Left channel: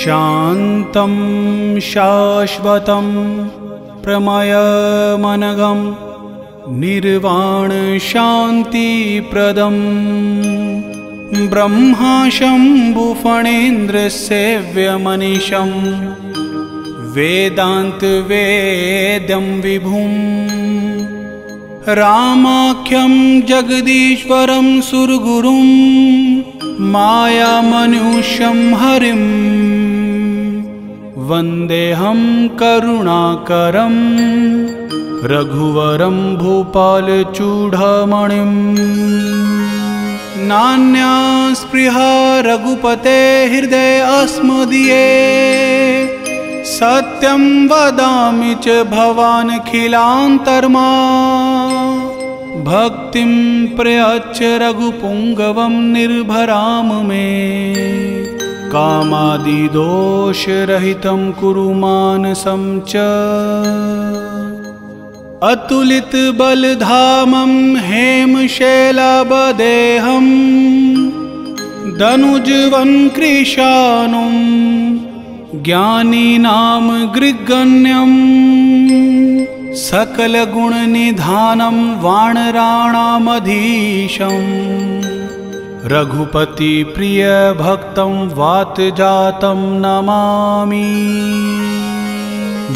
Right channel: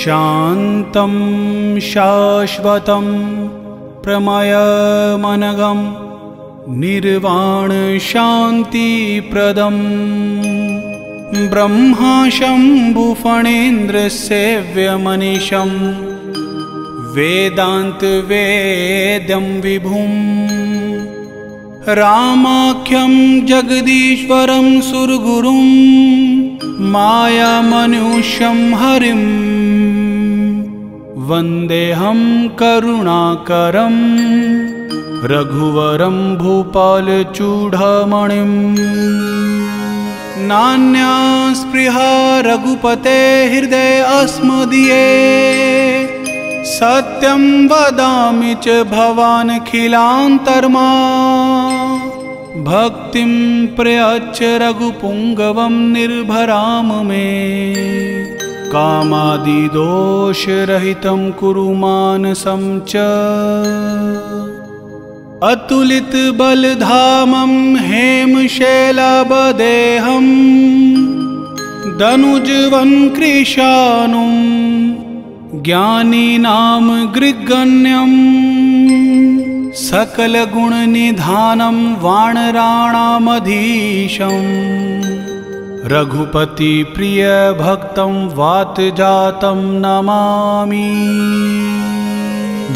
शान्तं शाश्वतं प्रमयमनघं निर्वाण शान्तिप्रदं ब्रह्मा शम्भुफणेन्द्रसेव्यमनिशं वेदान्तवेद्यं विभुं रामाख्यं जगदीश्वरं सुरगुरुं मायामनुष्यं हरिं वन्देऽहं करुणाकरं रघुवरं भूपालचूडामणिं। नान्या स्पृहा रघुपते हृदये अस्मदीये सत्यं वदामि च भवानखिलान्तर्मा भक्तिं प्रयच्छ रघुपुङ्गवं निर्भराम मे कामादिदोषरहितं कुरु मानसं च अतुलितबलधामं हेमशैलाभदेहं दनुजवन् कृशानुं ज्ञानीनां गृह्गण्यं सकलगुणनिधानं वानराणामधीशं रघुपतिप्रियभक्तं वातजातं नमामि।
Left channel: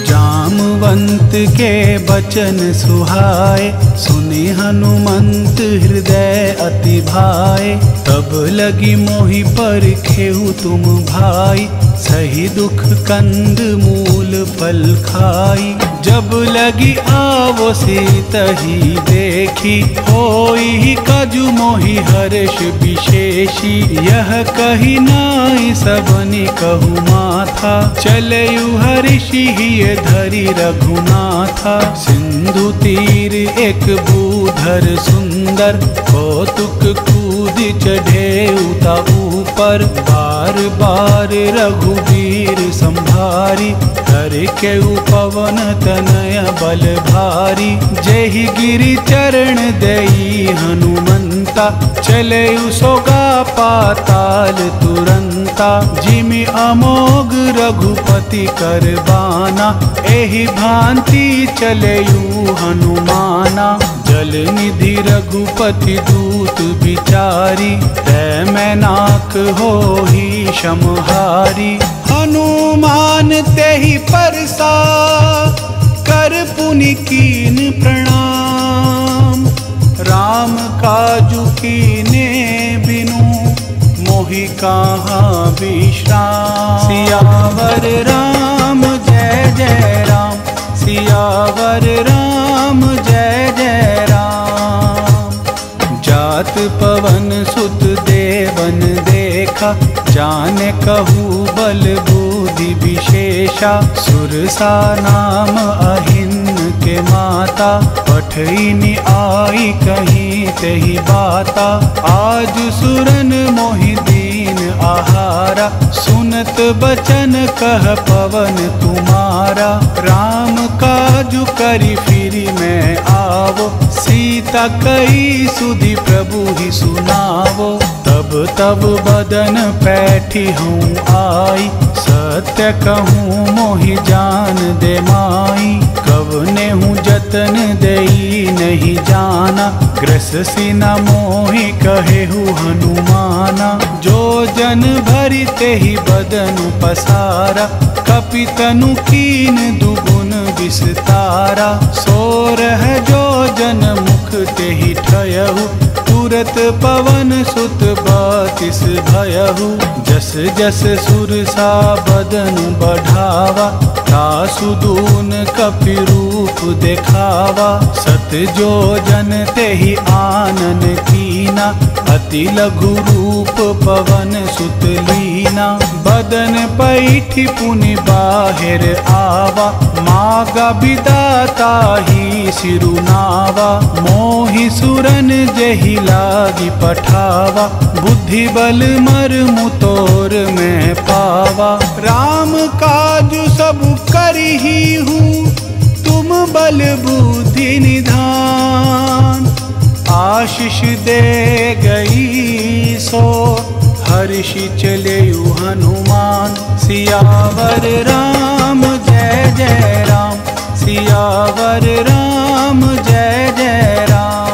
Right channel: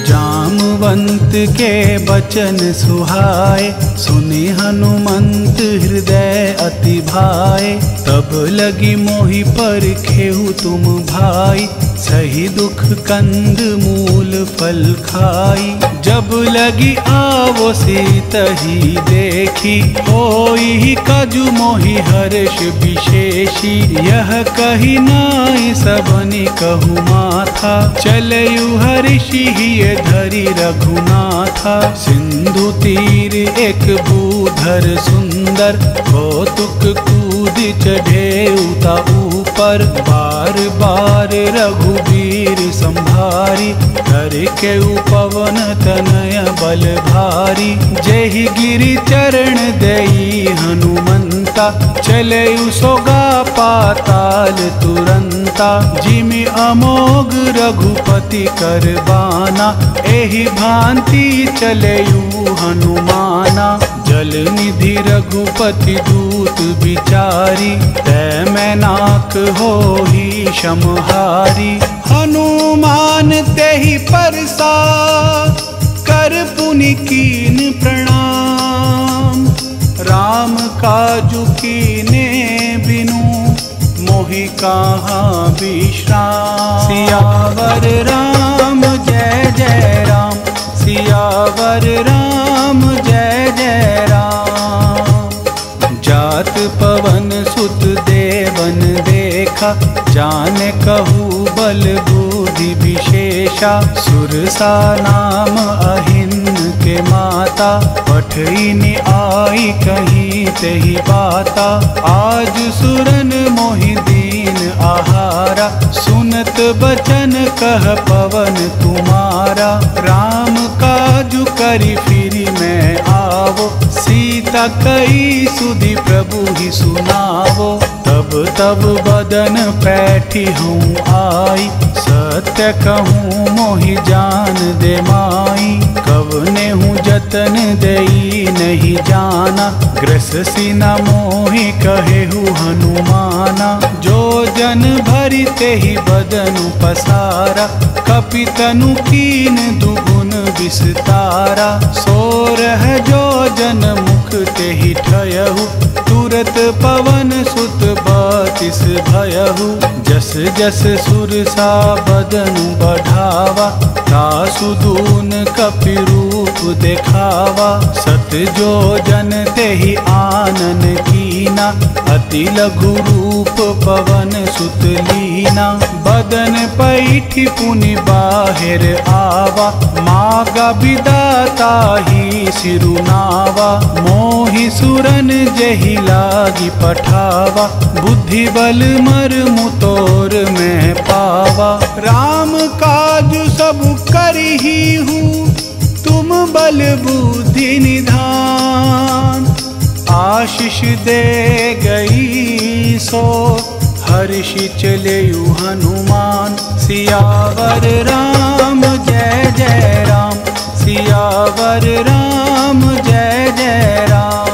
जामवंत के बचन सुहाए सुने हनुमंत हृदय अति भाए तब लगी मोहि पर खेहु तुम भाई सही दुख कंद मूल फल खाई जब लगी आवो सीतही देखी होई कजु मोहि हर्ष विशेषी यह कही नाई सबनि कहु माथा चलयु हर्षि धरि रघुनाथा सिंधु तीर एक भूधर सुंदर कौतुक कूद चढ़े उता ऊपर बार बार रघुवीर संभारी कर के पवन तनय बल भारी जहि गिरि चरण देई हनुमंता चले सोगा पाताल तुरंता जिमि अमोघ रघुपति कर बाना एहि भांति चलेयु हनुमाना जल निधि रघुपति दूत विचारी तै मैनाक होहि समहारी हनुमान तेहि परसा कर पुनि कीन प्रणाम राम काजु कीने बिनु मोहि कहाँ विश्राम। सियावर राम जय जय राम सियावर राम जय जय राम। जात पवन सुत देवन देखा जाने कहू बल बुद्धि विशेषा सुरसा नाम अहिन के माता पठईनि आई कहीं तेहि बाता आज सुरन मोहि दीन आहारा सुनत बचन कह पवन तुम्हारा राम काजु करि फिरि मैं आवो सीता कई सुधि प्रभु ही सुनावो तब तब बदन पैठी हूँ आई सत्य कहूँ मोहि जान दे माई कवने हूँ जतन देई नहीं जाना ग्रस सीना मोहि कहे हूँ हनुमाना जो जन भरी तेहि बदनु पसारा कपितनु कीन दुगुन विस्तारा सोरह जो जन मुख तेहि ठयहु तुरत पवन सुत बतिस भयहु जस जस सुरसा बदनु बढ़ावा तासु दून कपि रूप देखावा सत जो जन तेहि आनन कीना अति लघु रूप पवन सुत लीना बदन पैठी पुनि बाहिर आवा मागा विदाता ही सिरुनावा मोहि सुरन जहि लागी पठावा बुद्धि बल मर मुतोर में पावा राम काज सब करही हूँ तुम बल बुद्धि निधान आशीष दे गई सो हर्षि चलेयु हनुमान। सियावर राम जय जय राम, सियावर राम जय जय राम।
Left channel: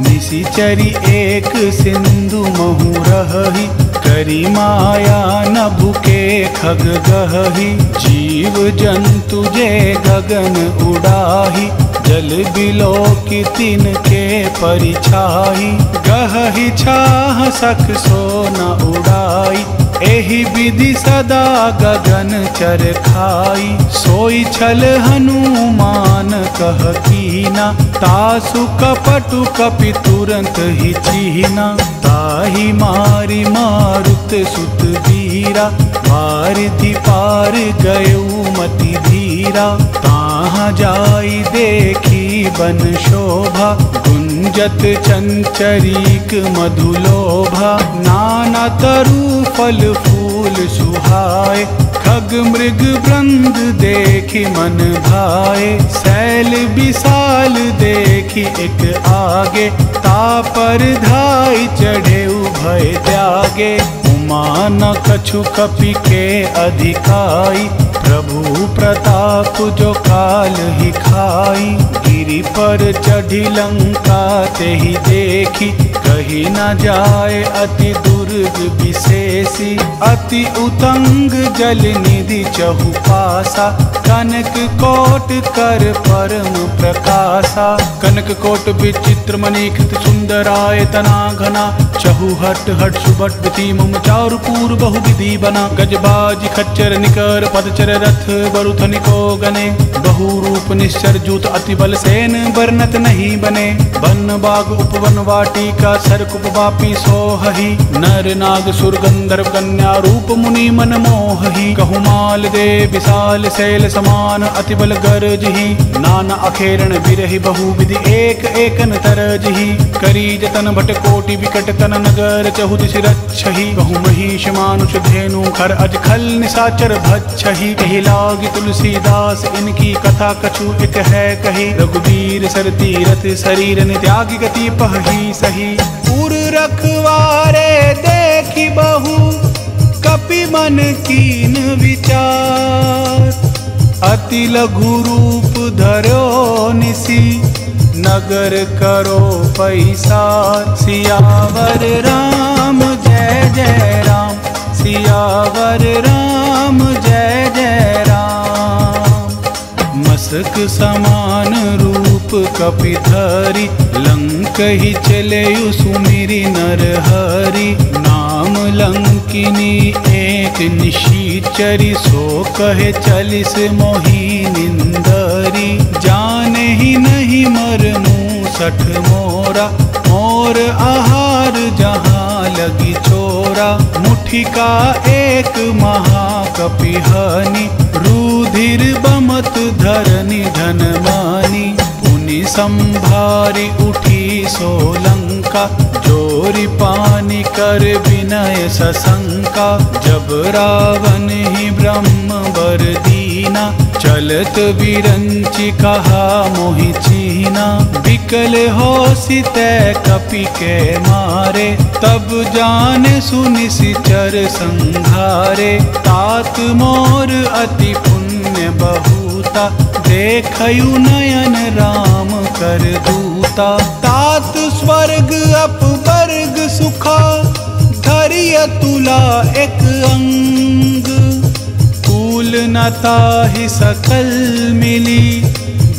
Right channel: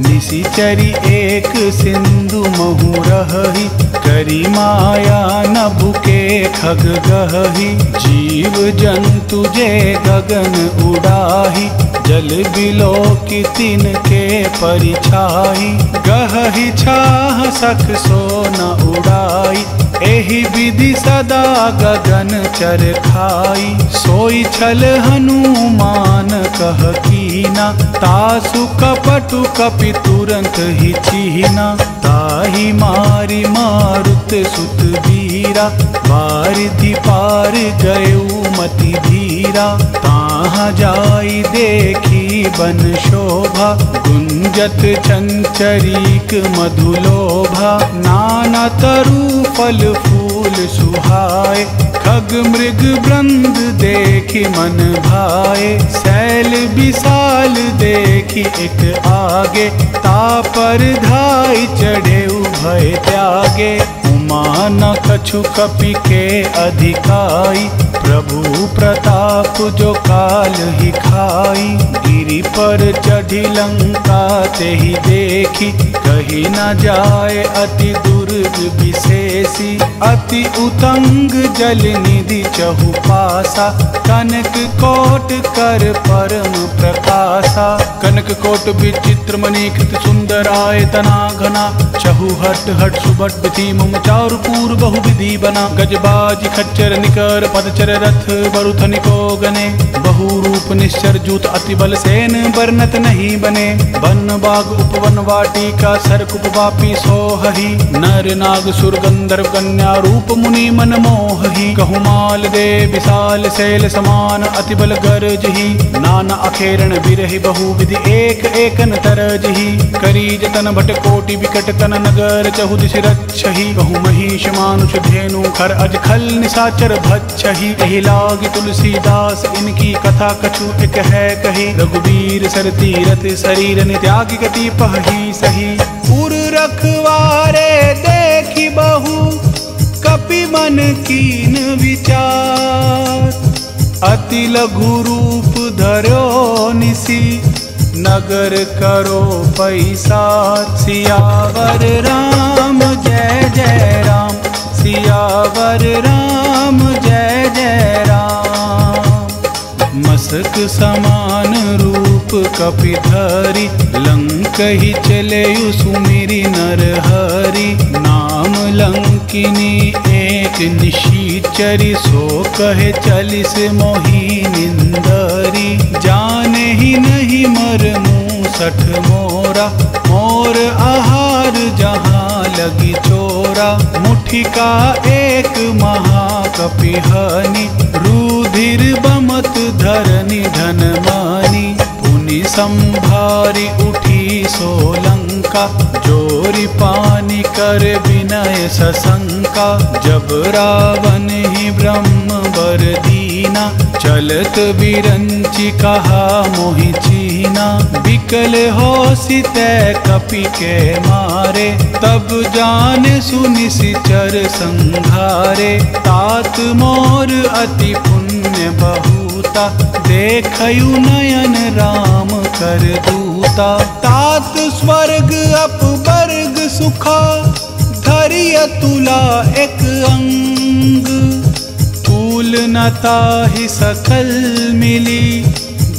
निशिचरी एक सिंधु महु रहहि, करी माया नभु के खग गहहि। जीव जंतु जे गगन उड़ाही, जल बिलो की तिनके परिछाई। गहहि छाह सख सो न उड़ाई, एहि विधि सदा गगन चर खाई। सोई छल हनुमान कह कीना, तासु कपटु कपि तुरंत ही चीना। ताहि मारी मारुत सुत वीरा, वारिधि पार गयउ मति धीरा। ताहाँ जाई देखी बन शोभा, गुंजत चंचरीक मधुलोभा। नाना तरु फल फूल सुहाए, खग मृग वृंद देखी मन भाए। शैल विशाल देखी एक आगे, तापर धाई चढ़े भय त्यागे। उमा न कछु कपि के अधिकाई, प्रभु प्रताप जो काल ही खाई। गिरि पर चढ़ी लंका ते ही देखी, कही न जाए अति दुर्ग विशेषी। अति उतंग जल निधि चहु पासा, कनक कोट कर परम प्रकाशा। कनक कोट विचित्र मणिकृत सुंदराय तना घना, चहु हट हट सुबट विधि मुम चारु पूर बहु विधि बना। गजबाज खच्चर निकर पदचर रथ बरुथन को गने, बहु रूप निश्चर जूत अति बल सेन बरनत नहीं बने। वन बाग उपवन वाटिका सरकुप वापी सोहहि, नर नाग सुर गंधर्व कन्या रूप मुनि मन मोहहि। कहु माल दे विशाल शैल समान, अति बल गरजहि। नाना अखेरण बिरहि बहु विधि एक एकन तरजहि। करी जतन भट कोटि विकट तन नगर, चहु दिश रक्षहि। कहु महिष मानुष धेनु खर अज खल निशाचर भक्षहि। एहि लागी तुलसीदास इनकी कथा कछु एक है कही। रघुबीर सर तीरथ शरीर त्यागी गति पहि सही। उर रखवारे देखी बहु, कपि मन कीन विचार। अति लघु रूप धर्यो निसी, नगर करो पैसार। सियावर राम जय जय राम, सियावर राम जय जय राम। मसक समान रूप कपि धरि, लंक ही चलेयु सुमिरि नर हरि। नाम लंकिनी एक निशिचरी, सो कहे चलिस मोहि निंदरी। जाने ही नहीं मर मूसठ मोरा, मोर आहार जहाँ लगी चोरा। मुठिका एक महाकपिहनि, रुधिर बमत धरनी धन मानी। पुनि संभारी उठी सोलंका, जोरी पानी कर विनय सशंका। जब रावण ही ब्रह्म बर दीना, चलत विरंचि कहा मोहि चीना। विकल हो सितै कपि के मारे, तब जाने सुनिशिचर संघारे। तात मोर अति पुण्य बहुता, देखयु नयन राम कर दूता। तात स्वर्ग अपवर्ग सुखा, धरिय तुला एक अंग। कुल न ताहि सकल मिली,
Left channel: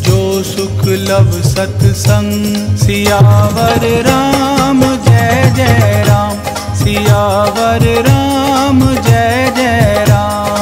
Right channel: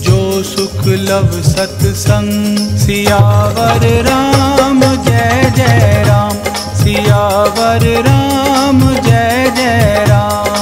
जो सुख लव सतसंग। सियावर राम जय जय राम, सियावर राम जय जय राम।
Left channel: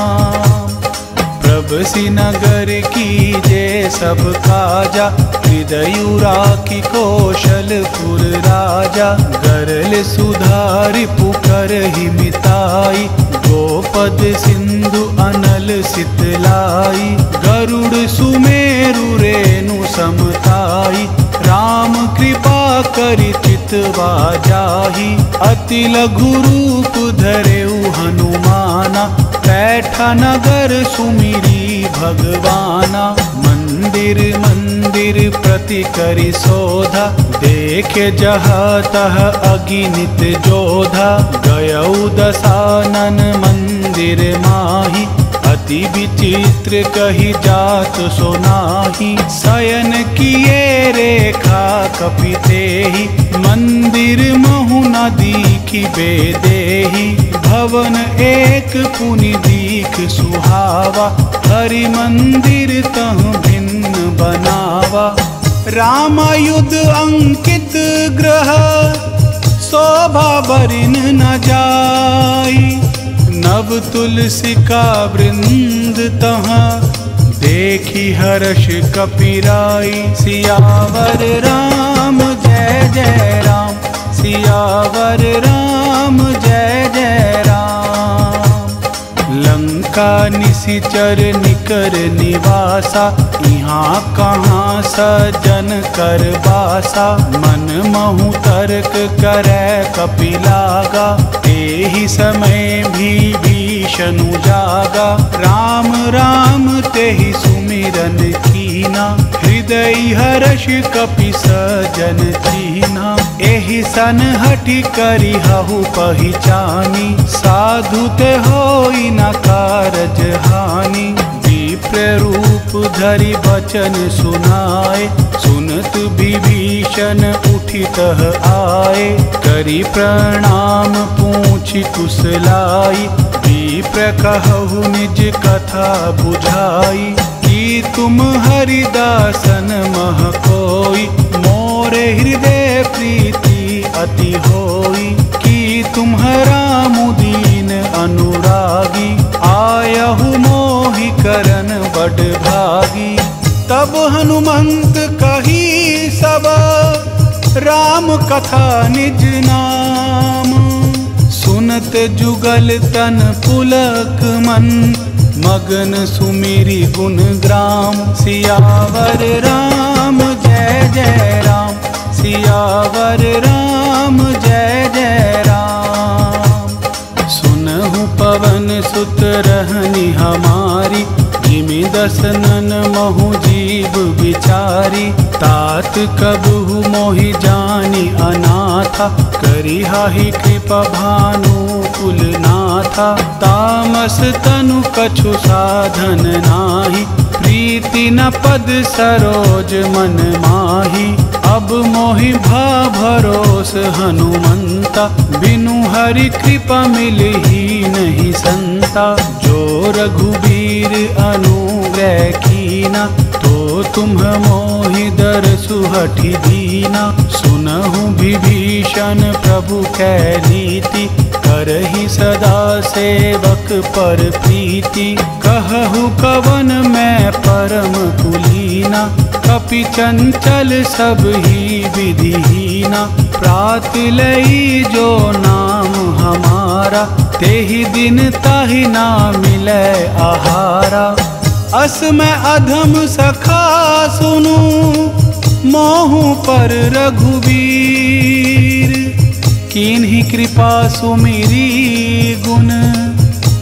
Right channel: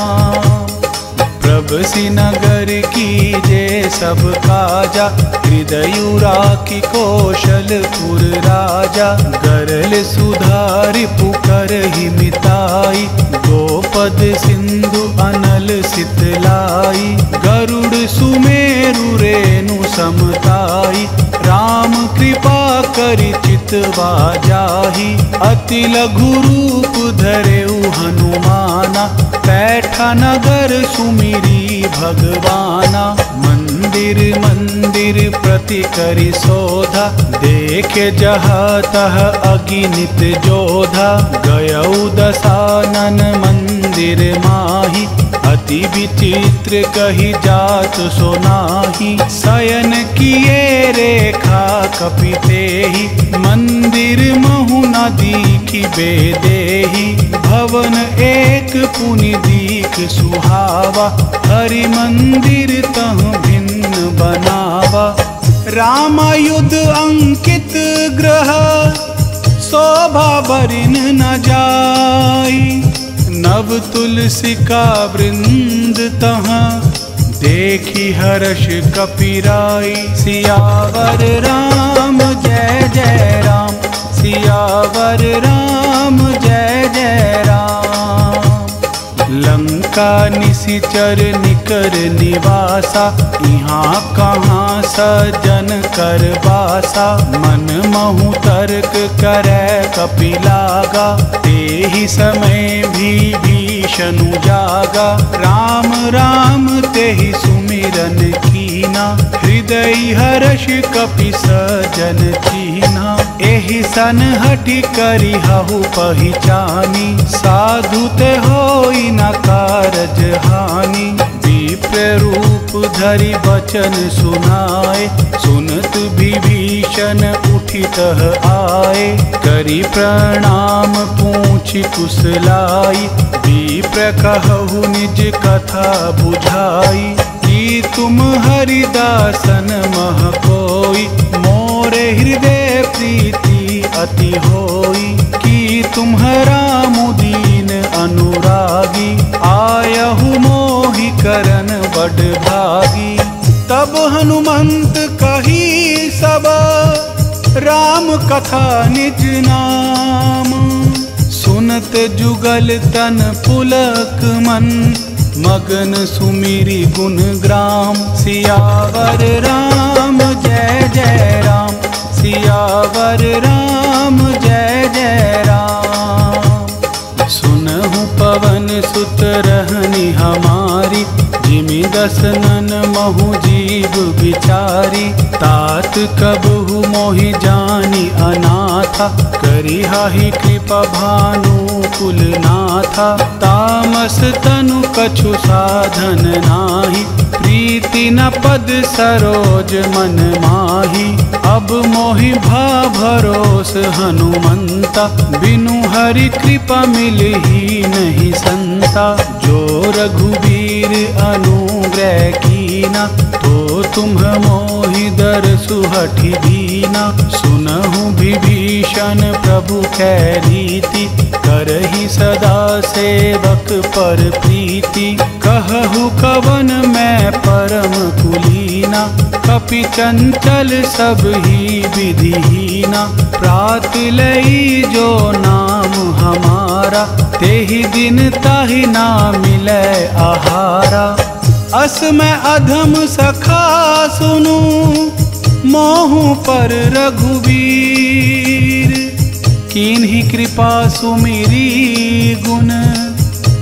प्रभसी नगर कीजे सब काजा, हृदयु राखी कौशलपुर राजा। गरल सुधारि पुकर ही मिताई, गोपद सिंधु अनल सितलाई। गरुड़ सुमेरु रेणु समताई, राम कृपा करि चितवा जाहि। अति लघु रूप धरेउ हनुमाना, पैठा नगर सुमिरी ही भगवाना। मंदिर मंदिर प्रति करी शोधा, देखे जहाँ तह अगिनित जोधा। गयौ दशानन मंदिर माही, अति विचित्र कही जात सोनाही। शयन किए रेखा कपिते ही, मंदिर महु न दीखी बेदेही। भवन एक पुनि दीख सुहावा, हरि मंदिर तह भिन्न बनावा। रामायुध अंकित ग्रह, शोभा बरिन न जाई। नव तुलसी का वृंद तहाँ, देखी हर्ष कपिराई। सियावर राम जय जय राम, सियावर राम जय जय राम। लंका निशिचर निकर निवासा, यहाँ कहाँ सजन कर बासा। मन महु तर्क करे कपिलागा, तेहि समय भी भीषनु जागा। राम राम तेहि सुमिरन कीना, हृदय हर्ष कपि सजन चीना। एहि सन हठि करि हहु पहिचानी, साधु ते होई न कारज हानि। विप्र रूप धरि बचन सुनाए, सुनत विभीषण उठितः आए। करि प्रणाम पूछि कुशलाई, विप्र कहु निज कथा बुझाई। कि तुम हरिदासन मह कोई, मोरे हृदय प्रीति अति होई। कि तुम्हारा मुदीन अनुरागी, आयहु मोहि करन बड़ भागी। तब हनुमंत कही सब, राम कथा निज नाम। सुनत जुगल तन पुलक मन, मगन सुमिरी गुण ग्राम। सियावर राम जय जय राम, सियावर राम जय जय राम। सुनहु पवन सुत रहनी हमारी, जिमि दसनन महु जीव विचारी। तात कबहु मोहि जानी अनाथा, करिहाहि कृपा भानु कुलनाथा। तामस तनु कछु साधन नाही, प्रीति न पद सरोज मन माही। अब मोहि भा भरोस हनुमंता, बिनु हरि कृपा मिलहि नहीं संता। जो रघुबीर अनुग्रह कीना, तो तुम मोहि दरसु हठि दीना। सुनहु विभीषण प्रभु कै रीति, करहि सदा सेवक पर प्रीति। कहहु कवन मैं परम कुलीना, कपि चंचल सब ही विधिहीना। प्रात लई जो नाम हमारा, तेहि दिन ताहि ना मिलै आहारा। अस मैं अधम सखा सुनु, मोहु पर रघुवीर। कीन्ही कृपा सुमिरी गुण,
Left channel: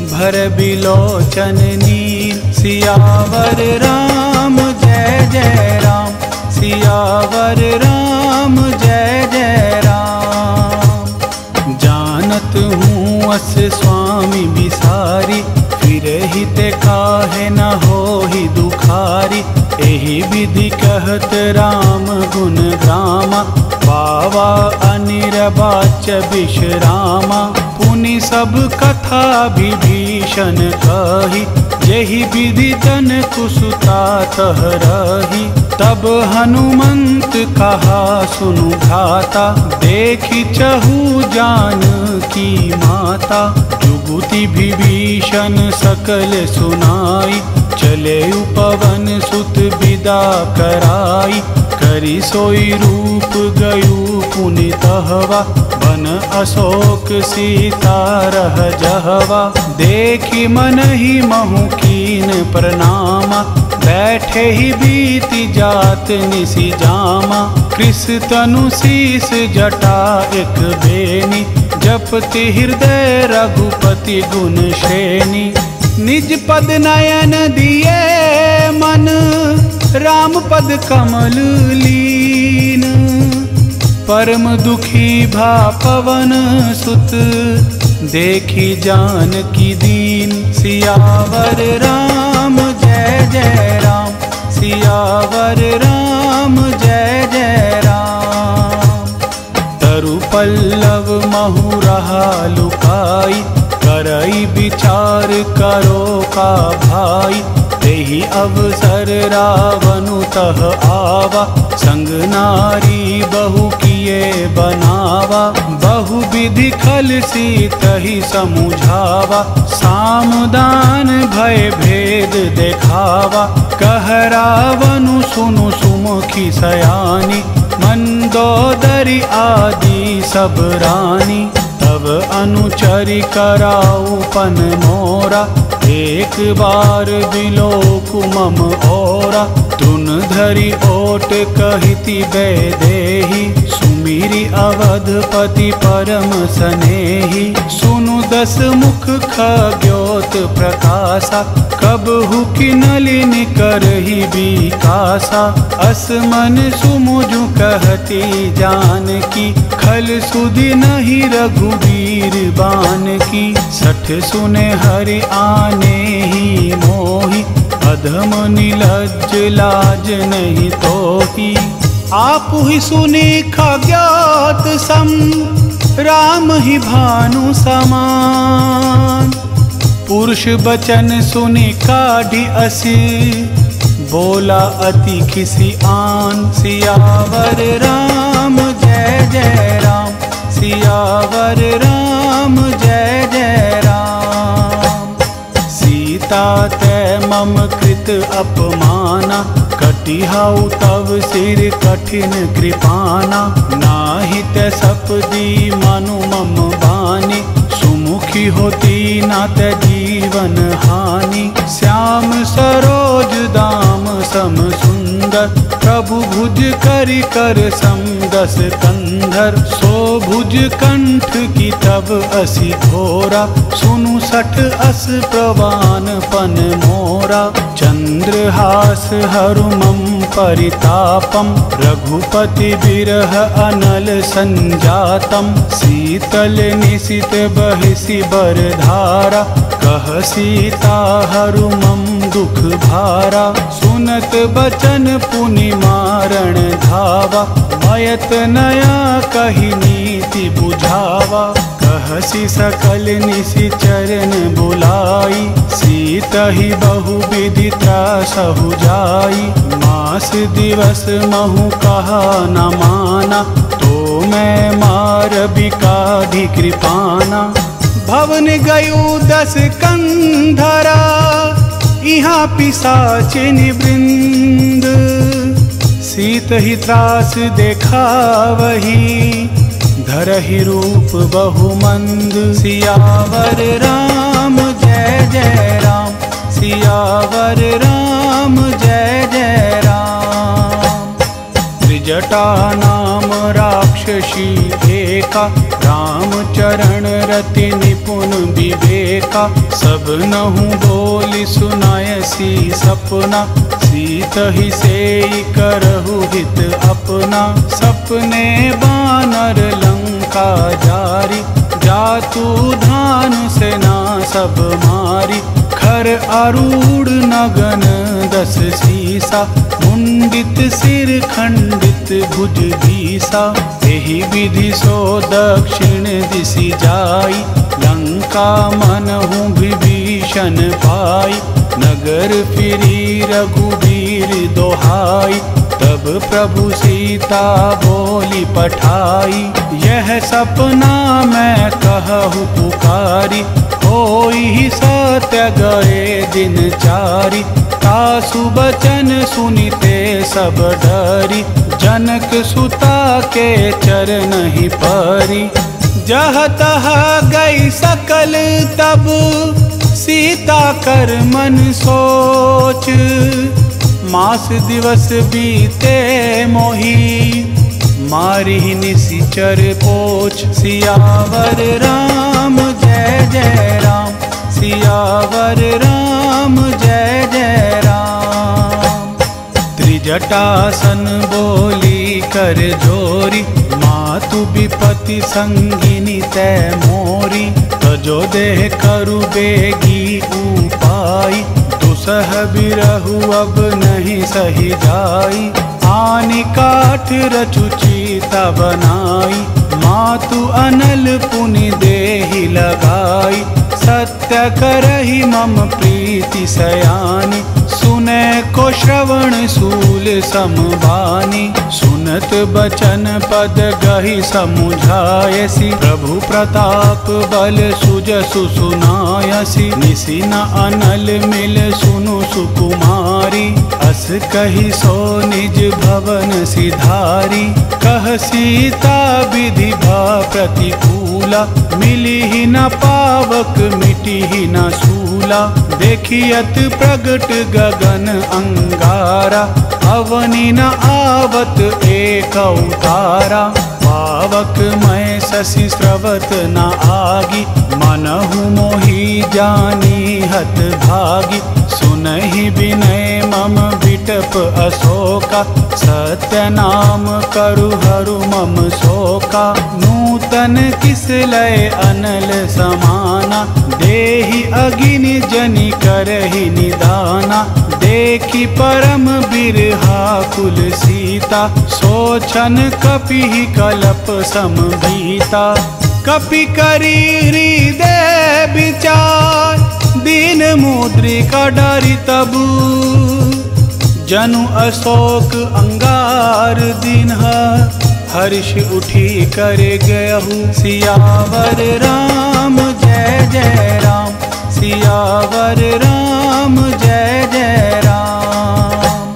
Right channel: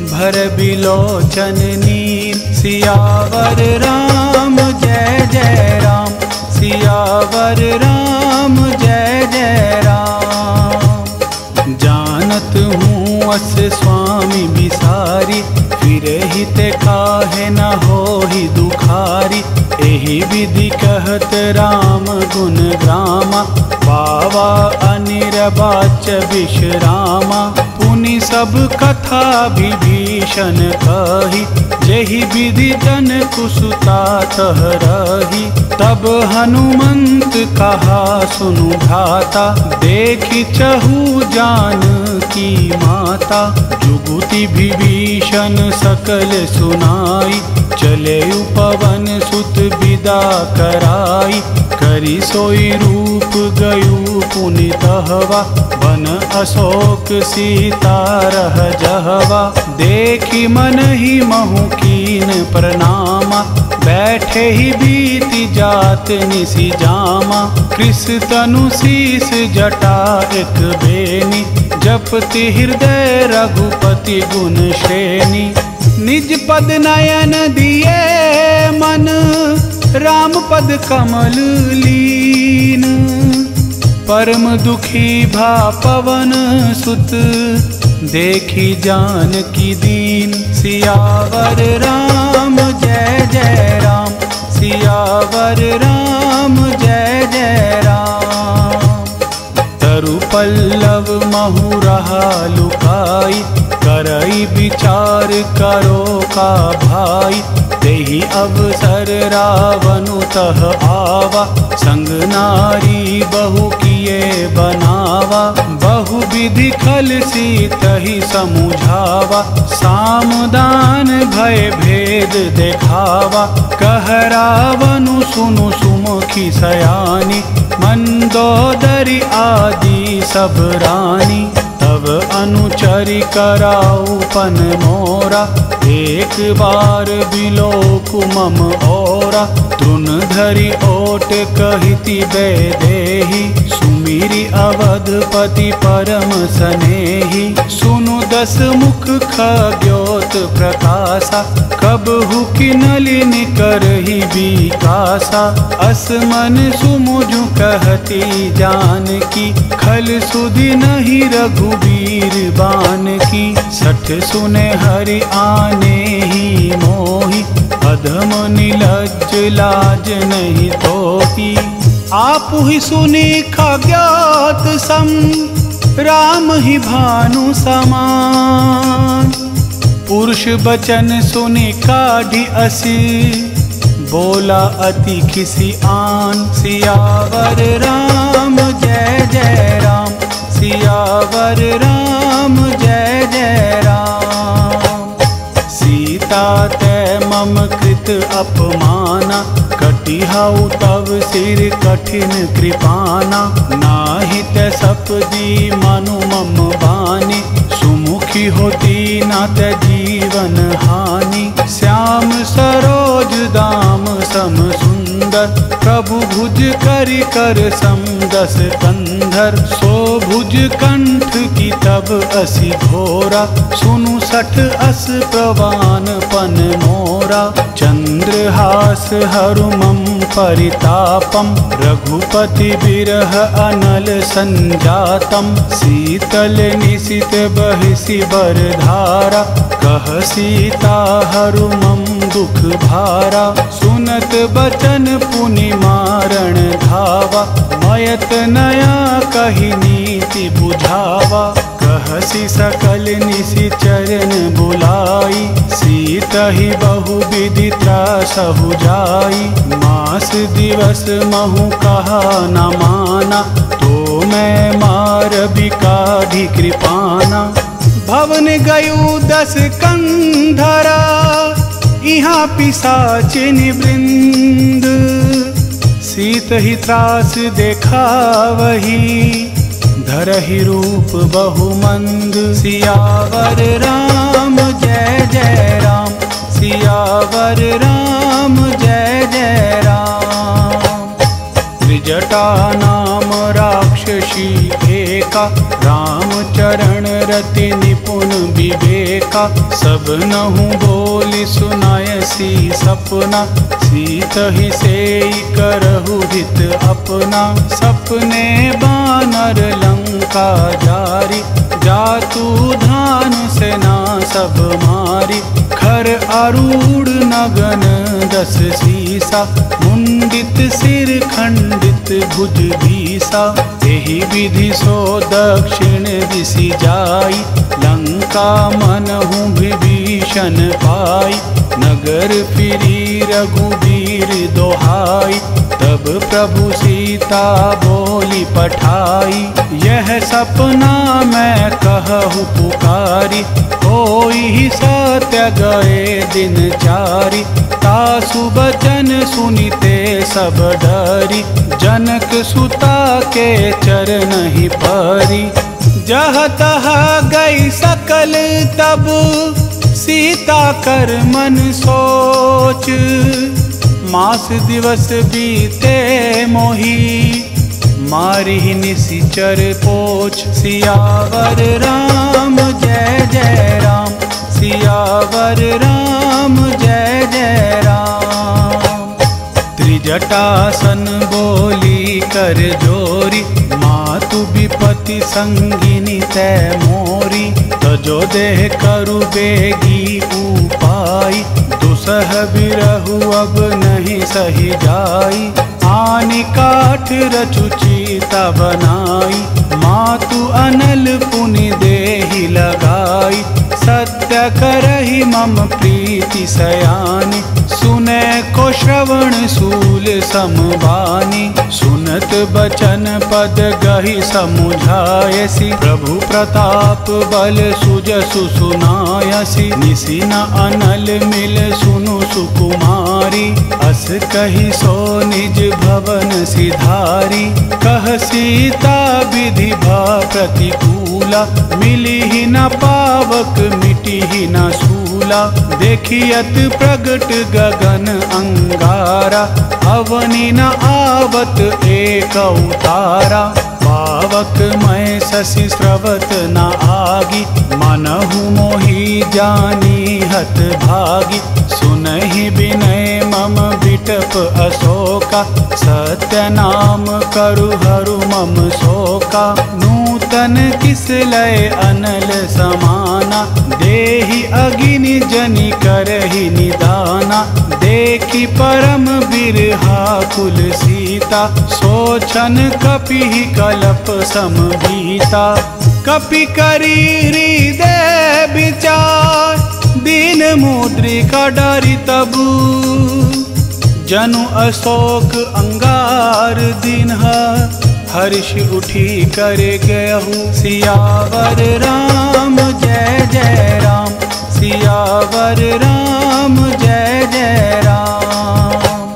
भर बिलोचन नीर। सियावर राम जय जय राम, सियावर राम जय जय राम। जानत हूँ अस स्वामी बिसारी, फिरहि ते काहे न होहि दुखारी। एहि विधि कहत राम गुण ग्रामा, पावा अनिर्वाच्य विश्रामा। पुनि सब कथा विभीषण कही, जेहि विधि जन कुसुता तह रही। तब हनुमंत कहा सुनु भ्राता, देखि चहु जान की माता। जुगुति विभीषण सकल सुनाई, चले पवन सुत विदा कराई। करी सोई रूप गयु पुनि तहवा, बन अशोक सीता रह जहवा। देखी मन ही महु कीन प्रणामा, बैठे ही बीती जात निसी जामा। कृष तनु शीस जटा एक बेनी, जपति हृदय रघुपति गुण श्रेणी। निज पद नयन दिए राम पद कमल लीन, परम दुखी भा पवन सुत, देखी जानकी दीन। सियावर राम जय जय राम, सियावर राम जय जय राम। तरु पल्लव महु रहा लुकाई, करई विचार करो का भाई। तेहि अवसर रावनु तह आवा, संग नारी बहु किए बनावा। बहु विधि खल सीतहि समुझावा, सामदान भय भेद देखावा। कह रावनु सुनु सुमुखी सयानी, मंदोदरी आदि सब रानी। तब अनुचरी कराऊ पन मोरा, एक बार बिलोक मम ओरा। तृण धरि ओट कहिति वैदेही, सुमिरि अवधपति परम सनेही। सुनु दस मुख खग्योत प्रकाशा, कबहु किनलिन करहि बिकासा। असमन सुमुझु कहती जानकी, खल सुधि नहीं रघुवीर बानकी। सठ सुने हरि आने ही मोही, अधम निलज्ज लाज नहीं तोही। आपु ही सुनी खग्योत सम, राम ही भानु समान। पुरुष बचन सुनि काढ़ी असी, बोला अति खिसी आन। सियावर राम जय जय राम, सियावर राम जय जय राम। सीता तै मम कृत अपमाना, कटिहाउ तव सिर कठिन कृपाना। नाहि तै सपदी मनु मम बानी, सुमुखी होती ना तै जीवन हानि। श्याम सरोज दाम सम सुंदर, प्रभु भुज करि कर सम दस कंधर। सो भुज कंठ की तब असी घोरा, सुनु सठ अस प्रवान पन मोरा। चंद्रहास हरुमम परितापम, रघुपति बिरह अनल संजातम। शीतल निशित बहिसी बरधारा, कह सीता हरुमम दुख भारा। सुनत बचन पुनि मारण धावा, मयत नया कही नीति बुझावा। कहसी सकल निशि चरण बुलाई, सीतहि बहु विधि त्रासहु जाई। मास दिवस महु कहा न माना, तो मैं मार बिकाढ़ी कृपाना। भवन गयु दस कंधरा, इहाँ पिशाचिन वृंद। सीत ही त्रास देखावही, धरहि रूप बहुमंद। सियावर राम जय जय राम, सियावर राम जय जय राम। त्रिजटा नाम राक्षसी एका, राम चरण रति निपुण विवेका। सब नहु बोली सुनायसी सपना, सीत ही सेई करहु हित अपना। सपने बानर लंका जारी, जातु धान सेना सब मारी। खर आरूढ़ नगन दस सीसा, मुंडित सिर खंडित भुज भीसा। एहि विधि सो दक्षिण दिशि जाई, लंका मनहु विभीषण पाई। नगर फिरी रघुबीर दोहाई, तब प्रभु सीता बोली पठाई। यह सपना मैं कहूँ पुकारी, होई सत्य गए दिन चारि। तासु बचन सुनिते सब डरी, जनक सुता के चरण ही परी। जह तह गई सकल तब, सीता कर मन सोच। मास दिवस बीते मोही, मारी निशिचर पोछ। सियावर राम जय जय राम, सियावर राम जय जय राम। जटासन बोली कर जोरी, मातु विपति संगिनी तै मोरी। तजो देह करु बेगी उपाई, दुसह बिरहु अब नहीं सही जाई। आनि काठ रचु चीता बनाई, मातु अनल पुनि देहि लगाई। सत्य करहि मम प्रीति सयानी, सुने को श्रवण सूल समबानी। सुनत बचन पद गहि समुझायसी, प्रभु प्रताप बल सुजसु सुनायसी। निसि न अनल मिल सुनु सुकुमारी, अस कहि सो निज भवन सिधारी। कह सीता विधि भा प्रतिकूला, मिली ही न पावक मिटी ही न सूला। देखियत प्रगट गगन अंगारा, अवनि न आवत एक उतारा। पावक मैं शशि स्रवत न आगी, मनहु मोहि जानी हत भागी। सुनहि विनय मम बिटप अशोका, सत्य नाम करु हरु मम शोका। नूतन किस लय अनल समाना, देहि अगिनि जनि करहि निदाना। देखि परम बिरहा कुल सीता, सोचन कपि कलप समभीता। कपि करी हृदय विचार, दीन मुद्रिका डरि तबु। जनु अशोक अंगार दीन्हा, हर्ष उठी कर गयहु। सियावर राम जय जय राम, सियावर राम जय जय राम।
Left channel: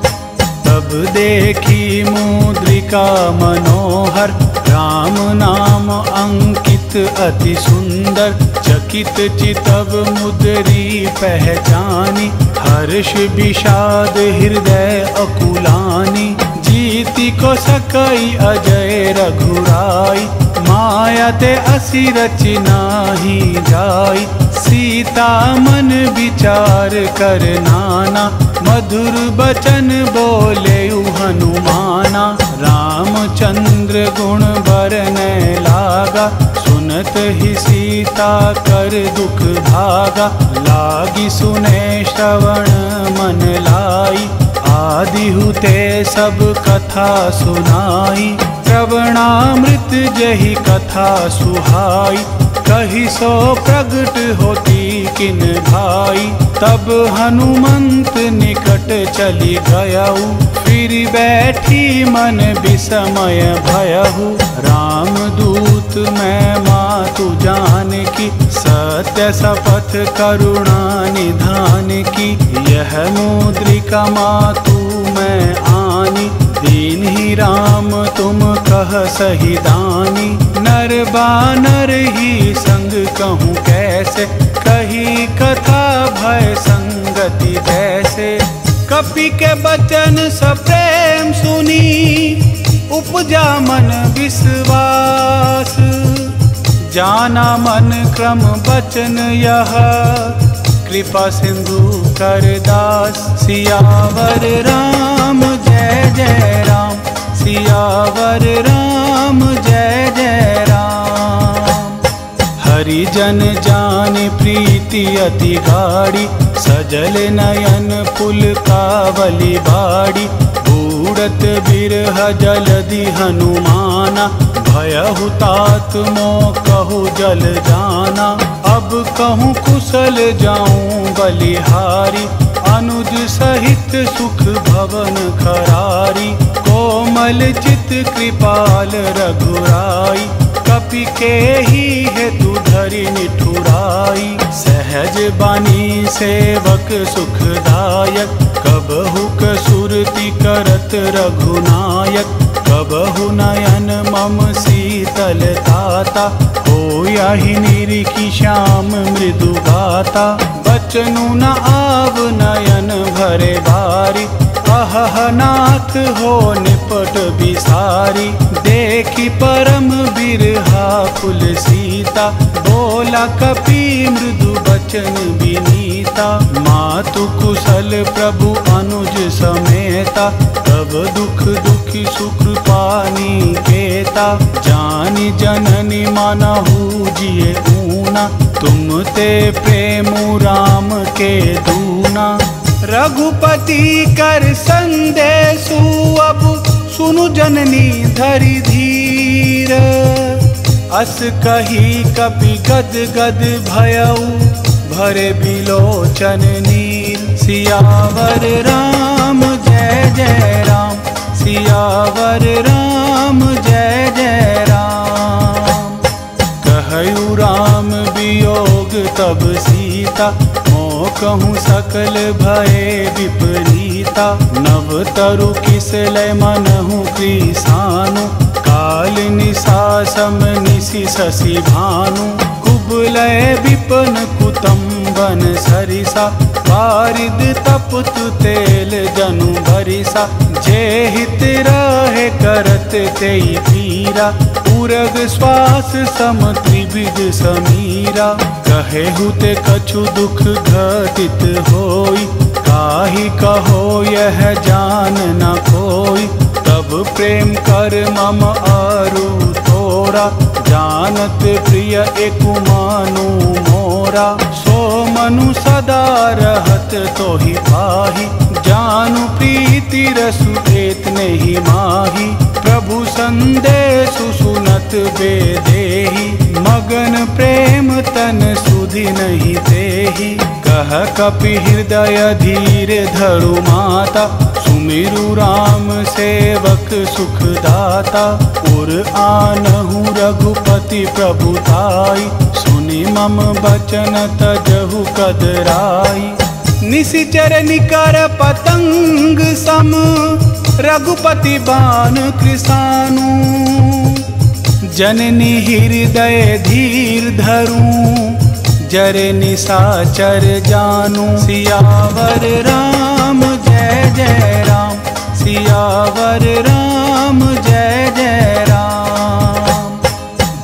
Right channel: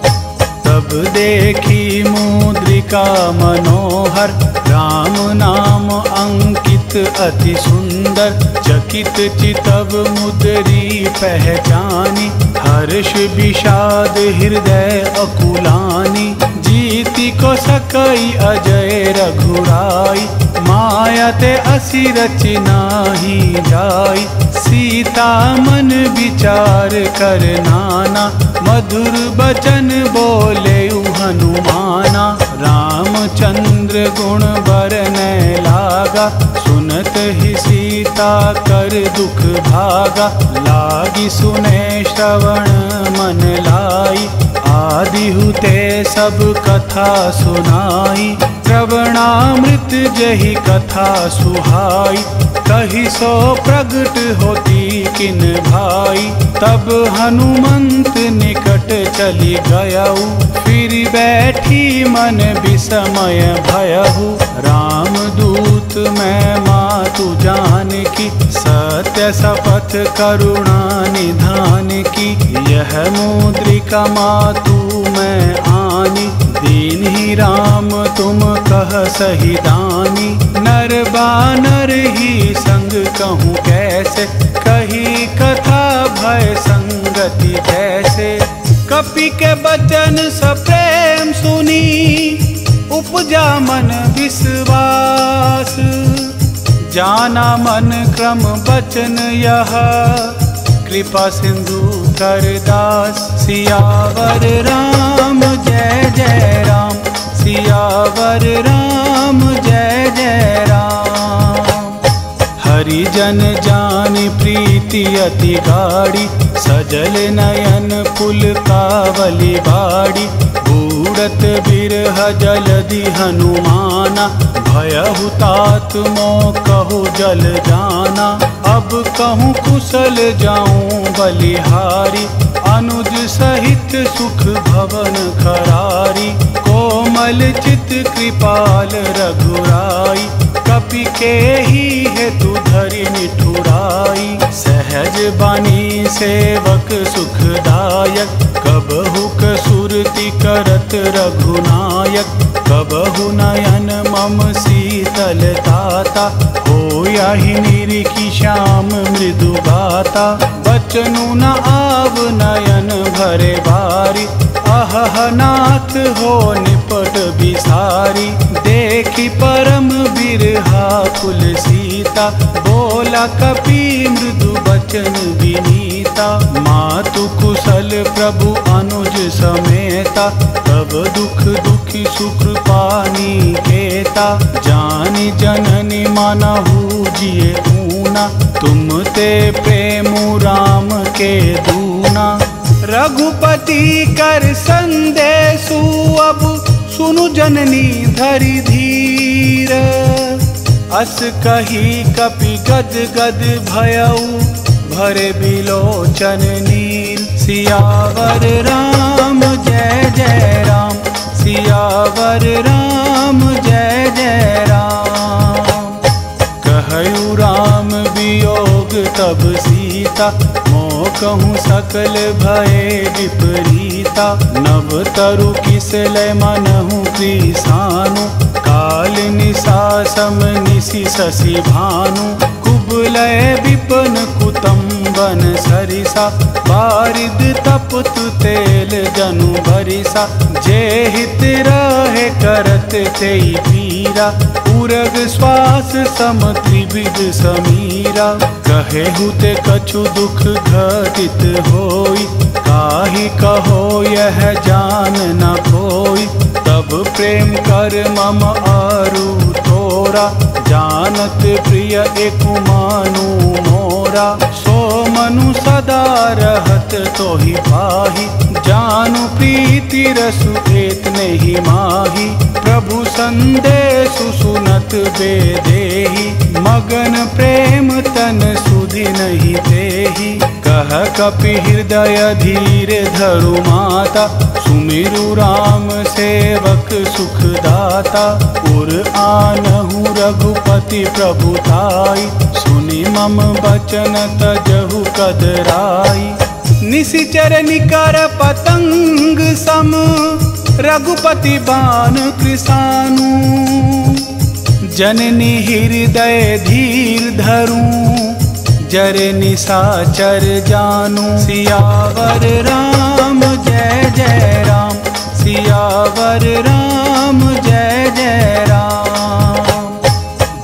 तब देखी मुद्रिका मनोहर, राम नाम अंकित अति सुंदर। चकित चितव मुद्री पहचानी, हर्ष विषाद हृदय अकुलानी। जीति को सकई अजय रघुराई, माया ते असी रचि नाही जाई। सीता मन विचार कर नाना, मधुर बचन बोले हनुमाना। रामचंद्र गुण बरनय लागा, सुनत ही सीता कर दुख भागा। लागी सुने श्रवण मन लाई, आदि हुते सब कथा सुनाई। श्रवणामृत जहि कथा सुहाई, कही सो प्रगट होती किन भाई। तब हनुमंत निकट चली गयऊ, फिर बैठी मन विस्मय भयहु। राम दूत मैं मातु जान की, सत्य शपथ करुणा निधान की। यह मुद्रिका मातु मैं आनी, दीन ही राम तुम कह सही दानी। नर बानर ही संग कहूँ कैसे, कही कथा भय संगति जैसे। कपि के बचन सप्रेम सुनी, उपजा मन विश्वास। जाना मन क्रम बचन यह, कृपा सिंधु कर दास। सियावर राम जय जय राम, सियावर राम जय जय राम। हरिजन जान प्रीति अति गाढ़ी, सजल नयन पुल कावली बाड़ी। बूढ़त बिरह जलधि हनुमाना, भयहु तात मो कहु जल जाना। अब कहूँ कुशल जाऊँ बलिहारी, अनुज सहित सुख भवन खरारी। कोमल चित कृपाल रघुराई, कपि के ही हेतु धरि निठुराई। सहज बानी सेवक सुखदायक, कबहु कसुरति करत रघुनायक। कबहु नयन मम शीतल ताता, होयाहि निरिखि श्याम मृदु गाता। बचनु न आव नयन भरे बारी, अहह नाथ हो निपट बिसारी। देखी परम बिरहा कुल सीता, बोला कपि मृदु बचन विनीता। मातु कुशल प्रभु अनुज समेता, तब दुख दुखी सुकृपानी केता, जानी जननी मानहु जिए ऊना, तुम ते प्रेम राम के दूना। रघुपति कर संदेशु अब सुनु जननी धरि धीर, अस कही कपि गद गद भयउ, भरे बिलोचन नीर। सियावर राम जय जय राम, सियावर राम जय जय राम। कहु राम वियोग तब सीता, मोह कहूँ सकल भये विपरीता। नव तरु किसलय मनहु कृसानु, काल निशा सम निशि शशि भानु। कुबलय विपन कुतुम्बन सरिसा, बारिद तपत तेल जनु बरिसा। जे हित रहे करत तेई पीरा, उरग श्वास सम त्रिविध समीरा। कहे हुते कछु दुख घटित होई, काहि कहो यह जान न कोई। तब प्रेम कर मम आरु तोरा, जानत प्रिय एकु मानु मोरा। सो मनु सदा रहत तोहि पाहि, जानु प्रीति रसु एत नहीं माही। प्रभु संदेशु सुनत बेदेहि, मगन प्रेम तन सुधि नहीं तेहि। कह कपि हृदय धीर धरु माता, सुमिरु राम सेवक सुख दाता। उर आनहु रघुपति प्रभुताई, सुनि मम बचन तजहु कदराई। निशिचर निकर पतंग सम, रघुपति बाण कृसानु। जननी हृदय धीर धरूं, जरे निशाचर जानू। सियावर राम जय जय राम, सियावर राम जय जय राम।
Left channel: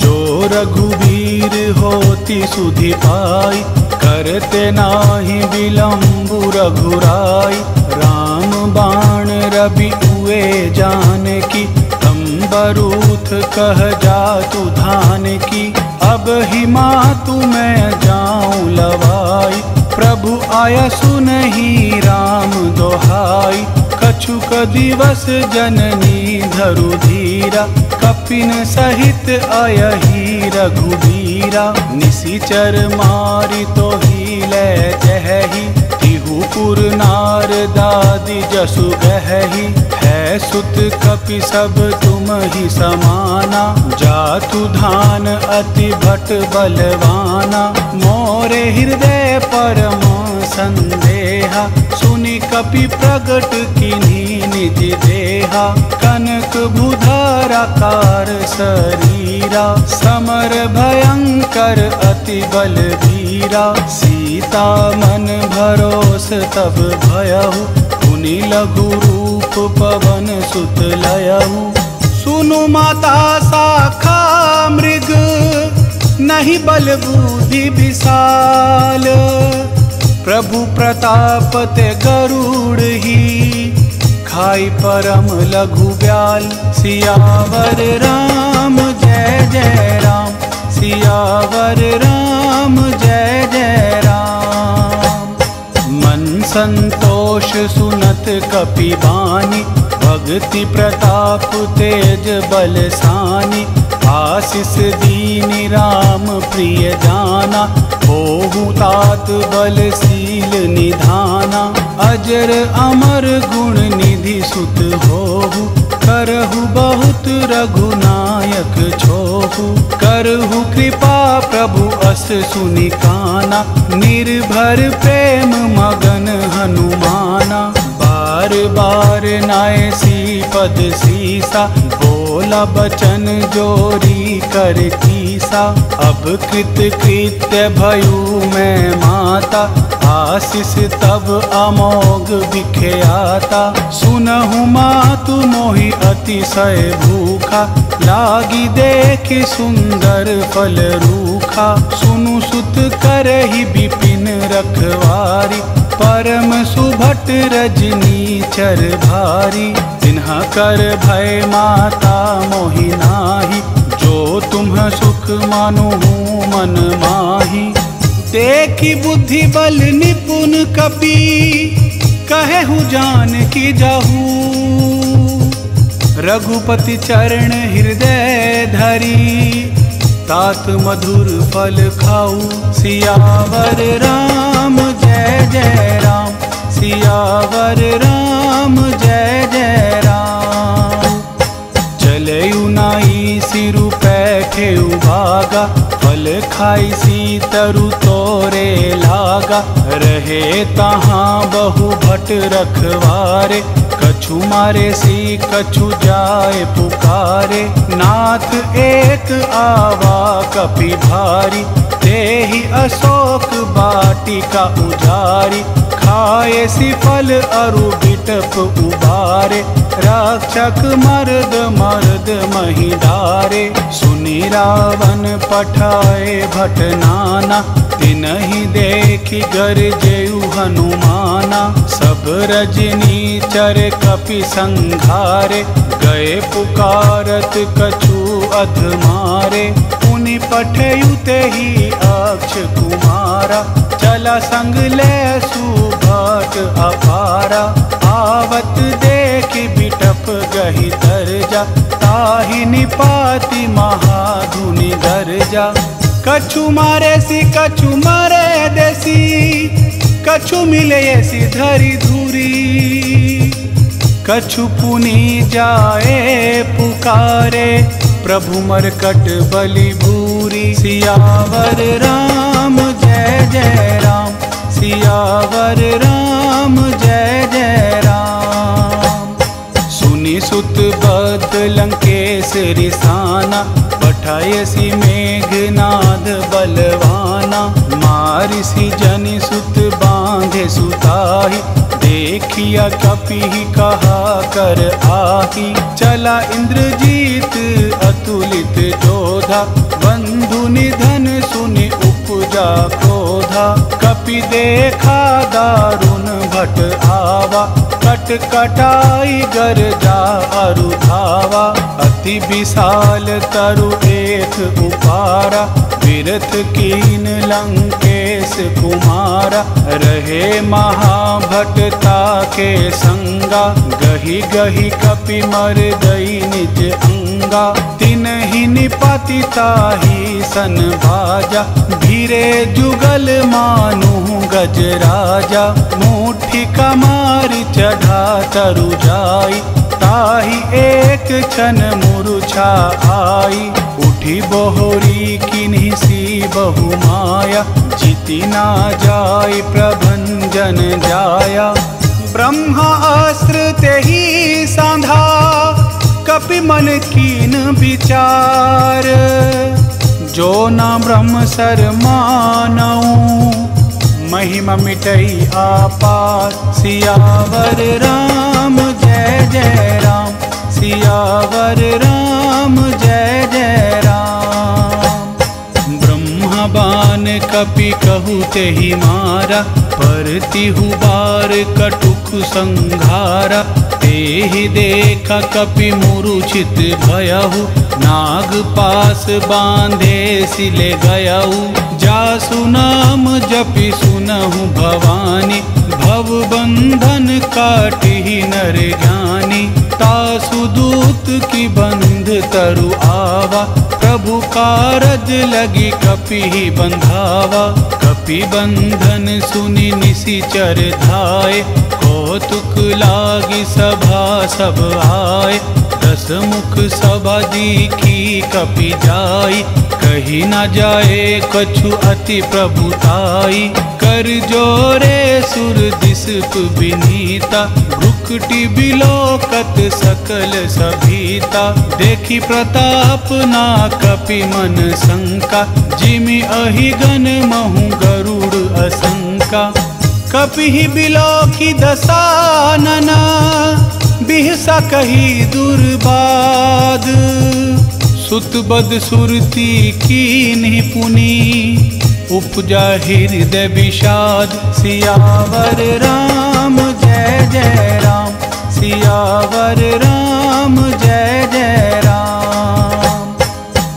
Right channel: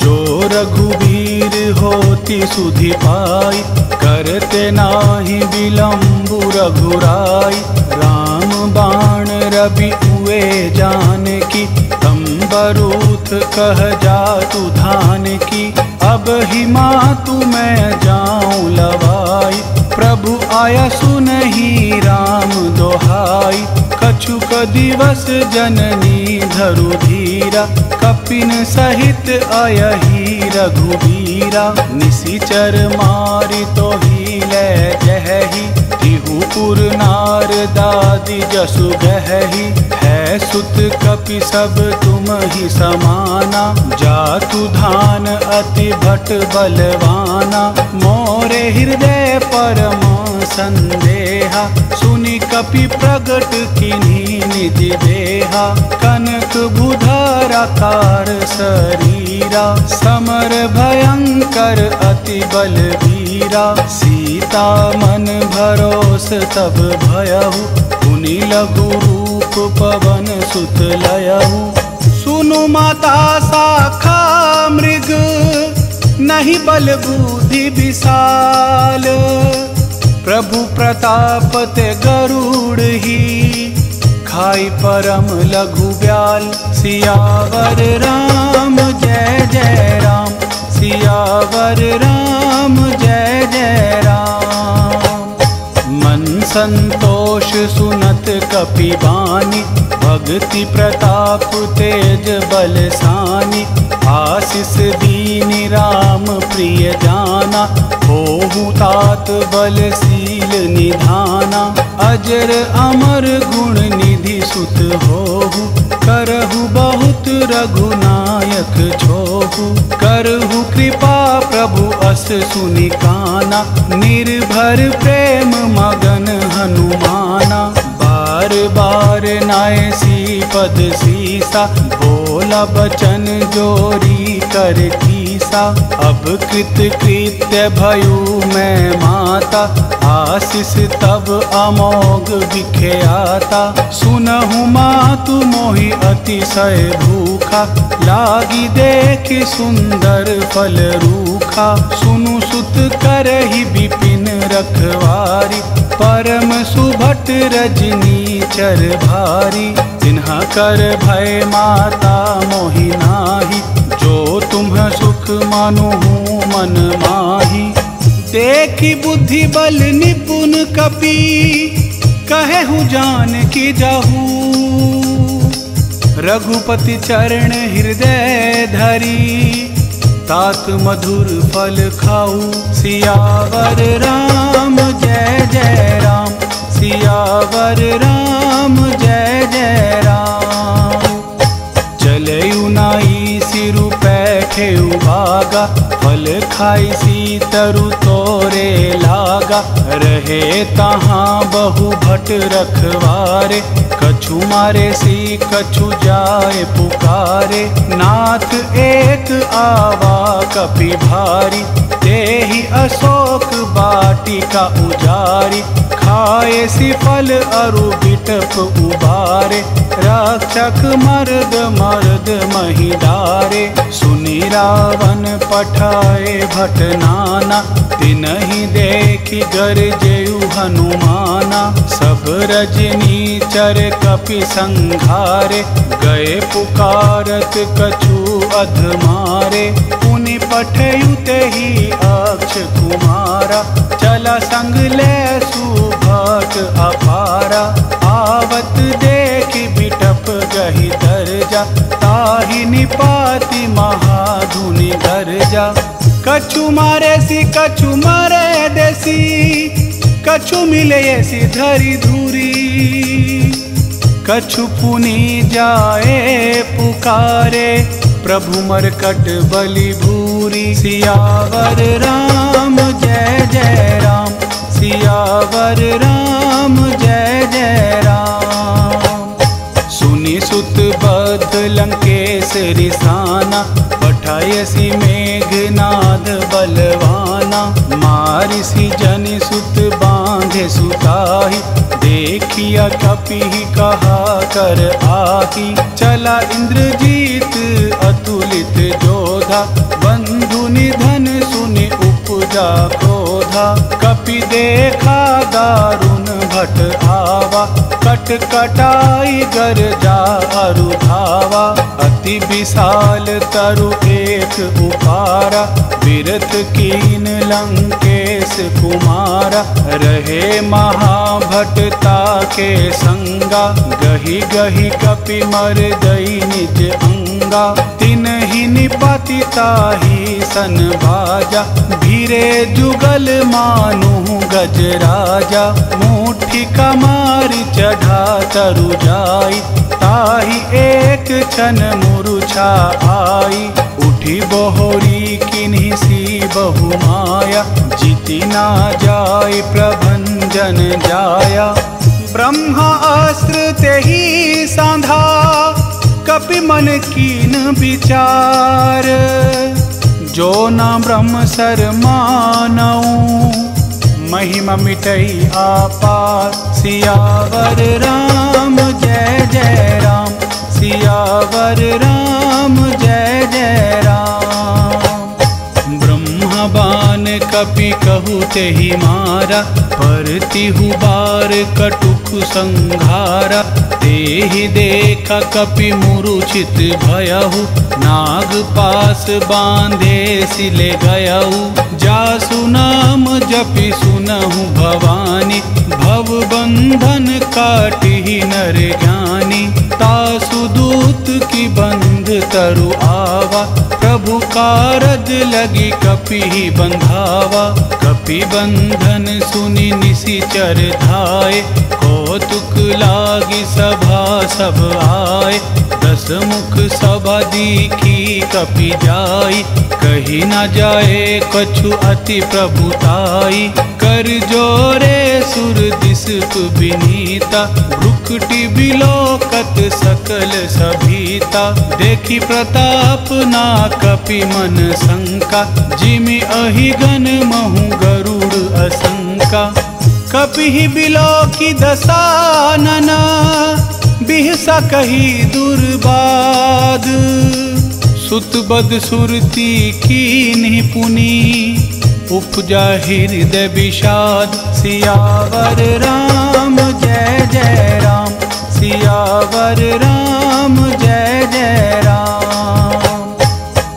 जो रघुवीर होती सुधि पाई, करते नाहि विलंबु रघुराई। राम बाण रवि उए जानकी, तंबरूथ कह जातु धान की। अब ही मातु मैं जाऊं लवाई, प्रभु आया सुनहि राम दोहाई। कछुक दिवस जननी धरु धीरा, कपिन सहित आयहि रघुबीरा। निशिचर मारि तोहि लै जहहि, तिहुपुर नार दादि जसु गहहि। है सुत कपि सब तुम ही समाना, जातु धान अति भट बलवाना। मोरे हृदय परम संदेहा, सुनि कपि प्रगट किन्हीं निज देहा। कनक भूधराकार शरीरा, समर भयंकर अति बलवीरा। सीता मन भरोस तब भयहु, पुनि लघु रूप पवन सुत लयहु। सुनु माता शाखा मृग, नहीं बल बुद्धि विशाल। प्रभु प्रताप ते गरुड़ ही, खाई परम लघु ब्याल। सियावर राम जय जय राम, सियावर राम जय जय राम। मन संतोष सुनत कपि बानी, भक्ति प्रताप तेज बलसानी। आशीष दीनि राम प्रिय जाना, होहु तात बलशील निधाना। अजर अमर गुण निधि सुत होहु, करहु बहुत रघुनायक छोहु। करहु कृपा प्रभु अस सुनि काना, निर्भर प्रेम मगन हनुमाना। बार बार नाय सी पद सीसा, बोला बचन जोरी कर कीसा। अब कृत कृत्य भयु मैं माता, आशीष तब अमोघ विख्याता। सुनहु मातु मोहि अतिशय भूखा, लागी देखि सुंदर फल रूखा। सुनु सुत करहि विपिन रखवारी, परम सुभट रजनी चर भारी, तिन्हा कर भय माता मोहि नाही, जो तुम्ह सुख मानु मन माही। देखी बुद्धि बल निपुण कपि, कहेहु जान की जाहू, रघुपति चरण हृदय धरी, तात मधुर फल खाऊ। सियावर राम जय जय राम, सियावर राम जय जय राम। चलयु नाई सिरु पैठे उबागा, फल खाई सी तरु तोरे लागा, रहे तहाँ बहु भट रखवारे, कछु मारे सी कछु जाए पुकारे। नाथ एक आवा कपि भारी, तेहि अशोक बाटिका उजारी, खाए सी फल अरु बिटप उबारे, रक्षक मर्द मर्द मही डारे। सुनी रावण पठाए भट नाना, तिनहि देखि गरजेउ हनुमाना। सब रजनी चर कपि संघारे, गए पुकारत कछु अधमारे। पुनि पठयु तेहि अक्ष कुमारा, चला संग ले सुभट अपारा। आवत देखि बिटप गहि दरजा, ताहि निपाति महाधुनि गरजा। कछु मारे सी कछु मारे देसी, कछु मिले सी धरी धूरी। कछु पुनि जाए पुकारे, प्रभु मरकट बलि भूरी। सियावर राम जय जय राम, सियावर राम जय जय राम। सुनि सुत बद्ध लंकेश रिसाना, पठायसी मेघनाद बलवाना। मारिसी जनि सुत बांधे सुताही, देखिया कपि कहा कर आही। चला इंद्रजीत अतुलित जोधा, बंधु निधन सुनि उपजा क्रोधा। कपि देखा दारुण भट आवा, कट कटाई गरजा अरु धावा। अति विशाल तरु एक उपारा, विरथ कीन लंकेश कुमारा। रहे महाभटता के संगा, गही गही कपि मर दई निज अंगा। तिनहि निपति ताहि सन बाजा, भीरे जुगल मानु गज राजा। मुट्ठी कमारी चढ़ा तरु जाई, ताहि एक क्षण मूर्छा आई। उठी बोहरी किन्हीं सी बहु माया, जीति ना जाय प्रभंजन जाया। ब्रह्मा अस्त्र तेहि सांधा, कपि मन कीन विचार। जो ना ब्रह्म सर मानऊ, महिमा मिटई आपार। सियावर राम जय जय राम, सियावर राम जय जय राम। ब्रह्मा बान कपि कहु तेहि मारा, परतिहु बार कटुक संघारा। तेहि देखा कपि मूर्छित भयहु, नाग पास बांधे सिले गयहु। जासु नाम जपि सुनहु भवानी, भव बंधन काटिहि नर ज्ञानी। तासु दूत की बंध तरु आवा, प्रभु कारज लगी कपि बंधावा। कपि बंधन सुनि निशिचर धाये, कौतुक लागी सभा सब आए। दस मुख सभा दीखी कपि जाई, कही न जाए कछु अति प्रभुताई। कर जोरे सुर दिसप विनीता, भ्रुकुटि बिलोकत सकल सभीता। देखी प्रताप ना कपि मन शंका, जिमि अहिगन महु गरुड़ असंका। कपि बिलोकी दसानना, बिहसा कही दुर्बाद। सुत बद सुरती कीन्हि पुनि, उपजा हृदय विषाद। सियावर राम जय जय राम, सियावर राम जय जय राम।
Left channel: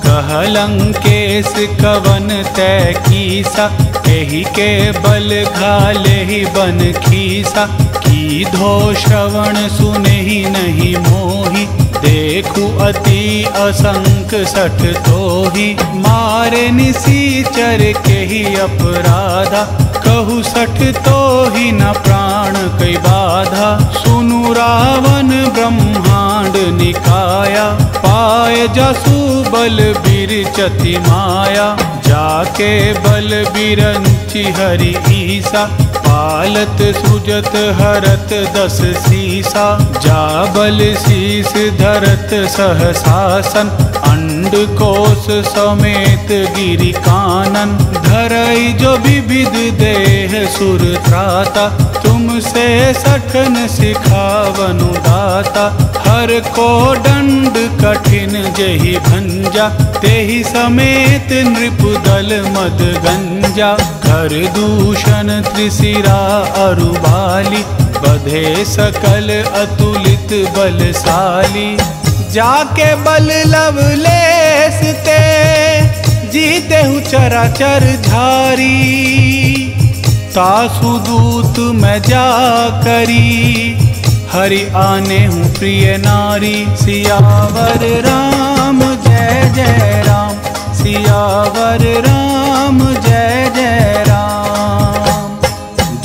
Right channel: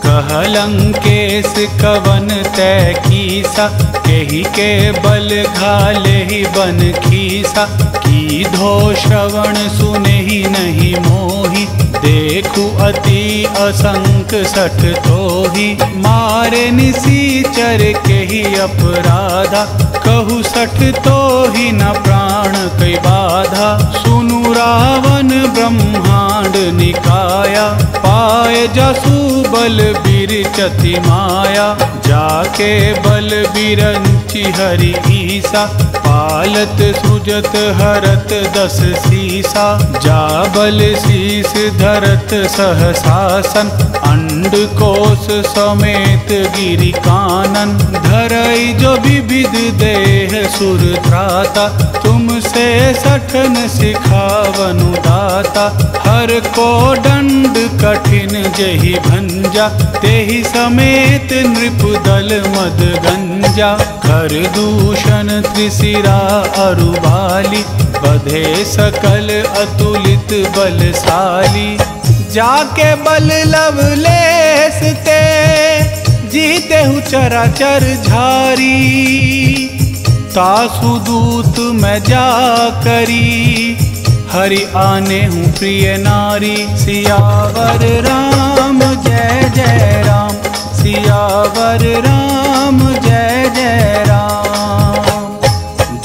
कहलंकेश कवन तै कीसा, केहि के बल घाले ही बन खीसा। की धो श्रवण सुनेहि नहीं मोहि, देखु अति असंक सठ तोहि। मारे निसीचर केहि अपराधा, कहु सठ तोहि न प्राण कै बाधा। सुनु रावण ब्रह्मांड निकाया, पाए जसु बल बिरचति माया। जाके बल बिरंचि हरि ईसा, पालत सृजत हरत दस सीसा। जा बल शीस धरत सहसासन, अंड कोश समेत गिरि कानन। धरई जो विविध देह सुर त्राता, तुमसे सठन सिखावनु दाता। हर को दंड कठिन जेहि भंजा, तेहि समेत नृप दल मद गंजा। कर दूषण त्रिशिरा अरुबाली, बधे सकल अतुलित बलशाली। जाके बल लवलेस ते, जीतेहु चराचर झारी। तासु दूत मैं जा करी, हरि आने हूँ प्रिय नारी। सियावर राम जय जय राम, सियावर राम जय जय राम।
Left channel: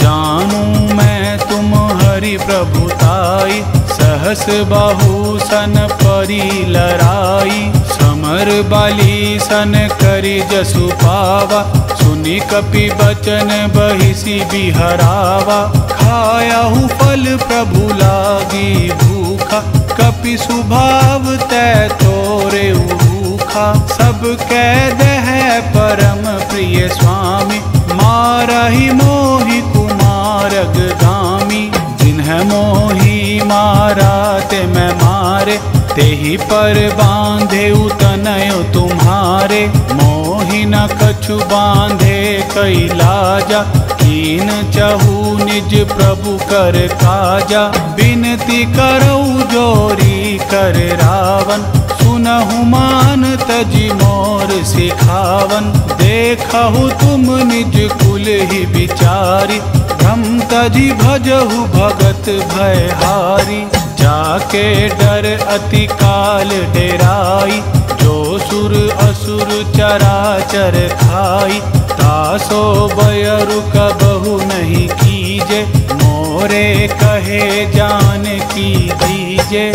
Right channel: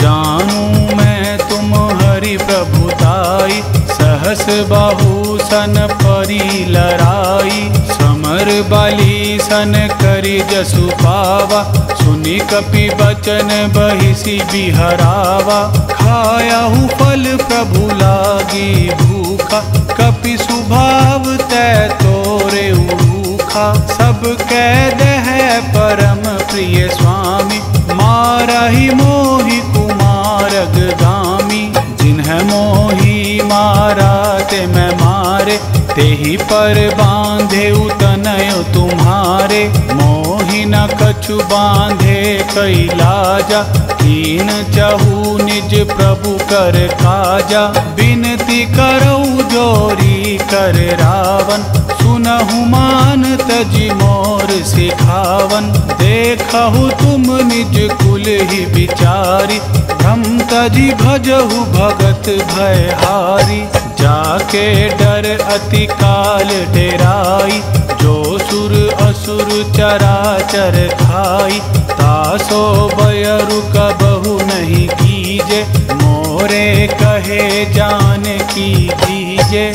जानू मैं तुम हरि प्रभुताई, सहस बाहु सन परी लराई। समर बाली सन करी जसु पावा, सुनि कपि बचन बहिसी बिहरावा। खायाहु फल प्रभु लागी भूखा, कपि सुभाव तै तोरे रूखा। सब कैद है परम प्रिय स्वामी, मारहि मोहि कुमारग गामी। जिन्ह मोहि मारा ते मैं मारे, तेहि पर बांधे उतनय तुम्हारे। मोहि न कछु बांधे कई लाजा, कीन चहु निज प्रभु कर काजा। बिनती करऊ जोरी कर रावण, सुनहु मान तजि मोर सिखावन। देखहु तुम निज कुल ही विचारी, भ्रम तजि भजहु भगत भयहारी। जाके डर अति काल डेराई, जो सुर असुर चराचर खाई। तासो बयरु कबहु नहीं कीजे, मोरे कहे जान की दीजे।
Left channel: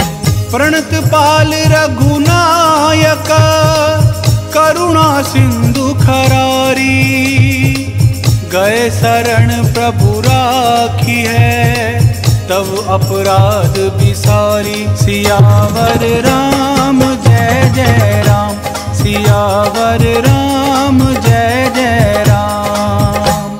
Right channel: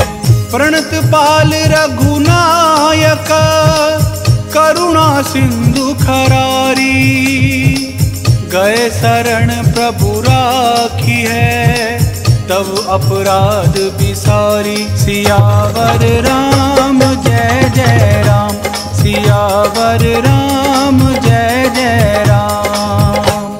प्रणत पाल रघुनायक, करुणा सिंधु खरारी। गए शरण प्रभु राखी है, तब अपराध बिसारी। सियावर राम जय जय राम, सियावर राम जय जय राम।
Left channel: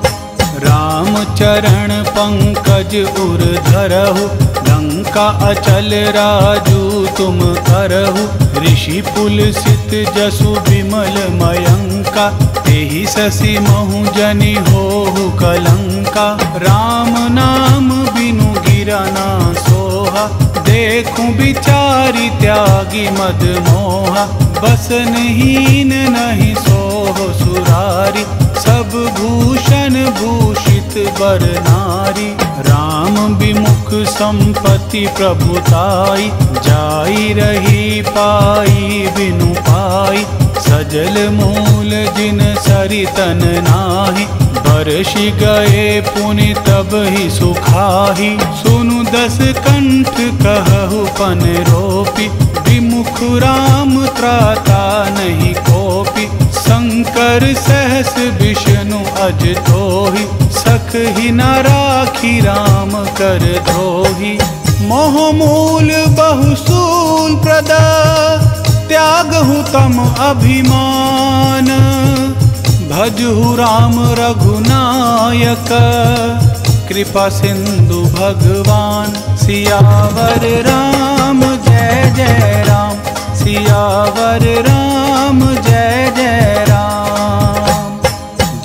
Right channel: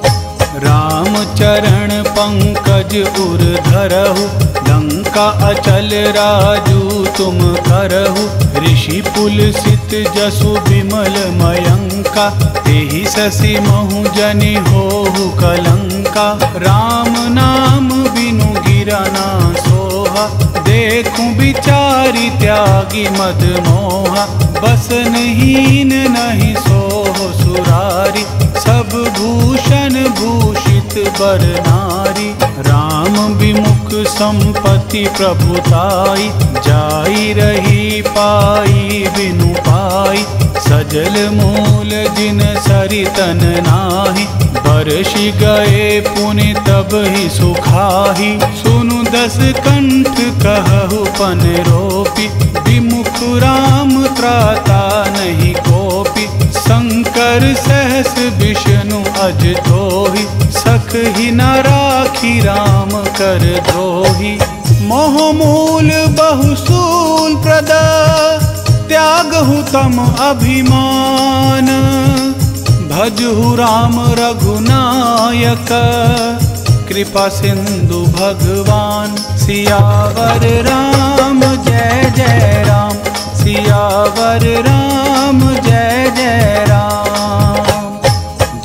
राम चरण पंकज उर धरहु, लंका अचल राजू तुम करहु। ऋषि पुलसित जसु विमल मयंका, तेहि ससी महु जनि होहु कलंका। राम नाम बिनु गिरा ना सोहा, देखूं बिचारी त्यागी मद मोहा। बसनहीन नहीं सोह सुरारी, सब भूषण भूषित बर नारी। राम विमुख संपत्ति प्रभुताई, जाई रही पाई बिनु पाई। सजल मूल जिन सरितन नाही, बरषि गए पुनि तब ही सुखाही। सुनु दस कंठ कहु पन रोपी, विमुख राम त्राता नहीं कोपी। शंकर सहस विष्णु अज तोहि, सख ही न राखी राम कर द्रोही। मोह मूल बहुसूल प्रद, त्यागहु तम अभिमान। भजहु राम रघुनायक, कृपा सिंधु भगवान। सियावर राम जय जय राम, सियावर राम जय जय राम।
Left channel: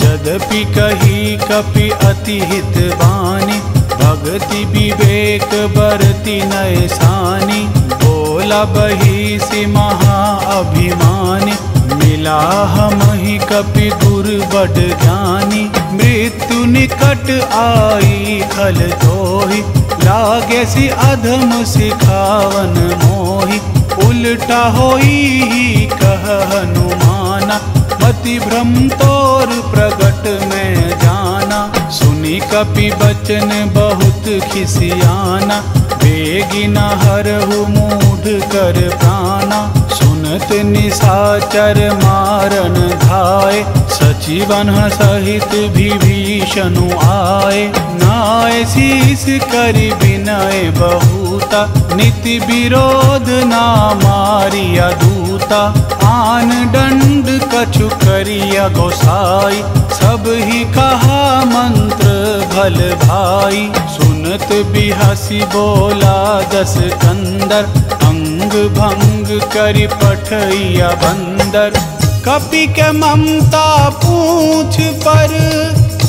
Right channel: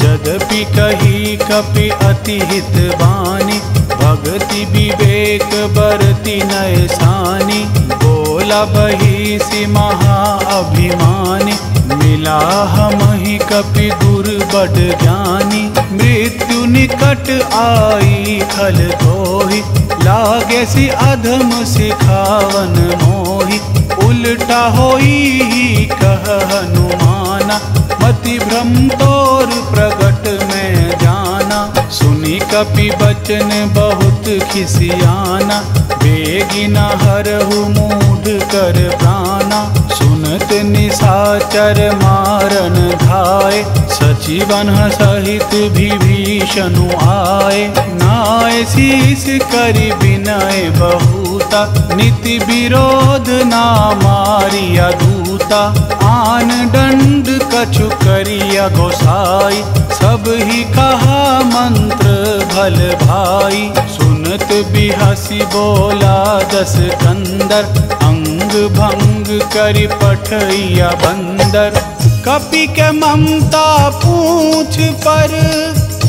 जद यद्यपि कही कपि अति हित बानी, भक्ति विवेक बरति नय सानी। बोला बहिषि महा अभिमानी, मिला हमहि कपि गुर बड ज्ञानी। मृत्यु निकट आई खल तोहि, लागे सि अधम सिखावन मोहि। उल्टा होई कह हनुमाना, मति भ्रम तोर प्रगट में जाना। सुनी कपि बचन बहुत खिसियाना, बेगिना हरहु मूढ़ कर प्राणा। सुनत निशाचर मारन धाय, सचिवन सहित विभीषण आए। नाय शीस करि विनय बहुता, नीति विरोध ना मारिया दूता। आन दंड कछु करिया गोसाई, सब ही कहा मंत्र भल भाई। सुनत बिहसी बोला दस कंदर, अंग भंग करि पठैया बंदर। कपि के ममता पूछ पर,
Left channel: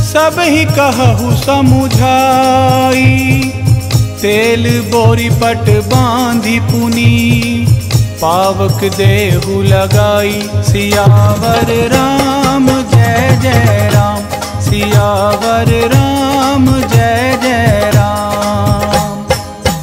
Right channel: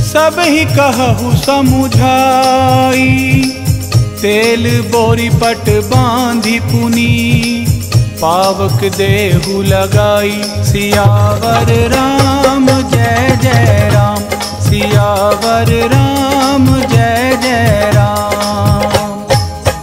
सब ही कहु समुझाई। तेल बोरी पट बांधी पुनी, पावक देहु लगाई। सियावर राम जय जय राम, सियावर राम जय जय राम।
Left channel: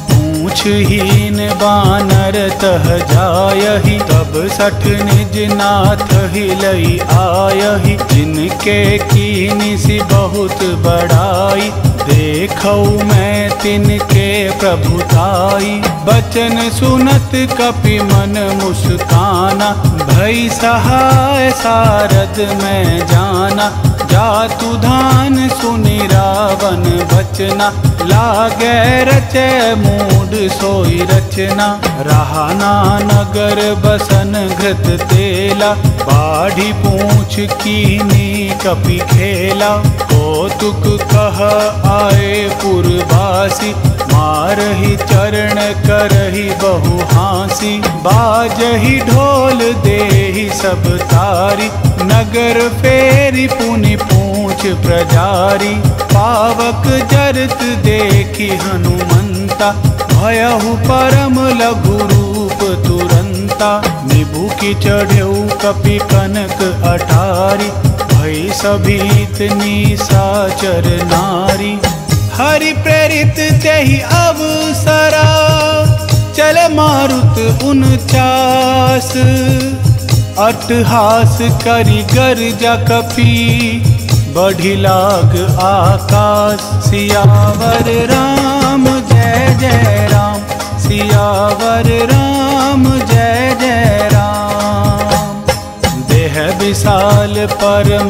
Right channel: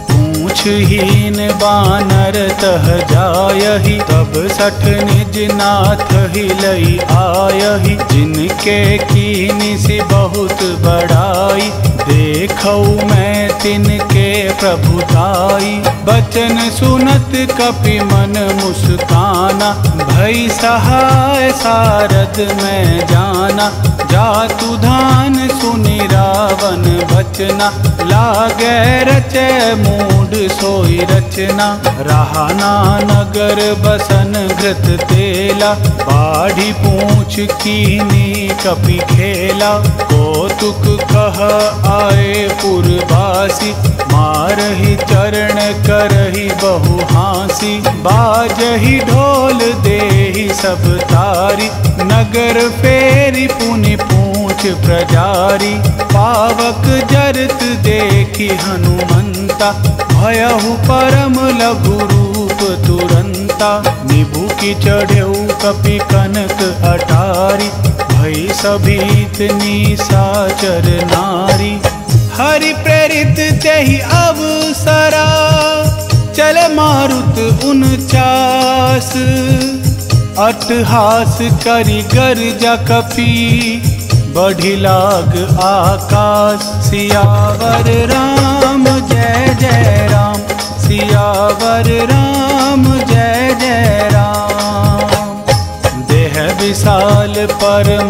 पूछहीन बानर तह जायहि, तब सठ निज नाथ हिलई आयहि। जिनके कीनी सी बहुत बड़ाई, देखऊ मैं तिनके प्रभुताई। बचन सुनत कपि मन मुस्काना, भई सहाय सारद में जाना। जातु धान सुनि रावण बचना, लागे रचे मूढ़ सोई रचना। रहाना नगर बसन घृत तेला, बाढ़ी पूछ कीनी कपि खेला। कौतुक कह आए पुरवासी, मारहि चरण करहि बहु हांसी। बाजहि ढोल देहि सब तारी, नगर फेरी पुनि पूछ प्रजारी। पावक जरत देखि हनुमंता, भयहु परम लघु रूप तुरंता। निभु की चढ़ऊ कपि कनक अटारी, भई सभीत निशाचर नारी। हरि प्रेरित तेहि अवसरा, चले मारुत 49। अट्टहास करि गर्जा कपि, बढ़ी लाग आकाश। सियावर राम जय जय राम, सियावर राम जय जय राम। देह विशाल परम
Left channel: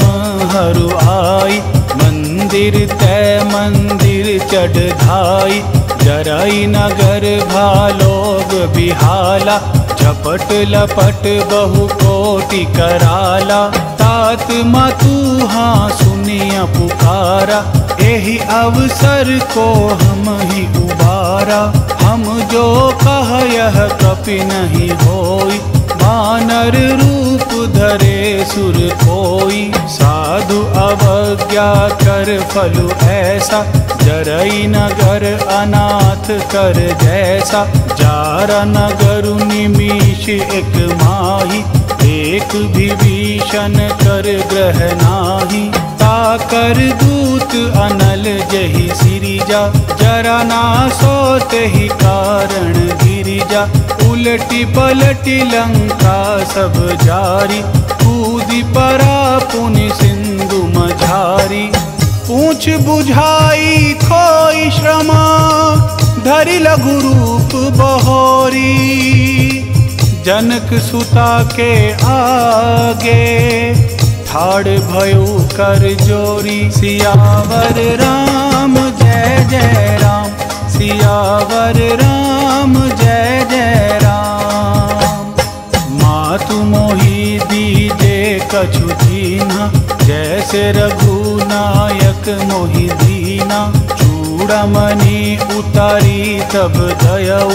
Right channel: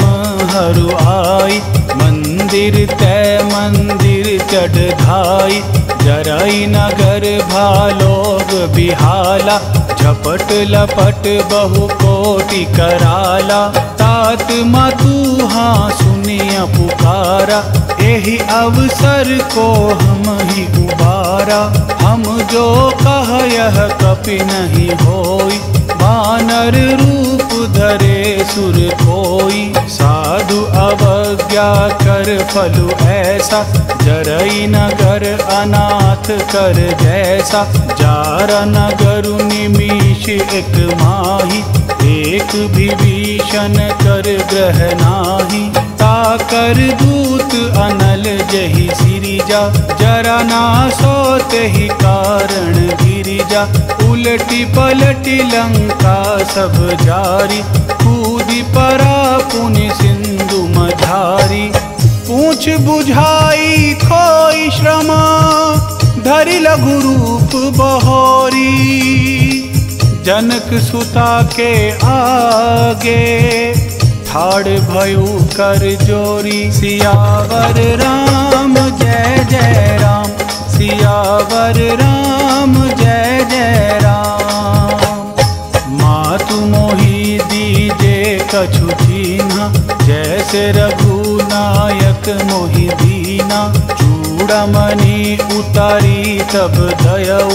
हरु आई, मंदिर तय मंदिर चढ़ धाई। जरई नगर भालोग बिहाला, झपट लपट बहु कोटि कराला। तात मातु हाँ सुनिया पुकारा, एहि अवसर को हम ही उबारा। हम जो कह यह कपि नहीं होई, बानर रूप धरे सुर कोई। साधु अवज्ञा कर फलु ऐसा, जरई नगर अनाथ कर जैसा। जारा नगर निमिष एक माही, एक विभीषण कर ग्रह नाही। ताकर दूत अनल जहि सिरिजा, जरा ना सोते ही कारण गिरिजा। उलटी पलटी लंका सब जारी, कूदी परा पुनि सिंधु मझारी। पूछ बुझाई खोई श्रमा, धरि लघु रूप बहोरी। जनक सुता के आगे, ठाड़ भयो कर जोरी। सियावर राम जय जय राम, सियावर राम जय जय राम। मातु मोहि दीजे कछु दीना, जैसे रघुनायक मोहि दीना। चूड़ामणि उतारी तब दयऊ,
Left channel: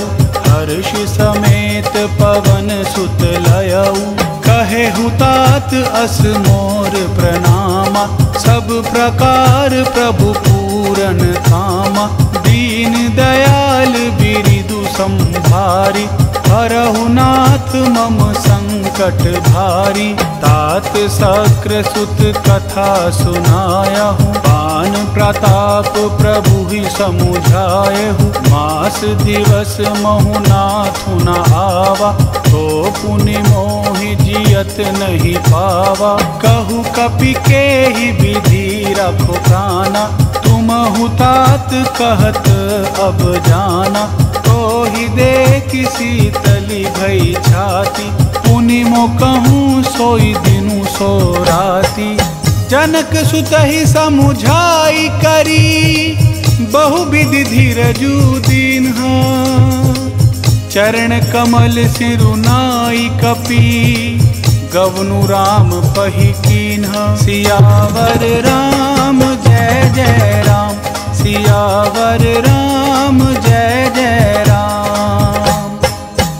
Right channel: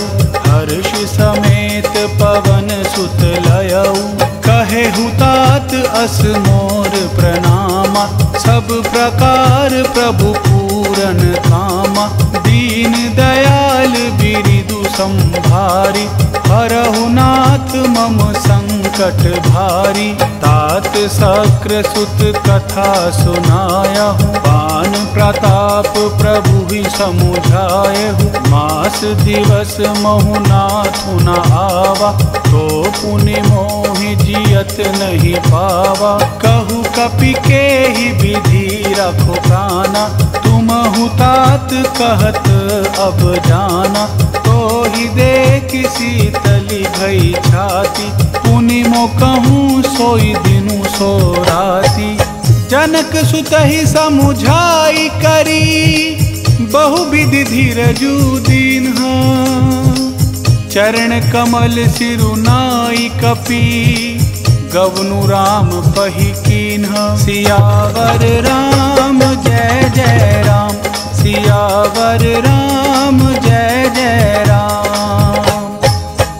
हर्ष समेत पवन सुत लयऊ। कहे हुतात अस मोर प्रणामा, सब प्रकार प्रभु पूरन कामा। दीन दयाल बिरिदु संभारी, हरहु नाथ मम संकट भारी। तात सक्र सुत कथा सुनायहु, पान प्रताप प्रभु ही समुझायहु। मास दिवस महु नाथु न आवा, तो पुनि मोहि जियत नहीं पावा। कहु कपि के ही विधि रखो प्राणा, तुम हुतात कहत अब जाना। तो ही देख शीतली भई छाती, पुनि मो कहूँ सोई दिनु सो राती। जनक सुत ही समुझाई करी, बहु विधि धीरजु दीन्हा। चरण कमल सिरुनाई कपि, गवनु राम पही कीन्हा। सियावर राम जय जय राम, सियावर राम जय जय राम।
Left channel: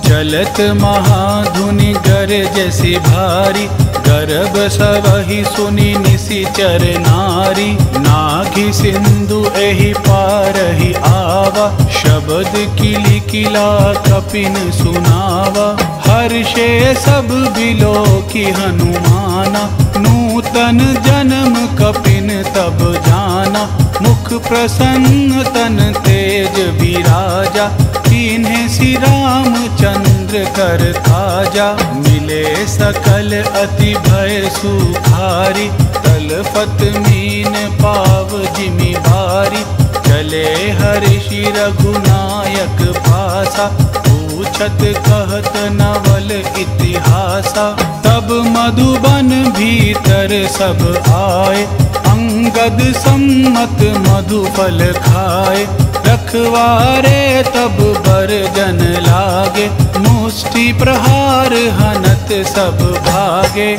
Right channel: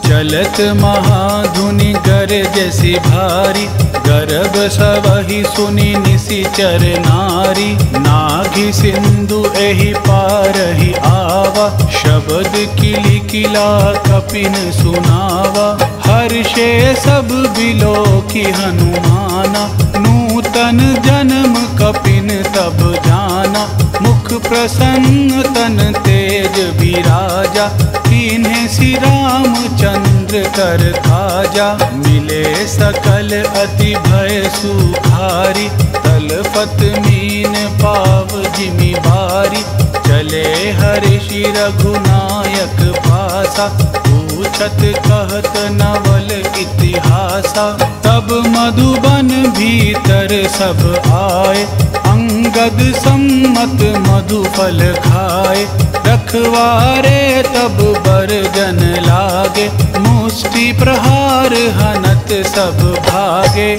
चलत महाधुनि गरजसि भारी, गर्भ सबहि सुनि निशिचर नारी। नाघि सिंधु एहि पारहि आवा, शब्द किली किला कपिन सुनावा। हर्षे सब बिलो की हनुमाना, नूतन जन्म कपिन तब जाना। मुख प्रसन्न तन तेज विराजा, कीन्हे श्री रामचंद्र कर काजा। मिले सकल अति भय सुखारी, तलपत मीन पाव जिमि बारी। चले हर्षि रघुनायक पासा, पूछत कहत नवल इतिहासा। तब मधुबन भीतर सब आए, अंगद सम्मत मधुफल खाए। रखवारे तब बरजन लागे, मुष्टि प्रहार हनत सब भागे।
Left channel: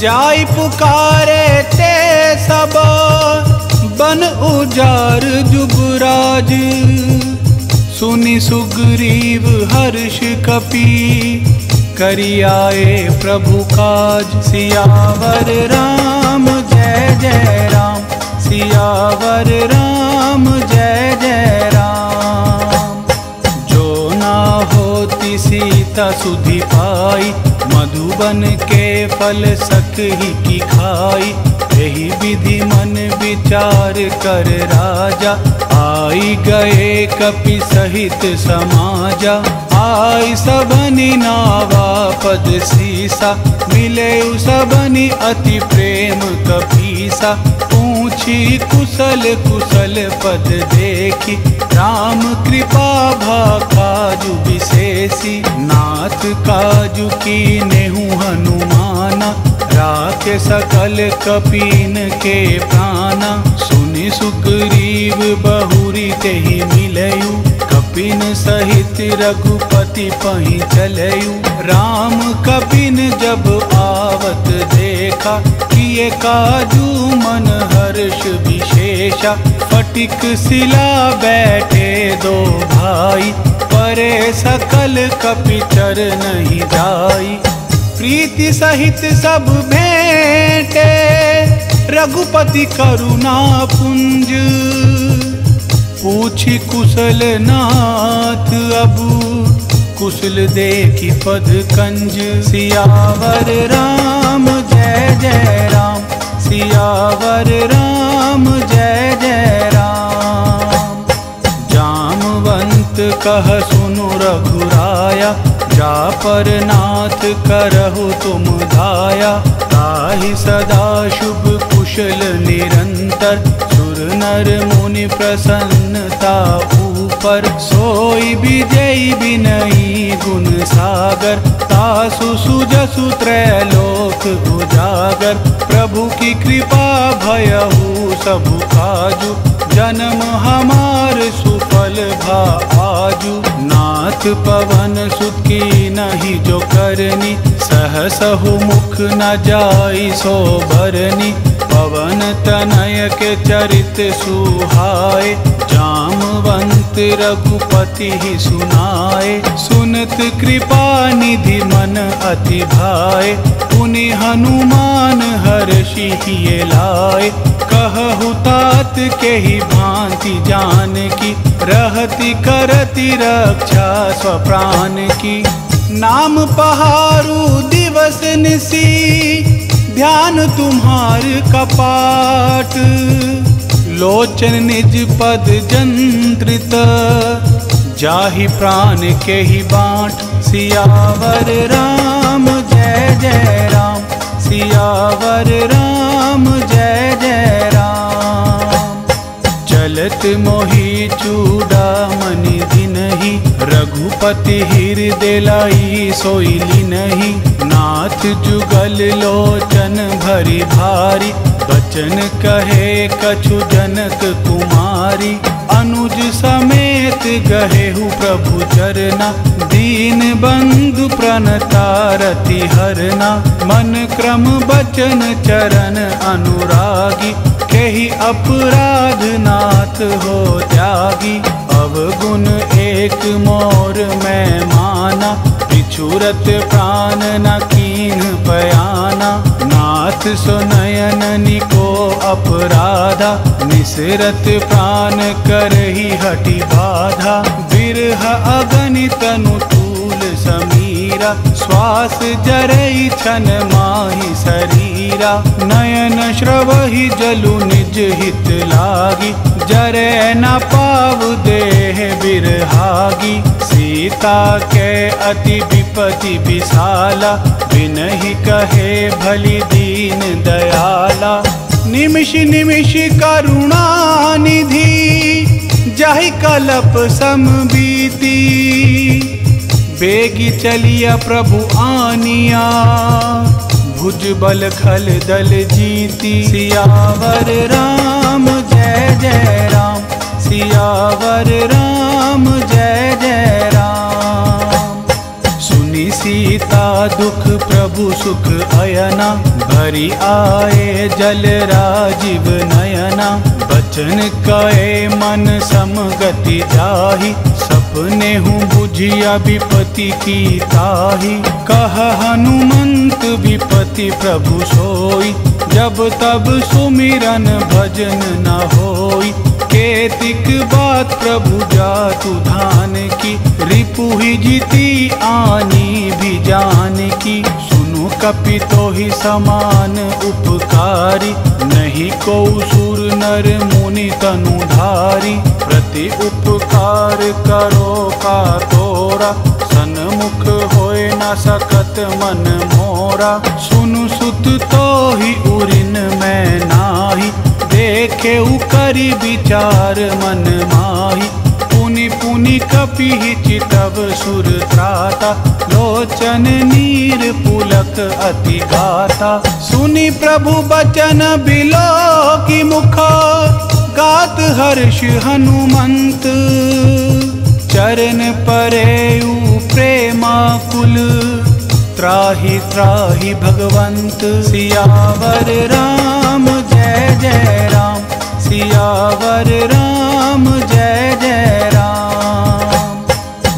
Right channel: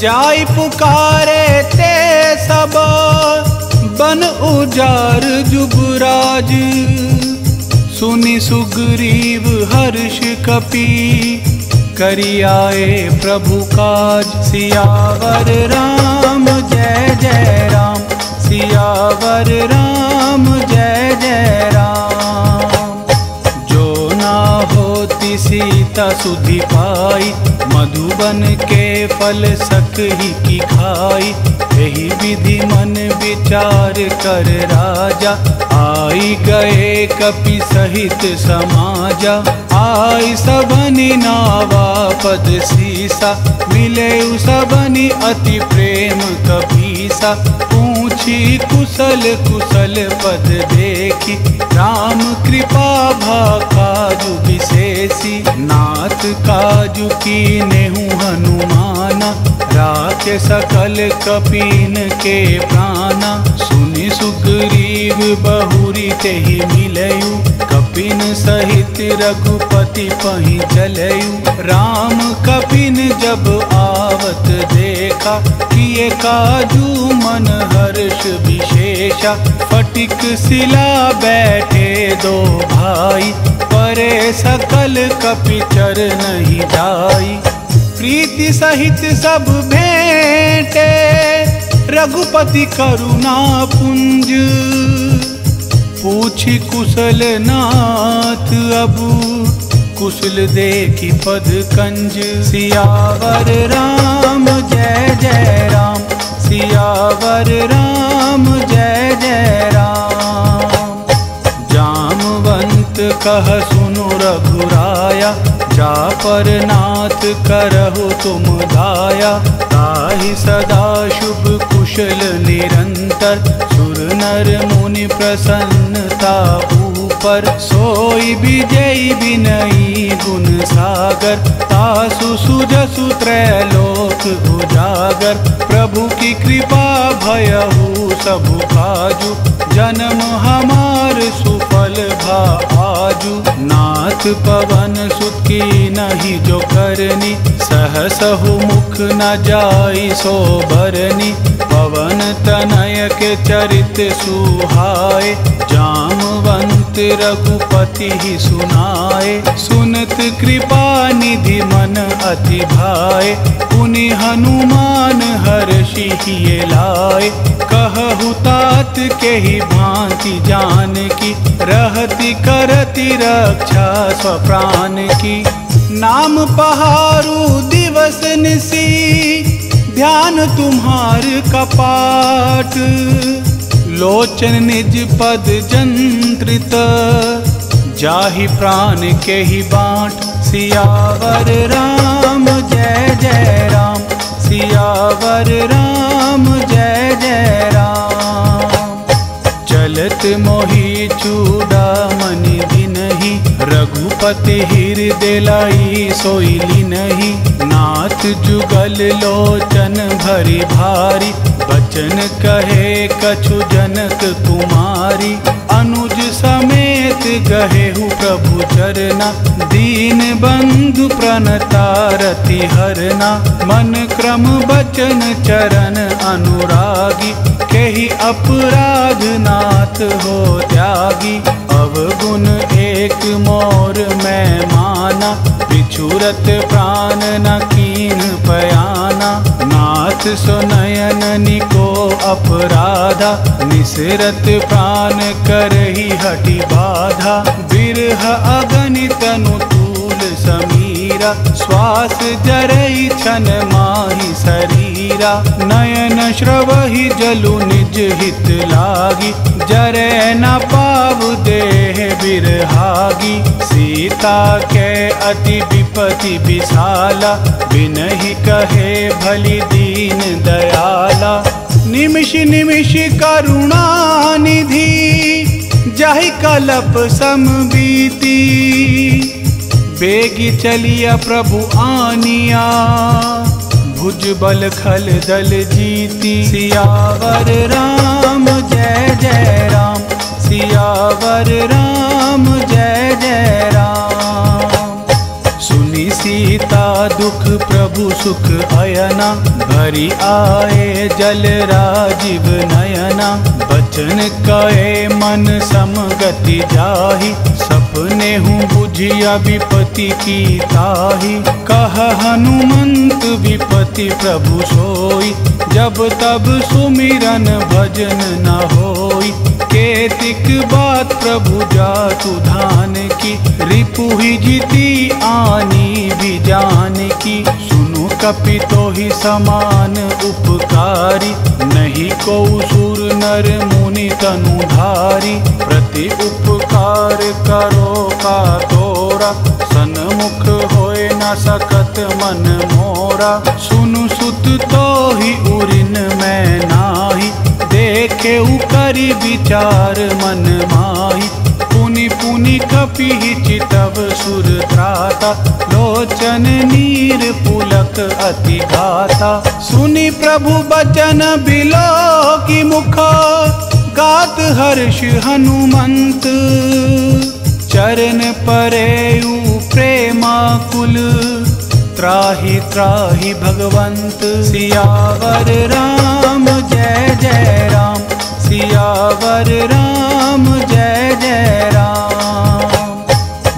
जाय पुकारे ते सब, बन उजार जुगराज। सुनि सुग्रीव हर्ष कपि, करि आए प्रभु काज। सियावर राम जय जय राम, सियावर राम जय जय राम। जो ना होती सीता सुधि पाई, मधुबन के फल सकहि की खाई। यही विधि मन विचार कर राजा, आई गए कपि सहित समाजा। आई सबनि नावा पद सीसा, मिले सबनि अति प्रेम कपीसा। पूछी कुशल कुशल पद देखी, राम कृपा भा काजु विशेषी। नाथ काजु की नेहु हनुमाना, राखे सकल कपीन के प्राणा। सुनि सुग्रीव बहुरी तेहि मिलयु, कपिन सहित रघुपति पहि चलयु। राम कपिन जब आवत देखा, किए काजू मन हर्ष विशेषा। फटिक शिला बैठे दो भाई, परे सकल कपिचर नहीं जाई। प्रीति सहित सब भेंटे, रघुपति करुणा पुंज। पूछी कुशल नाथ अबु, कुशल देखी पद कंज। सियावर राम जय जय राम, सियावर राम जय जय राम। जामवंत कह सुनु रघुराया, जा पर नाथ करहु तुम दाया। ताहि सदा शुभ कुशल निरंतर, सुर नर मुनि प्रसन्नता ऊपर। सोई विजयी विनयी गुण सागर, तासु सुजसु त्रैलोक उजागर। प्रभु की कृपा भयहु सबु काजु, जन्म हमार सुफल भा आजु। नाथ पवन सुत की नहीं जो करनी, सहसहु मुख न जाई सो बरनी। पवन तनय के चरित सुहाए, जामवंत रघुपति ही सुनाए, सुनत कृपा निधि मन अति भाए। पुनि हनुमान हर्षि हिये लाए, कहु तात के ही भांति जान की। रहति करति रक्षा स्वप्राण की, नाम पहारू दिवस निसी। ध्यान तुम्हार कपाट, लोचन निज पद जंत्रित। जाहि प्राण के ही बाँट, सियावर राम जय जय राम। सियावर राम जय जय राम। चलत मोहि चूड़ामणि दिनहि, रघुपति हृदय लाई सोई लिनहि। नाथ जुगल लोचन भरी भारी, बचन कहे कछु जनक कुमारी। अनुज समेत गहेहु प्रभु चरना, दीन बंधु प्रणतारति हरना। मन क्रम बचन चरण अनुरागी, केहि अपराध नाथ हो त्यागी। अवगुण एक मोर मैं माना, बिछुरत प्राण न कीन पयाना। नाथ सो नयन निको अपराधा, निसरत प्राण करहि हठि बाधा। बिरह अगणित तनु तूल समीरा, श्वास जरई छन माहि शरीरा। नयन श्रवहि जलु निज हित लागी, जरै न पाव देह बिरहागी। सीता के अति विपति विशाला, बिनहि कहे भली दीन दयाला। निमिष निमिष करुणा निधि, जाहि कलप समबीती। बेगी चलिया प्रभु आनिया, भुज बल खल दल जीती। सियावर राम जय जय राम। सियावर राम जय जय राम। सुनि सीता दुख प्रभु सुख अयना, भरी आए जल राजीव नयना। बचन कहे मन समगति जाहि, सपने हूँ बुझिया विपति की ताहि। कह हनुमंत विपति प्रभु सोई, जब तब सुमिरन भजन न होई। केतिक बात प्रभु जातु धान की, रिपुहि जीती आनी भी जान की। सुनु कपि तोहि समान उपकारी, नहीं को सुर नर मुनि तनुधारी। प्रति उपकार करो का तोरा, सन्मुख होए न सकत मन मोरा। सुनु सुत तोहि उरिन मैं नाही, देखे उकरी विचार मन माही। पुनि पुनि कपि चितव सुर त्राता, लोचन नीर पुलक अति गाता। सुनि प्रभु बचन बिलो की मुख, गात हर्ष हनुमंत। चरण परेयु प्रेमाकुल, त्राहि त्राहि भगवंत। सियावर राम जय जय राम। सियावर राम जय जय राम।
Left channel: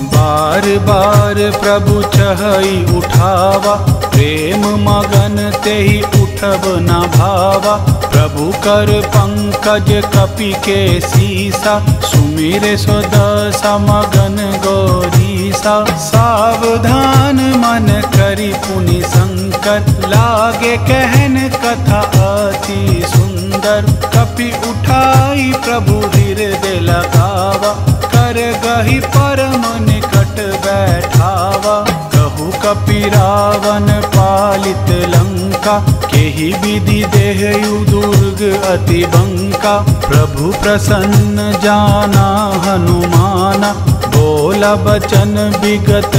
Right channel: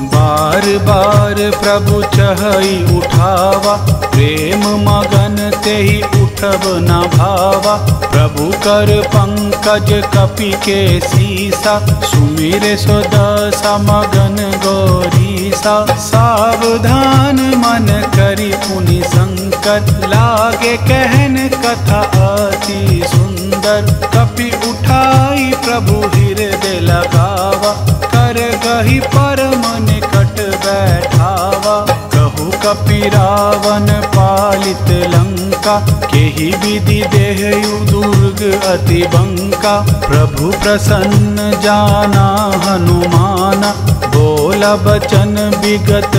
बार बार प्रभु चहई उठावा, प्रेम मगन तेहि उठब न भावा। प्रभु कर पंकज कपि के सीसा, सुमिरे सो दशा मगन गौरीसा। सावधान मन करि पुनि शंकर, लागे कहन कथा अति सुंदर। कपि उठाई प्रभु हृदय लगावा, कर गही परम निकट बैठावा। कहु कपि रावण पालित लंका, केहि विधि देहयु दुर्ग अति बंका। प्रभु प्रसन्न जाना हनुमाना, बोला बचन विगत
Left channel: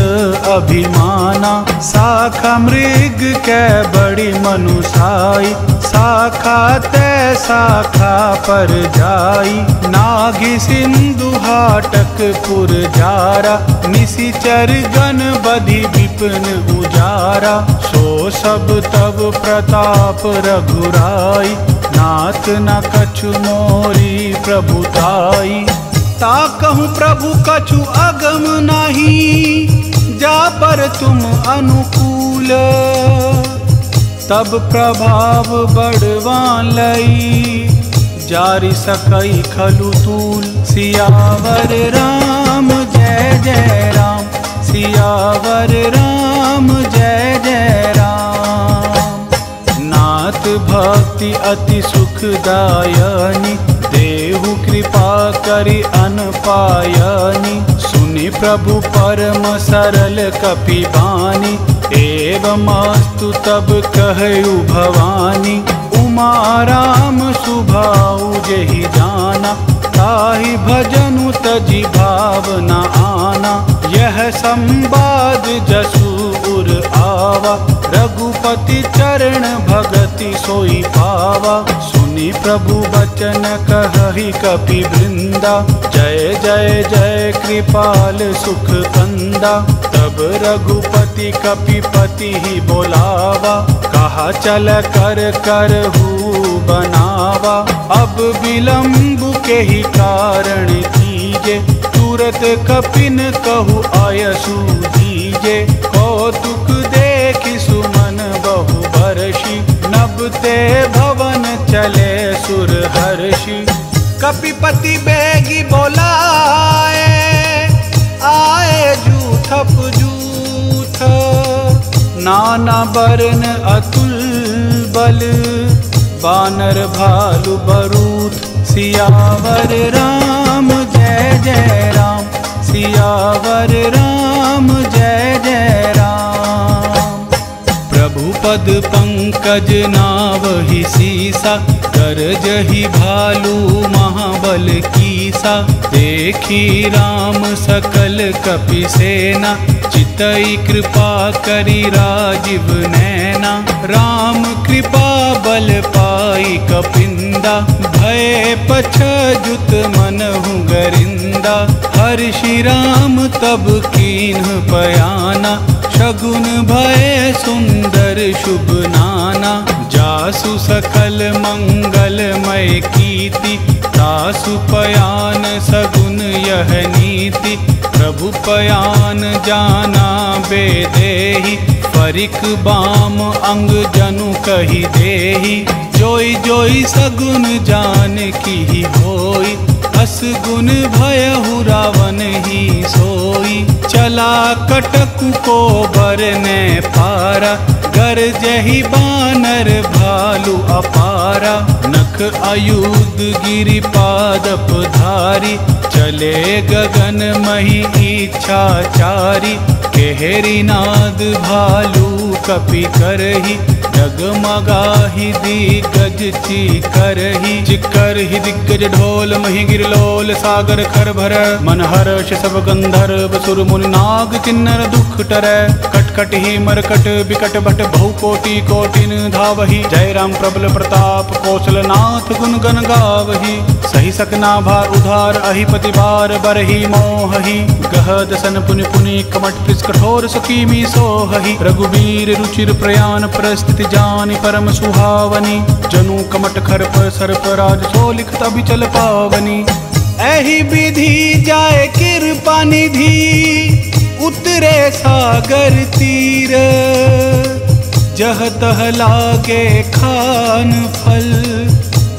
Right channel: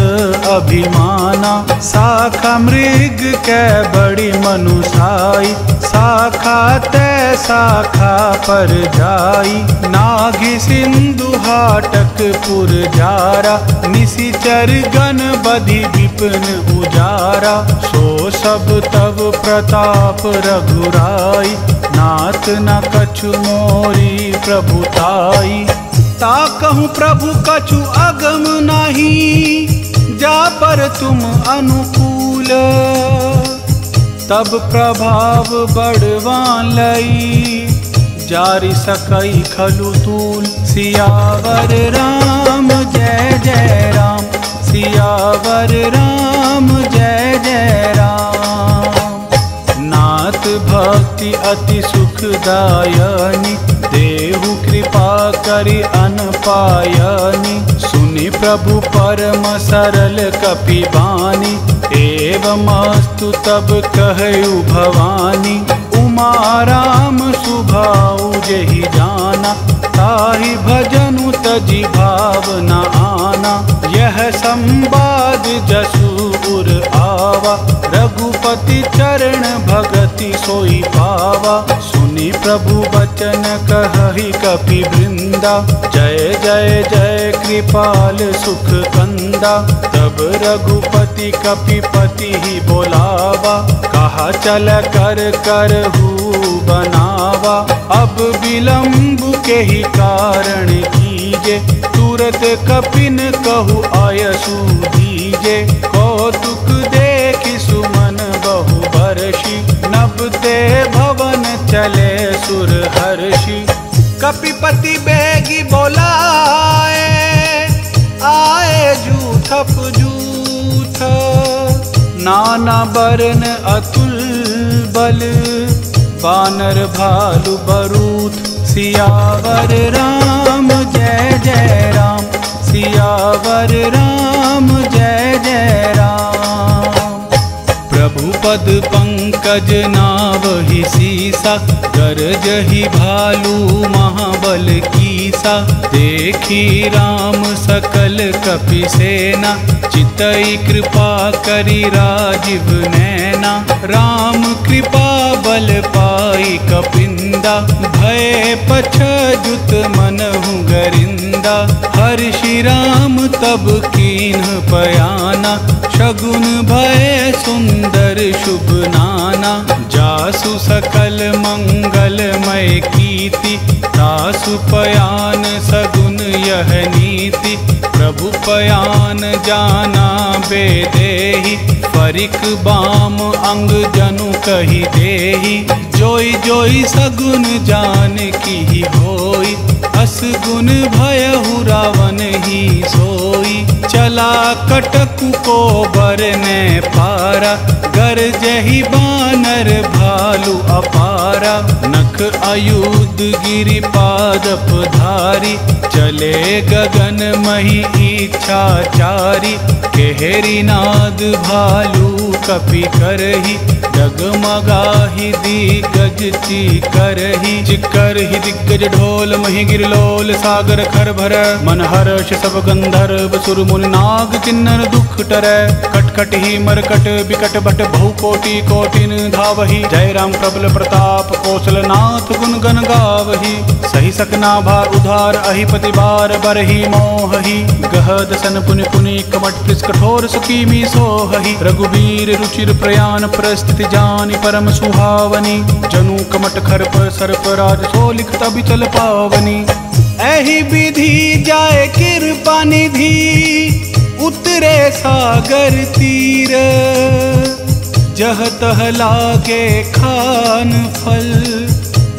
अभिमाना। शाखा मृग कै बड़ी मनुषाई, शाखा तै शाखा पर जाई। नाघि सिंधु हाटक पुर जारा, निशिचर गण बधि विपिन उजारा। सो सब तब प्रताप रघुराई, नाथ न कछु मोरी प्रभुताई। ता कहूँ प्रभु कछु अगम नहीं, जा पर तुम अनुकूल। तब प्रभाव बढ़वान लई, जारी सकई खलु तूल। सियावर राम जय जय राम, सियावर राम जय जय राम। नाथ भक्ति अति सुखदायनी, देहु कृपा करि अनपायनी। सुनि प्रभु परम सरल कपि बानी, एवमस्तु तब कहु भवानी। उमा राम सुभाऊ जेहि जाना, ताहि भजनु तजि भावना आना। यह संवाद जसु उर आवा, रघुपति चरण भगति सोई पावा। सुनि प्रभु बचन कहहि कपि वृंदा, जय जय जय कृपाल सुख कंदा। तब रघुपति कपिपति ही बोलावा, कहा चल कर करहु बनावा। अब विलंब के ही कारण कीजे, तुरत कपिन कहु आयसु दीजे। कौतुक देखि सुमन बहु बरषि, नबते भवन चले सुर हर्षि। कपिपति बेगी बोलाए, आए जूथप जूथ। नाना बरन अतुल बल, बानर भालु बरूथ। सियावर राम जय जय राम, सियावर राम जय जय राम। प्रभु पद पंकज नावहि सीसा, गरजहि भालू महाबल कीसा। देखी राम सकल कपि सेना, चितई कृपा करि राजीव नैना। राम कृपा बल पाई कपिंदा, भय पछजुत मनहु गरिंदा। हर्षि राम तब कीन्ह पयाना, शगुन भय सुंदर शुभ नाना। जासु सकल मंगलमय कीर्ति, तासु पयान सगुन यह नीति। प्रभु पयान जाना बेदेहि, फरिक बाम अंग जनु कहि देहि। जोई जोई सगुन जान की होई, अस गुण भयहु रावण ही सोई। चला कटकु को बरने पारा, गरजहि बानर भालु अपारा। नख आयुध गिरि पादप धारी, चले गगन मही इच्छाचारी। केहरी नाद भालू कपि करही, डगमगाहि दिग्गज चीकरहि। चिक्करहि दिग्गज ढोल मही गिरलोल, सागर खर भर मन हर्ष सब गंधर्व। सुर मुनि नाग किन्नर दुख टरै, कटकट ही मरकट बिकट भट बहु कोटि कोटिन धावहि। जय राम प्रबल प्रताप कौशल नाथ गुण गण गावहि। सही सकना भार उधार, अहिपति बार बरहि मोहहि। गहद सन पुनि पुनि कमट पृष कठोर सुकीमी सोहहि। रघुबीर रुचिर प्रयाण परिस्थिति जानि, परम सुहावनी। जनु कमट खरप सर्प राज, सो लिखत अभिचल पावनी। एहि विधि जाय कृपा निधि, उतरे सागर तीर। जह तह लागे खान फल,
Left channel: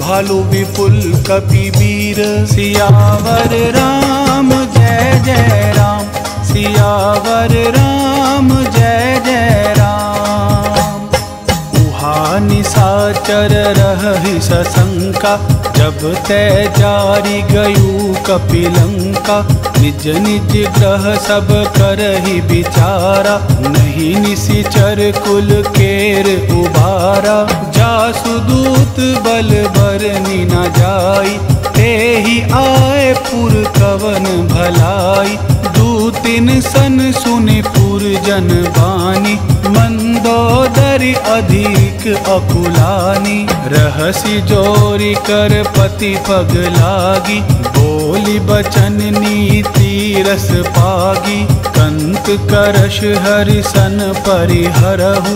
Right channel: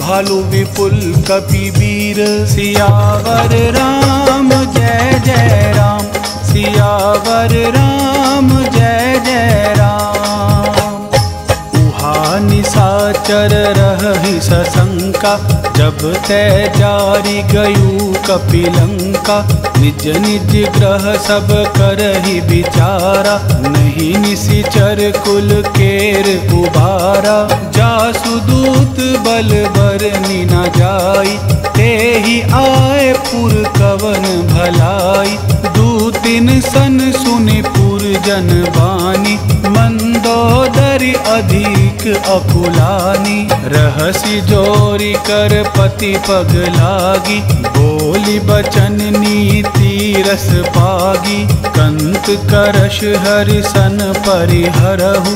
भालू विपुल कपि वीर। सियावर राम जय जय राम, सियावर राम जय जय राम। उहा निशाचर रहहि सशंका, जब तै जारी गयु कपिलंका। निज निज ग्रह सब करहि विचारा, नहीं निशिचर कुल केर उबारा। जासु दूत बल बरनि न जाई, तेहि आए पुर कवन भलाई। दूतिन सन सुनि पुर जन बानी, मंदोदरी अधिक अकुलानी। रहसि जोरी कर पति पग लागी, बोली बचन नीति रस पागी। कंत करश हरि सन परिहरहु,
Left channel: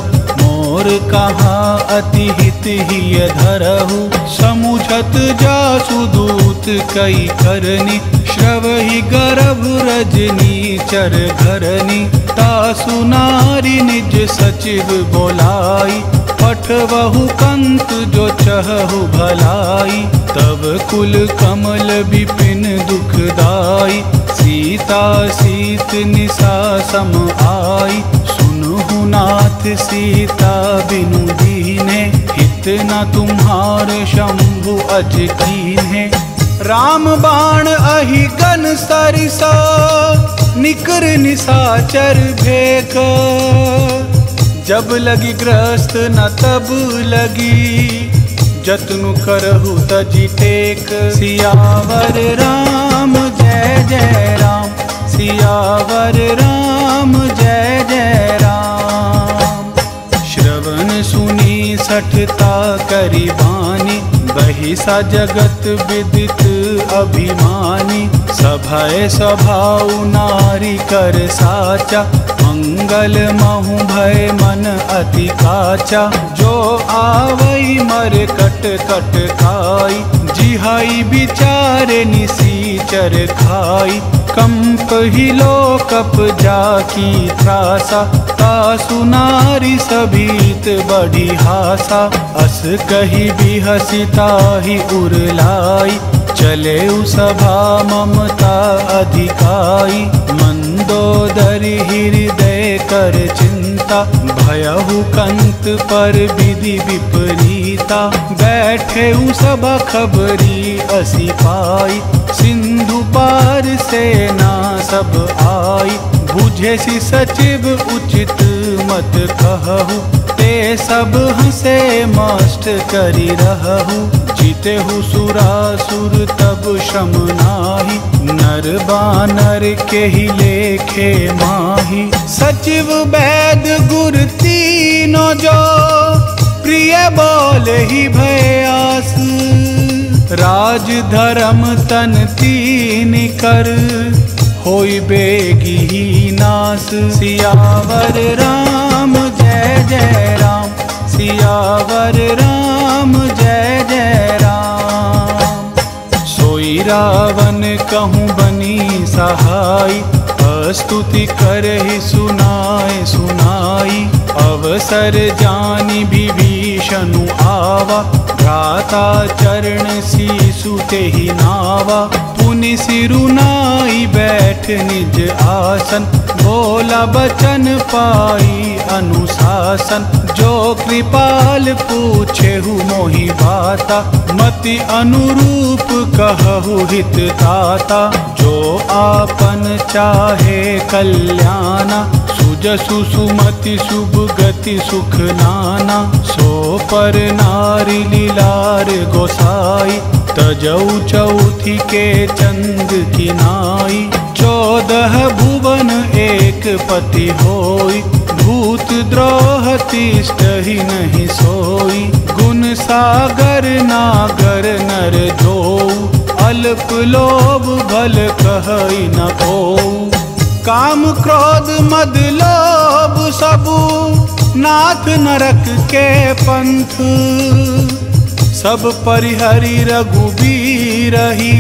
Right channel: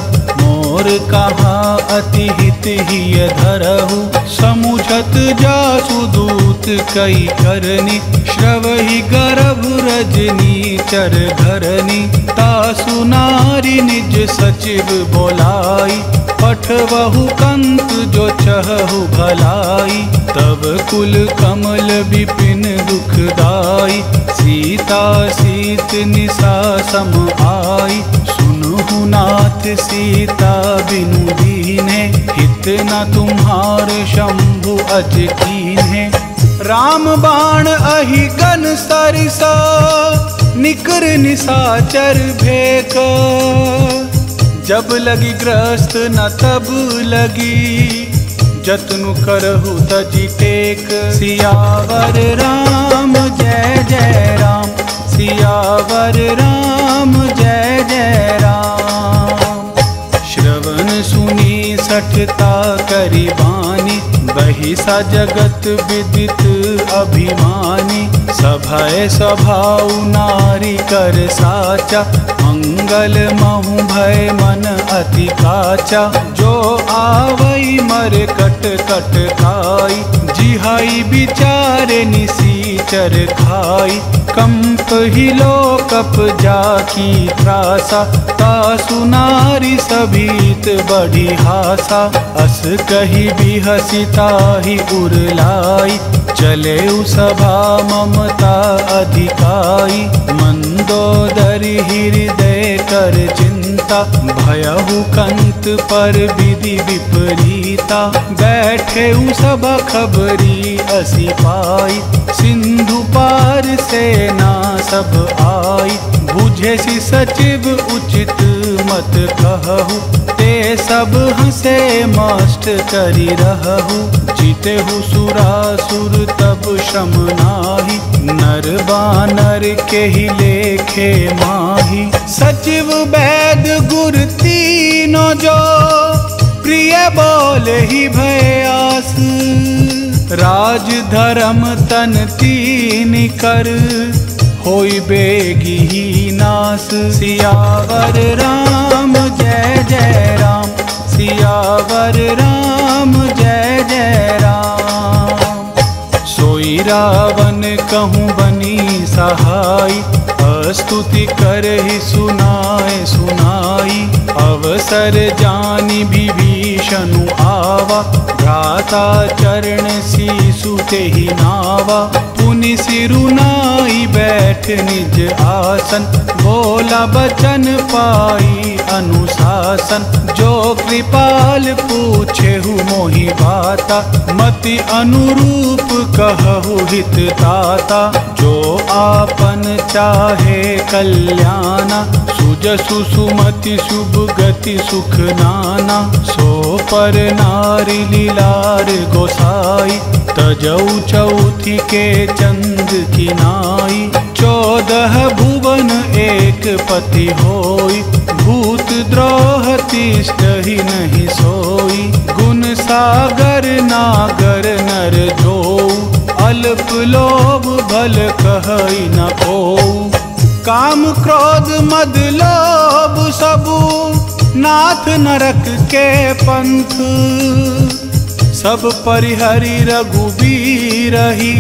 मोर कहा अति हित हिय धरहु, समुझत जासु दूत कई करनी, श्रवहि गर्भ रजनी चर घरनी, तासु नारी निज सचिव बोलाई, पठवहु कंत जो चहु भलाई, तब कुल कमल विपिन दुखदाई, सीता सीत निसा सम आई, सुनहु नाथ सीता बिनु दीन्हे, हित न तुम्हार शंभु अज कीन्हे। राम बाण अहि गन सरिसा, निकर निसाचर भेक, जब लगी ग्रस्त न तब लगी, जतनु करहु तजी टेक। सियावर राम जय जय राम, सियावर राम जय जय राम। श्रवण सुनी सठता करी बानी, बहिसा जगत विदित अभिमानी, सभय स्वभाव नारी कर साचा, मंगल महु भय मन अति काचा, जो आवई मर कट कट खाई, जिहाई बिचारे निसीचर खाई, कंप ही लोकप जाकी त्रासा, तासु नारी सभीत बढ़ी हासा, अस कही भी हसिता ही उरलाई, चले सभा ममता अधिकाई, मंदोदरी हृदय कर चिंता, भयहु कंत पर विधि विपरीता, बैठे सभा खबरी असी पाई, सिंधु पार सेना सब आई, बुझे सी सचिव उचित मत कहु, ते सब हंसे मस्त करी रहु, जीतेहु सुरासुर तब श्रम नाही, नर बानर के ही लेखे माही, सचिव वैद गुर तीनों जो, प्रिय बोल ही भयास, राज धर्म तन तीन कर, होई बेगी ही नास। सियावर राम जय जय राम, सियावर राम जय जय राम। सोई रावण कहूँ बनी सहाय, स्तुति करहि सुनाए सुनाई, अवसर जानी विभीषणु आवा, भ्राता चरण सीसु तेहि नावा, पुनि सिरुनाई बैठ निज आसन, बोला बचन पाई अनुशासन, जो कृपाल पूछेहु मोहि बाता, मति अनुरूप कहु हित ताता, जो आपन चाहे कल्याणा, सुजसु सुमति शुभ गति सुख नाना, सो पर नारी लीलार गोसाई, तजऊ चौथी के चंद की नाई, 14 भुवन एक पति होई, भूत द्रोह तिष्ठ ही नहीं सोई, गुण सागर नागर नर जोऊ, अल्प लोभ भल कहई न कोऊ, काम क्रोध मद लोभ सबु, नाथ नरक के पंथ, सब परिहरि रघुबीरहि,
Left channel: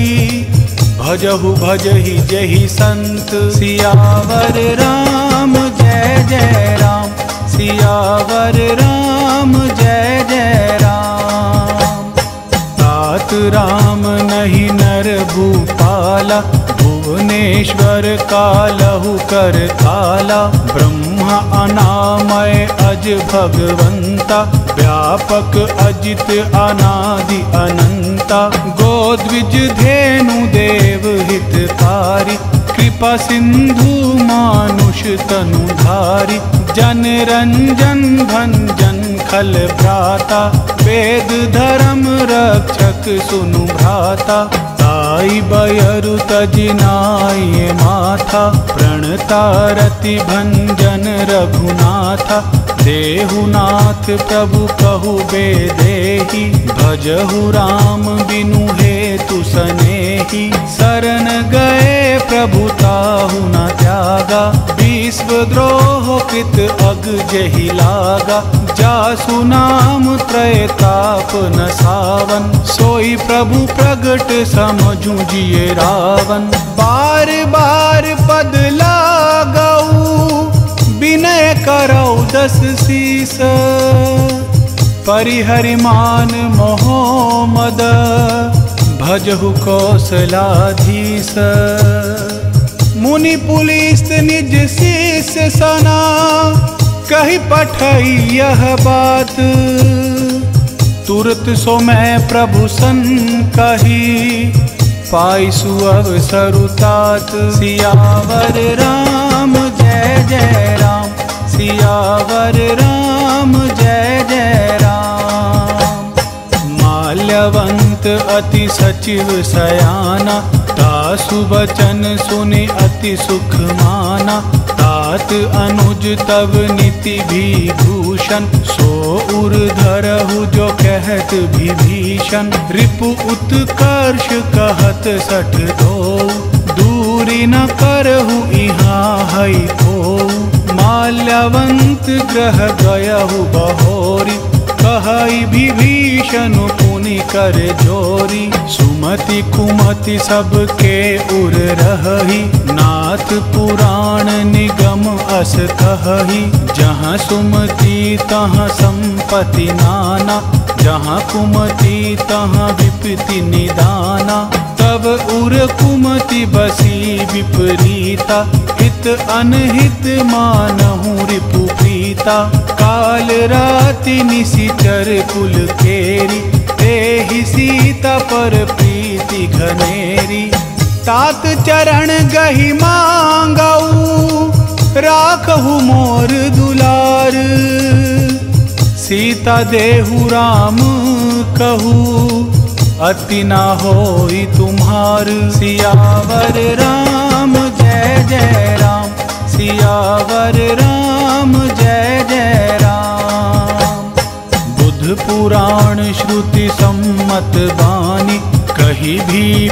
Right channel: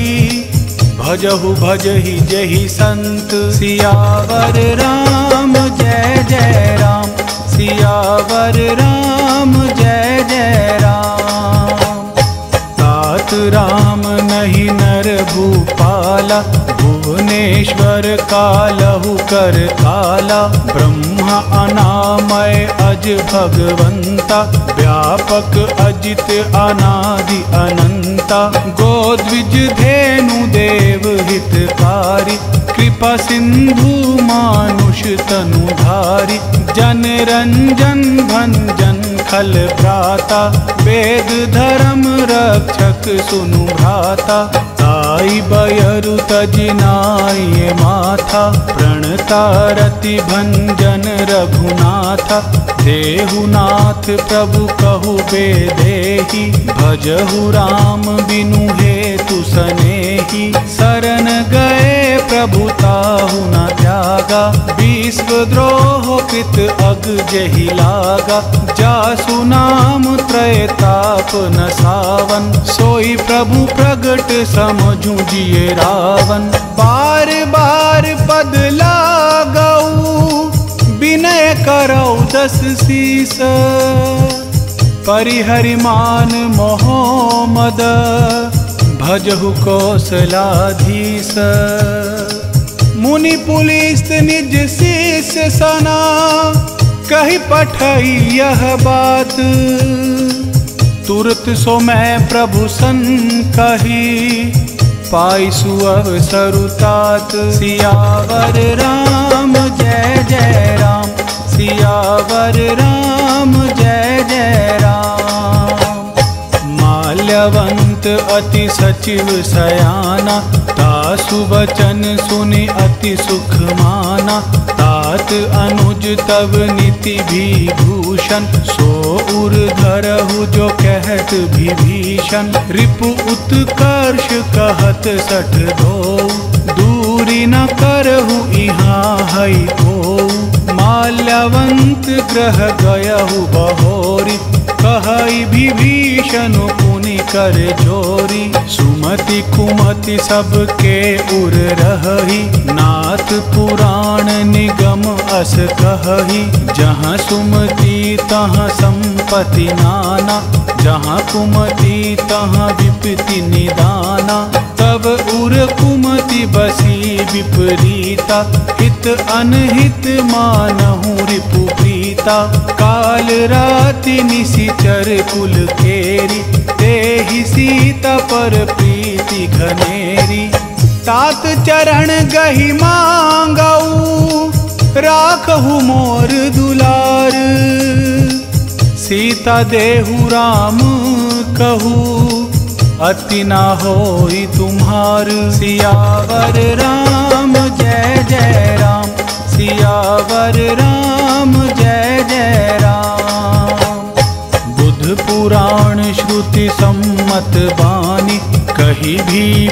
भजहु भजहि जहि संत। सियावर राम जय जय राम, सियावर राम जय जय राम। तात राम नहीं नर भूपाला, भुवनेश्वर कालहु कर काला, ब्रह्मा अनामय अज भगवंता, व्यापक अजित अनादि अनंता, गोद्विज धेनु देव हितकारी, कृपा सिंधु मानुष तनुधारी, जन रंजन भंजन खल भ्राता, वेद धर्म रक्षक सुनु भ्राता, ताई बयरु तजिनाय माथा, प्रणता रति भंजन रघुनाथा, देहु नाथ प्रभु कहु बेदेहि, भजहु राम बिनु हेतु सनेहि। शरण गए प्रभु ताहु न त्यागा, विश्वद्रोह कृत अग जेहि लागा। जासु नाम त्रय ताप न सावन, सोई प्रभु प्रगट समझू जिये रावण। बार बार पद लागऊ, विनय करौ दस शीस। परिहरि मान मोह मद, भजहु कौशलाधीश। मुनि पुलिस निज शीस सना, कही पठई यह बात। तुरत सो मैं प्रभु सन कही, पाई सुअवसर तात। सियावर राम जय जय राम, सियावर राम जय जय राम। माल्यवंत अति सचिव सयाना, तासु वचन सुनि अति सुख माना। तात अनुज तव नीति विभूषण, सो उर धरहु जो कहत विभीषण। रिपु उत्कर्ष कहत सठ दो, दूरी न करहु इहाँ हई को। माल्यवंत ग्रह गयहु बहोरी, कहई विभीषण पुनि कर जोरी। सुमति कुमति सबके उर रहही, नाथ पुराण निगम अस कहही। जहाँ सुमति तहाँ संपत्ति नाना, जहाँ कुमति तहाँ विपत्ति निदाना। तब उर कुमति बसी विपरीता, हित अनहित मानहु रिपु प्रीता। काल राति निशिचर कुल केरी, तेहि सीता पर प्रीति घनेरी। तात चरण गहि मांगऊ, राखहु मोर दुलार। सीता देहु राम कहू, अति ना होई तुम्हार। सियावर राम जय जय राम, सियावर राम जय जय राम। बुध पुराण श्रुति सम्मत बानी, कही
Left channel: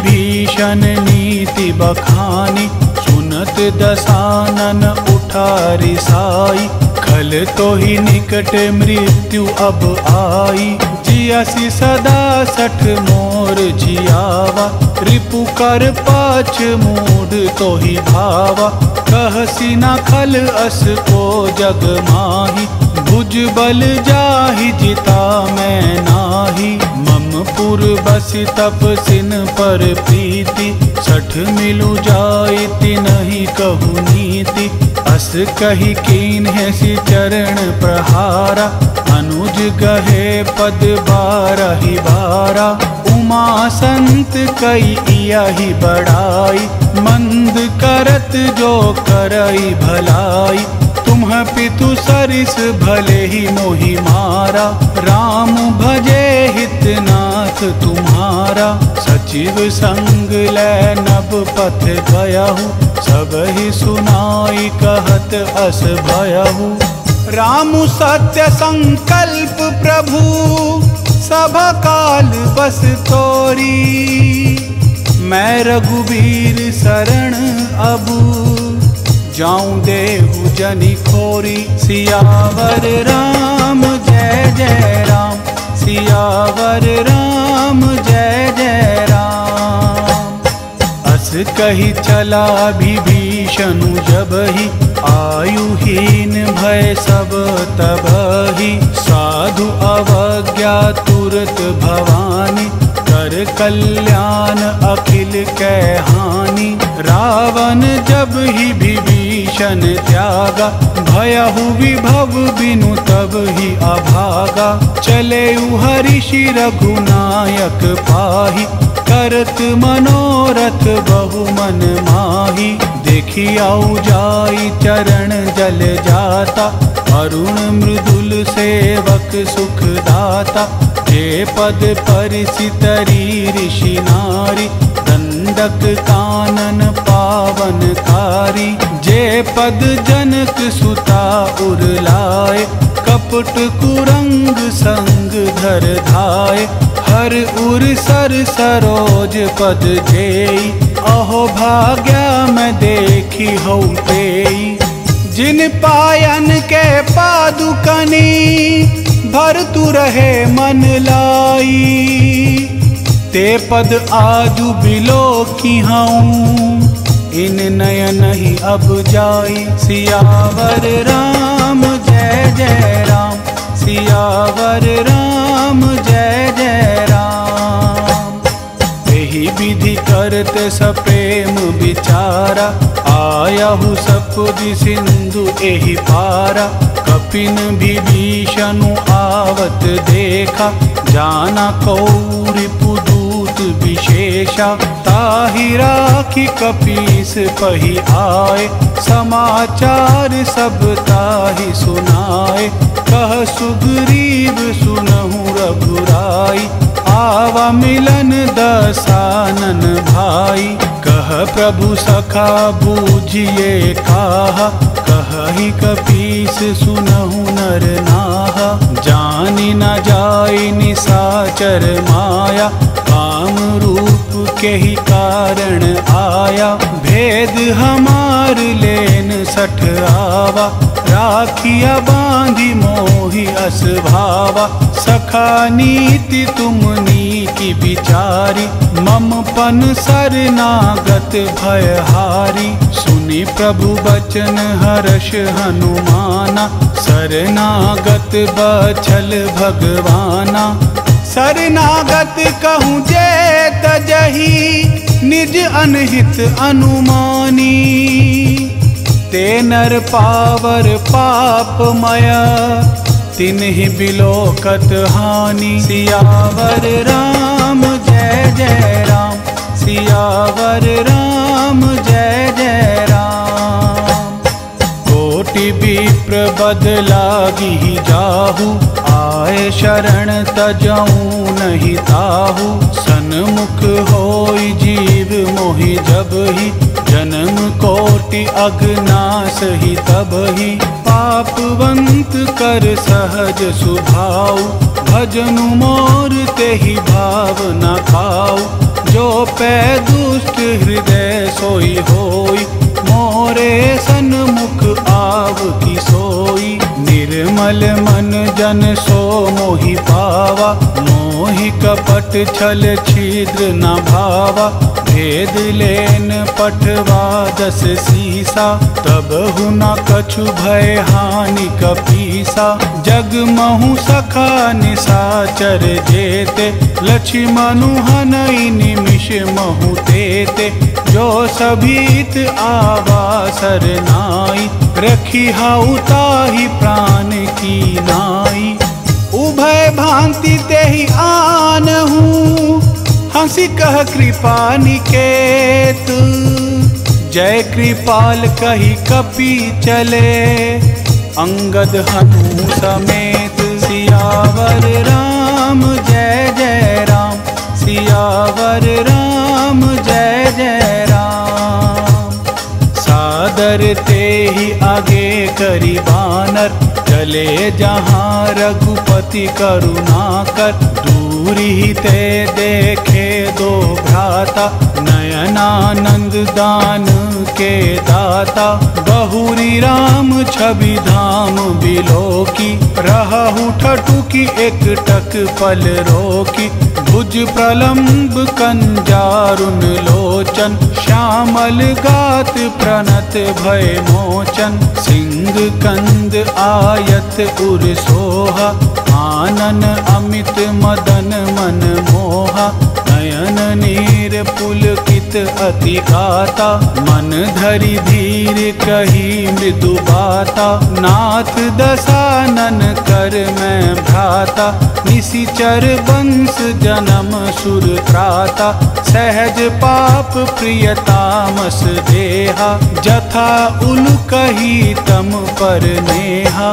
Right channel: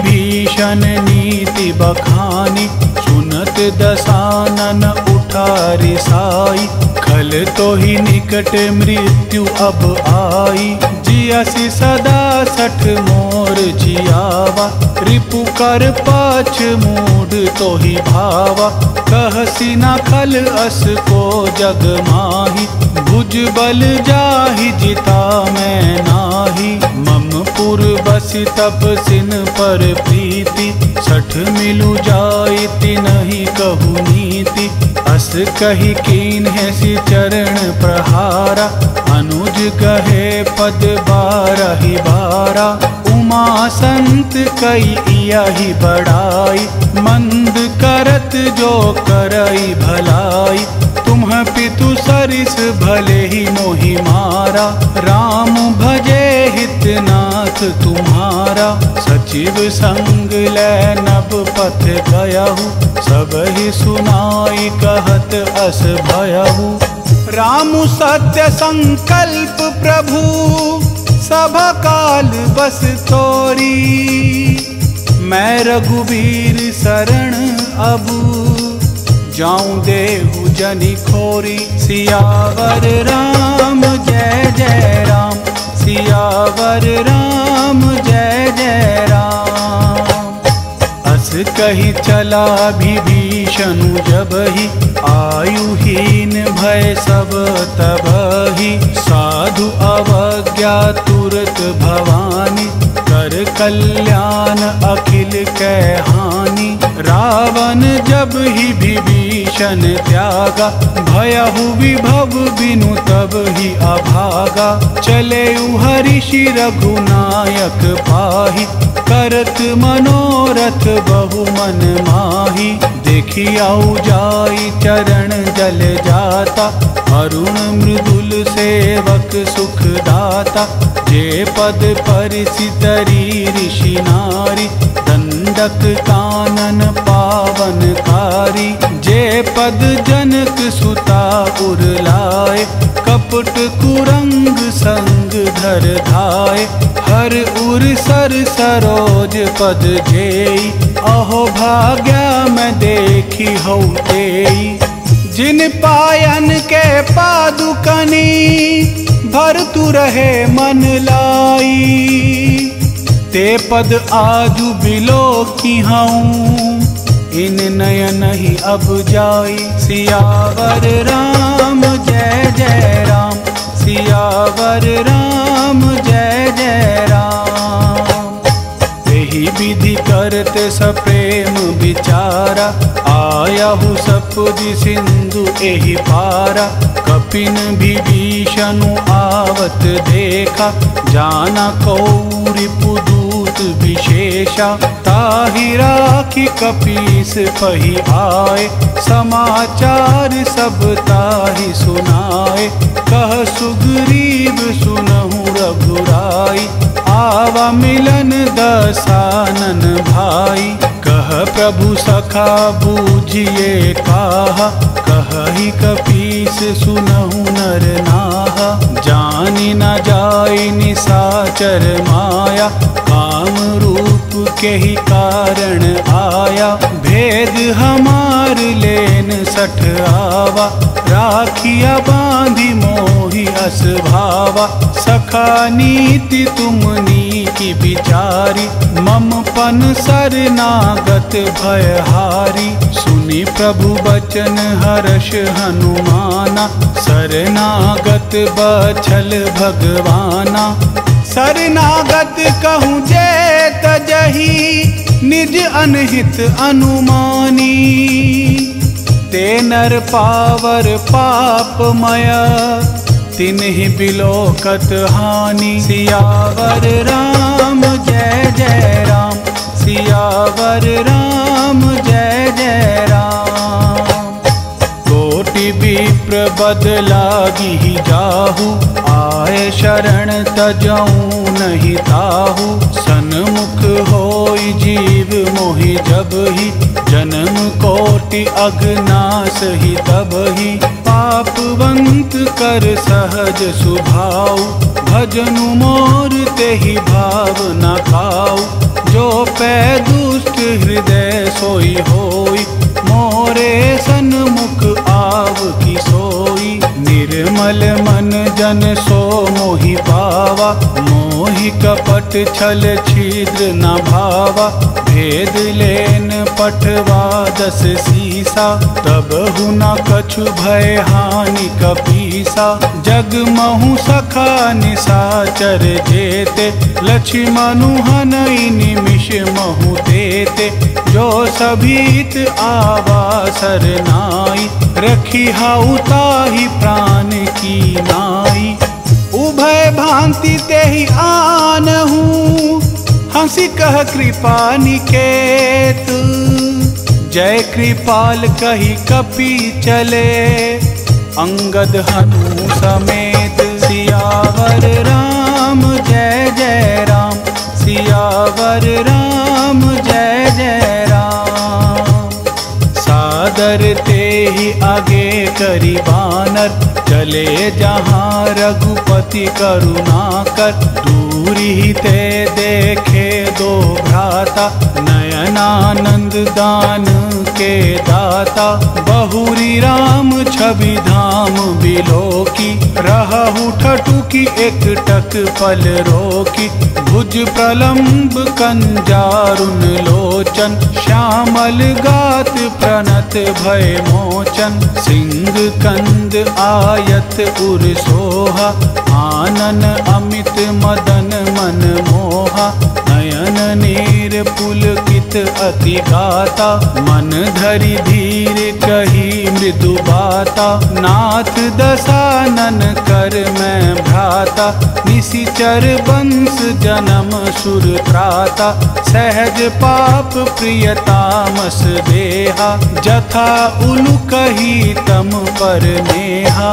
भीषण नीति बखानी। सुनत दसानन उठा रिसाई, खल तो ही निकट मृत्यु अब आई। जियसि सदा सठ मोर जियावा, रिपु कर पाछ मूड तो ही भावा। कहसी न खल अस को जग माही, भुज बल जाहि जिता मैं नाही। मम पुर बसि तपसिन पर प्रीति, सठ मिलु जाई तिनहि कहु नीति। अस कही कीन्ह सि चरण प्रहारा, अनुज गहे पद बारहि बारा। उमा संत कई यही बड़ाई, मंद करत जो करई भलाई। तुम्ह पितु सरिस भले ही मोहि मारा, राम भजे हितनाथ तुम्हारा। सचिव संग लै नभ पथ गयहु, सब ही सुनाई कहत अस भयहु। राम सत्य संकल्प प्रभु, सब काल बस तोरी। मैं रघुबीर शरण अबू, जाऊं देहु जनि खोरी। सियावर राम जय जय राम, सियावर राम जय जय राम। अस कही चला विभीषणु जबहि, आयुहीन भय सब तबहि। साधु अवज्ञा तुरत भवानी, कर कल्याण अखिल कै हानि। रावण जब ही विभीषण त्यागा, भयहु विभव बिनु तब ही अभागा। चले हरिषि रघुनायक पाहि, करत मनोरथ बहु मन माही। देखी आउ जाई चरण जल जाता, अरुण मृदुल सेवक सुख दाता। जे पद परिसि तरी ऋषि नारी, दंडक कानन पावनकारी। जे पद जनक सुता उरलाए, कपट कुरंग संग धर धाय। हर उर सर सरोज पद जेई, अहो भाग्या मैं देखी हौतेई। जिन पायन के पादुकनी, भर तु रहे मन लाई। ते पद आजु बिलो की हूँ, इन नयन ही अब जाई। सियावर राम जय जय राम, सियावर राम जय जय राम। एहि विधि करते सप्रेम विचारा, आयाहु सपुज सिंधु एहि पारा। कपिन विभीषणु आवत देखा, जाना कौरि पुदूत विशेषा। ताहि राखी कपीस पही आए, समाचार सब ताहि सुनाए। कह सुग्रीव सुनहु रघुराई, आवा मिलन दसानन भाई। कह प्रभु सखा बूझिए काहा, कहि कपीस सुनहु नर नाहा। जानि न जाय निसाचर माया, काम रूप के ही कारण आया। भेद हमार लेन सठ आवा, राखिया बांधी मोहि अस भावा। सखा नीति तुमनी की विचारी, मम पन सरनागत भयहारी। सुनि प्रभु बचन हर्ष हनुमाना, शरणागत बछल भगवाना। शरणागत कहूँ जे तजहि, निज अनहित अनुमानी। ते नर पावर पापमय, तिन्हि बिलोकत हानि। सियावर राम जय जय राम, सियावर राम जय जय राम। कोटि विप्र बद लागी जाहु, आए शरण तजऊँ नहीं ताहू। सन्मुख होई जीव मोहि जबहि, जन्म कोटि अगनास ही तबहि। पापवंत कर सहज सुभाऊ, भजनु मोर तेहि भाव न खाऊ। जो पै दुष्ट हृदय सोई होई, मोरे सन्मुख आव की सोई। निर्मल मन जन सो मोहि पावा, मोहि कपट छल छिद्र न भावा। भेद लेन पठवा दस सीसा, तब हुना कछु भय हानि कपीसा। जग महु सखा निसाचर जेते, लक्ष्मनु हनई निमिष महु तेते। जो सभीत आवा सरनाई, रखी हाउ ताहि प्राण की नाई। उभय भांति तेहि आनहु, हंसी कह कृपा निकेत। जय कृपाल कही कपि चले, अंगद हनु समेत। सियावर राम जय जय राम, सियावर राम जय जय राम। सादर तेहि आगे करी बानर, चले जहाँ रघुपति करुणाकर। दूरी ते देखे दो भ्राता, नयनानंद दान के दाता। बहुरी राम छवि धाम बिलोकी, रहु ठठुकी एक टक पल रोकी। भुज प्रलम्ब कंजारुन लोचन, श्यामल गात प्रणत भय मोचन। सिंह कंद आयत उर सोहा, आनन अमित मदन मन मोहा। नयन नीर पुलकित अति गाता, मन धरि धीर कही मृदु बाता। नाथ दसानन कर मैं भ्राता, निशिचर वंश जन्म सुर त्राता। सहज पाप प्रियतामस देहा, जथा उलु कही तम पर नेहा।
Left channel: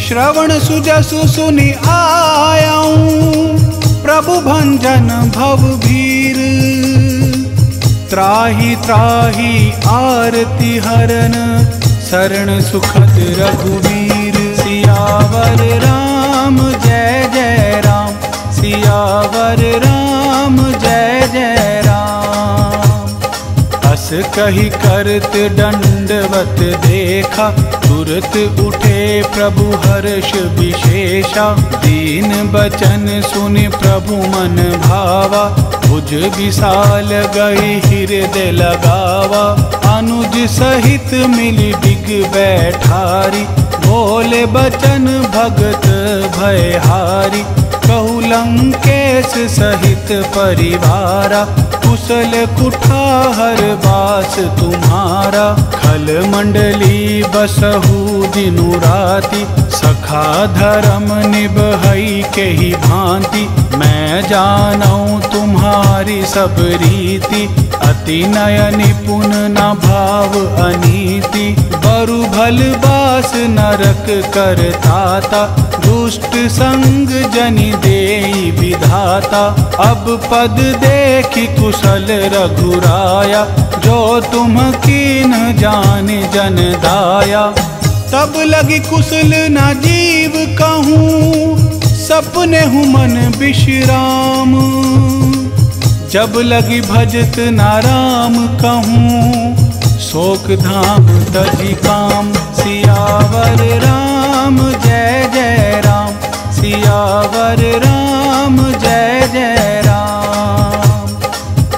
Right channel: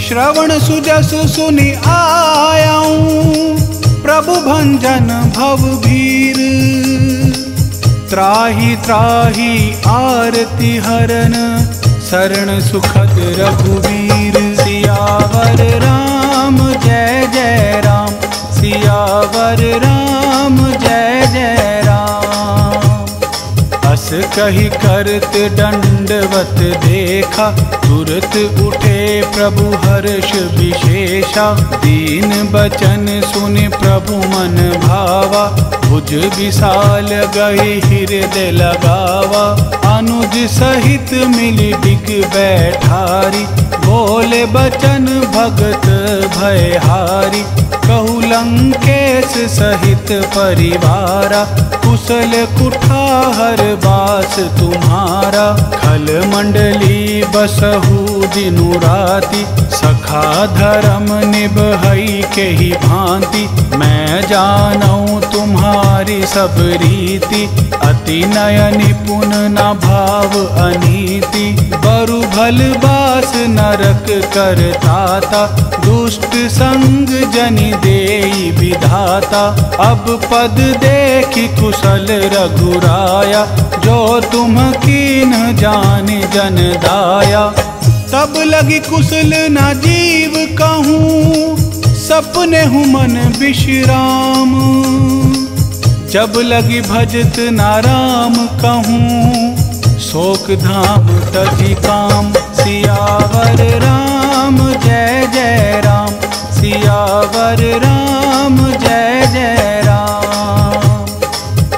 श्रवण सुजसु सुनि आयाऊं, प्रभु भंजन भव भीर। त्राहि त्राहि आरती हरन शरण सुखद रघुवीर। सियावर राम जय जय राम, सियावर राम जय जय राम। अस कही करत दंडवत देखा, तुरत उठे प्रभु हर्ष विशेषा। दीन बचन सुनि प्रभु मन भावा, भुज विशाल गई हृदय लगावा। अनुज सहित मिली डिग बैठारी, बोले बचन भगत भयहारी। कहु लंकेश सहित परिवारा, कुशल कुठार बास तुम्हारा। खल मंडली बसहु दिनु राति, सखा धर्म निभई के ही भांति। मैं जानऊं तुम्हारी सब रीति, अति नय निपुण न भाव अनीति। बरु भल बास नरक करताता, दुष्ट संग जनि देई विधाता। अब पद देखि कुशल रघुराया, जो तुम कीन जान जन दाया। तब लगी कुशल न जीव कहूँ, सपने हूँ मन विश्राम। जब लगी भजत नाराम कहूँ, शोक धाम तजी काम। सियावर राम जय जय राम, सियावर राम जय जय राम।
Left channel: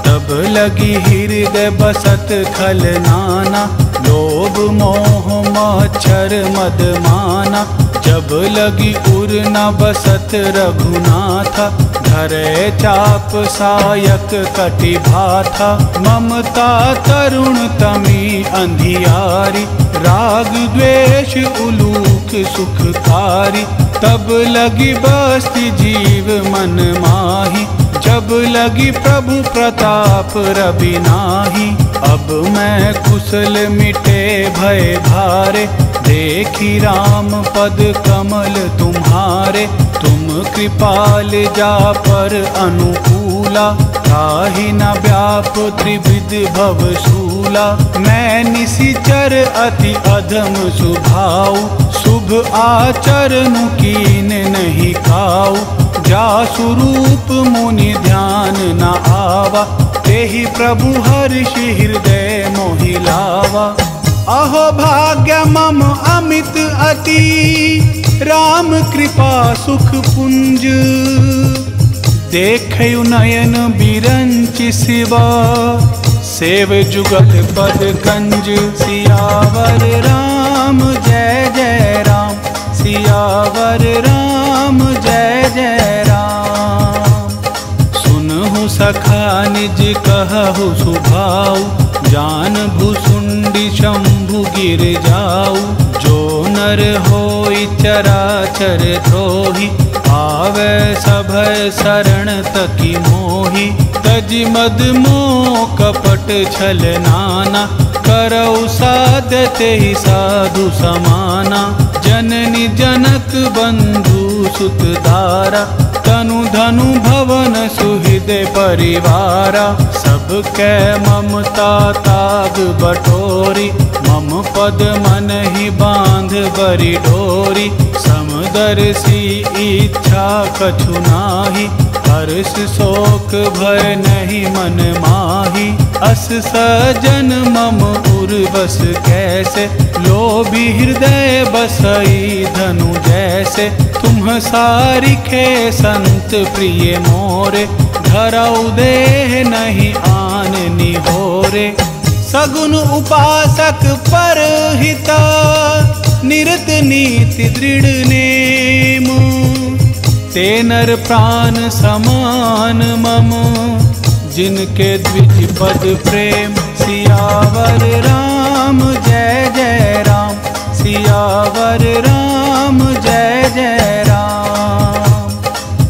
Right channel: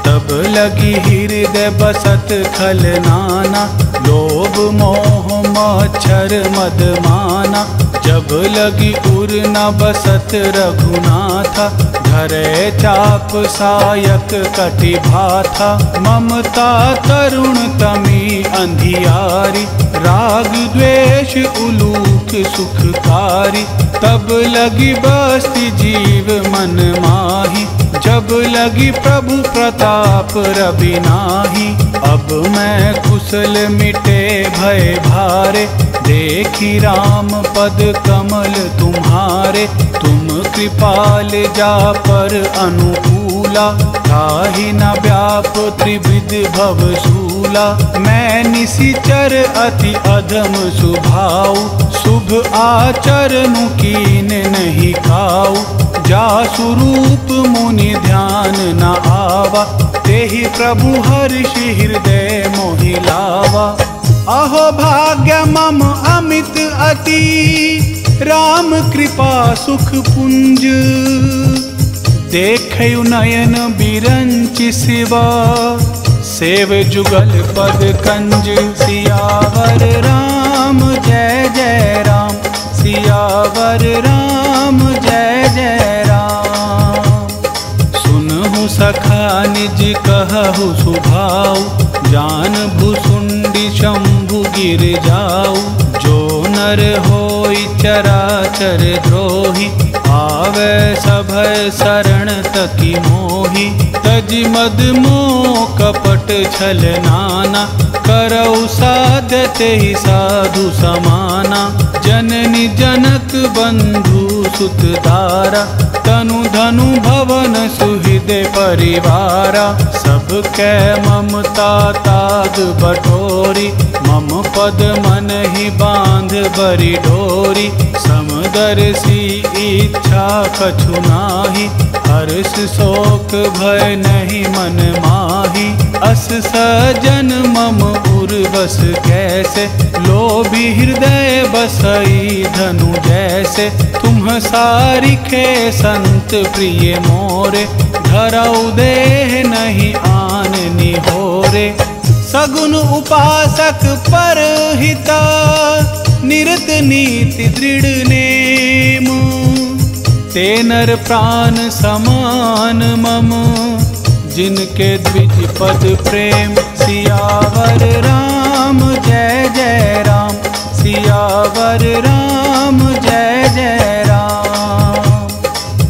तब लगी हृदय बसत खल नाना, लोभ मोह मच्छर मद माना। जब लगी उर न बसत रघुनाथा, धरे चाप सायक कटि भाथा। ममता तरुण तमी अंधियारी, राग द्वेष उलूक सुखकारी। तब लगी बस्ती जीव मन माही, जब लगी प्रभु प्रताप रवि नाही। अब मैं कुशल मिटे भय भारे, देखी राम पद कमल तुम्हारे। तुम कृपाल जा पर अनुकूला, ताहि न व्याप त्रिविध भव सूला। मैं निशिचर अति अधम सुभाऊ, शुभ आचरणु कीन नहीं काऊ। जा स्वरूप मुनि ध्यान न आवा, तेहि प्रभु हर्षि हृदय मोहि लावा। अहो भाग्य मम अमित अति, राम कृपा सुख पुंज। देखयु नयन बिरंचि सिवा, सेव जुगल पद कंज। सियावर राम जय जय राम, सियावर राम जय जय राम। सुनहु सखा निज कहु सुभाऊ, जान भुसुंडी शंभु गिर जाऊ। जो नर होई चराचर द्रोही, आवे सभय शरण तकी मोही। तजि मद मोह कपट छल नाना, करऊ साध्य तेहि साधु समाना। जननी जनक बंधु सुत दारा, तनु धनु भवन सुहृदय परिवारा। सबकै ममता ताग बटोरी, मम पद मन ही बांध बरी डोरी। समदर्शी इच्छा कछु नाही, हर्ष शोक भय नहीं मन माही। अस सजन मम उर्वस कैसे, लोभी हृदय बसई धनु जैसे। तुम सारिखे संत प्रिय मोरे, धरऊ देह नहीं आन निहोरे। सगुन उपासक पर हिता, निरत नीति दृढ़ नेम। ते नर प्राण समान मम, जिनके द्विज पद प्रेम। सियावर राम जय जय राम, सियावर राम जय जय राम।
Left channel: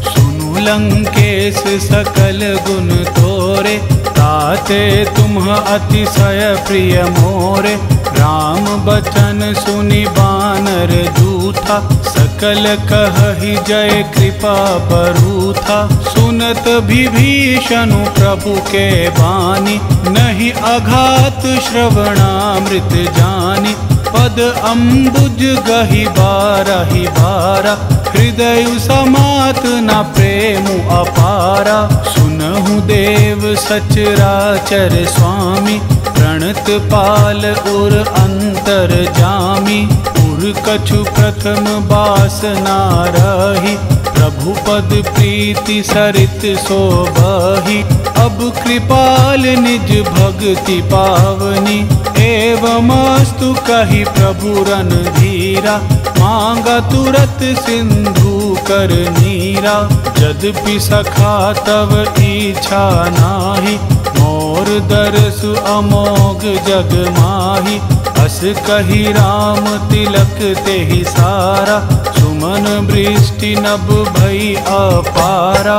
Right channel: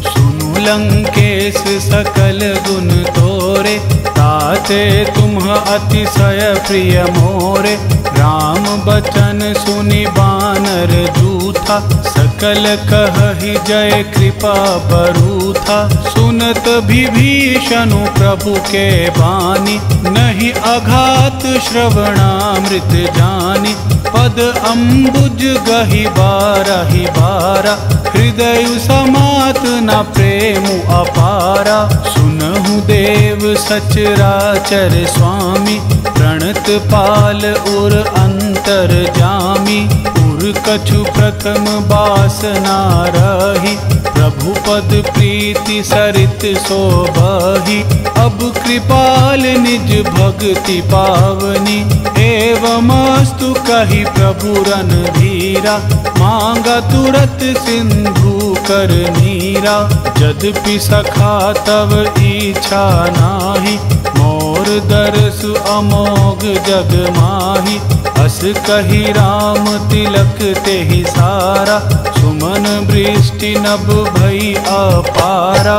सुनु लंकेश सकल गुण तोरे, ताते तुम अतिशय प्रिय मोरे। राम बचन सुनि बानर जूझ, था। सकल कहहि जय कृपा बरू था। सुनत विभीषण प्रभु के बानी, नहीं अघात श्रवणामृत जानी। पद अम्बुज गहि बारहि बारा, हृदय समात न प्रेम अपारा। सुनहु देव सचराचर स्वामी, प्रणत पाल उर अंतर जामी। उर कछु प्रथम बासना रही, प्रभु पद प्रीति सरित सोबही। अब कृपाल निज भक्ति पावनी, एवमस्तु कहि प्रभु रणधीरा। मांगा तुरत सिंधु कर नीरा, यद्यपि सखा तव इच्छा नाही। मोर दरसु अमोघ जग माही, अस कही राम तिलक तेहि सारा। सुमन वृष्टि नभ भई अपारा,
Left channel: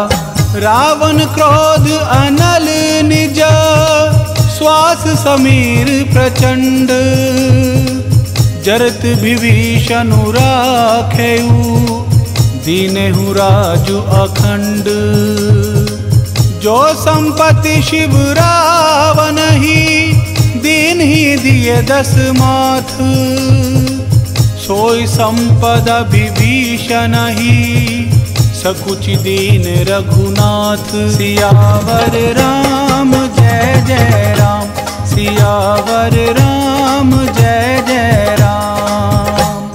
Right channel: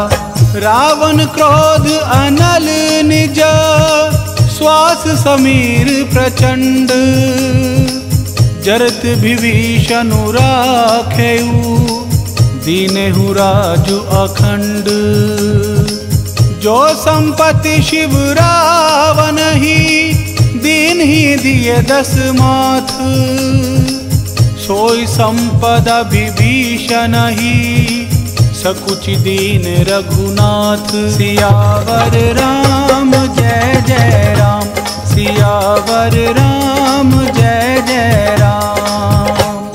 रावण क्रोध अनल निज। श्वास समीर प्रचंड, जरत विभीषण राखेउ। दीनेहु राजु अखंड, जो संपत्ति शिव रावण ही। दीन ही दिए दस माथ, सोई संपदा विभीषण ही। सकुचि दीन रघुनाथ, सियावर राम जय जय राम। सियावर राम जय जय राम।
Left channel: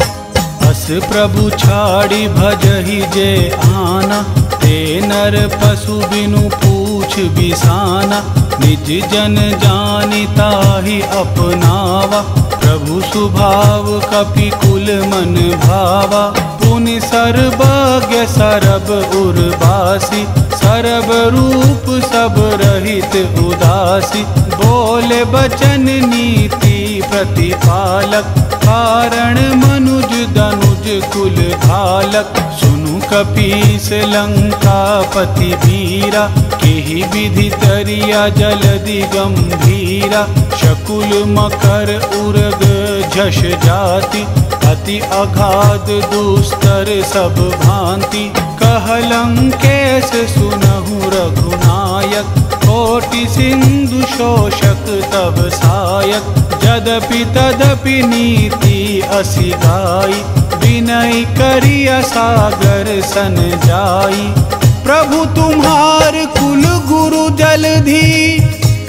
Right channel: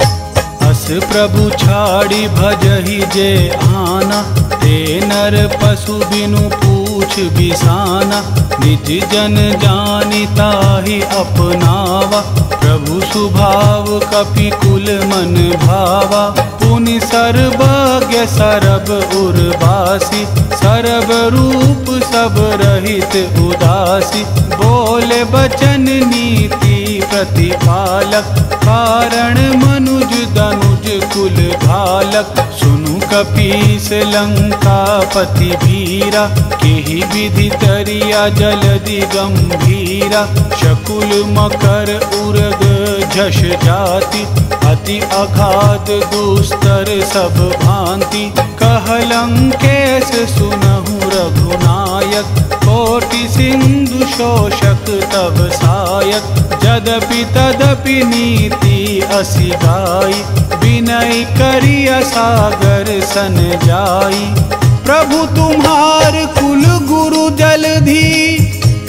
अस प्रभु छाड़ी भजहि जे आना, ते नर पशु बिनु पूछ बिसाना। निज जन जानि ताहि अपनावा, प्रभु सुभाव कपि कुल मन भावा। पुनि सर्वज्ञ सरब उर्वासी, सरब रूप सब रहित उदासी। बोले बचन नीति प्रतिपालक, कारण मनुज दनुज कुल घालक। सुनु कपीस लंकापति वीरा, केहि विधि तरिया जलधि गंभीरा। शकुल मकर उरग झष जाति, अति अगाध दुस्तर सब भांति। कहलंकेश सुनहु रघुनायक, कोटि सिंधु शोषक तब सायक। यद्यपि तदपि नीति असि गाई, विनय करिया सागर सन जाई। प्रभु तुम्हार कुल गुरु जलधि,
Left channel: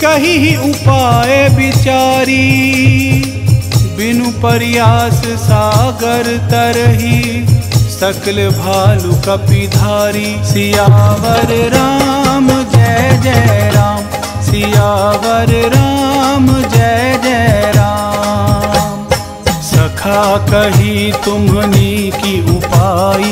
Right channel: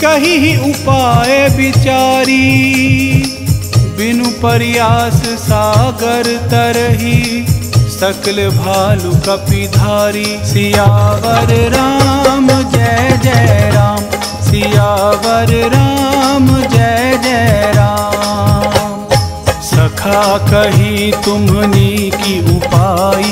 कही उपाय विचारी। बिनु प्रयास सागर तरही, सकल भालु कपिधारी। सियावर राम जय जय राम। सियावर राम जय जय राम। सखा कही तुम्हनी की उपाय,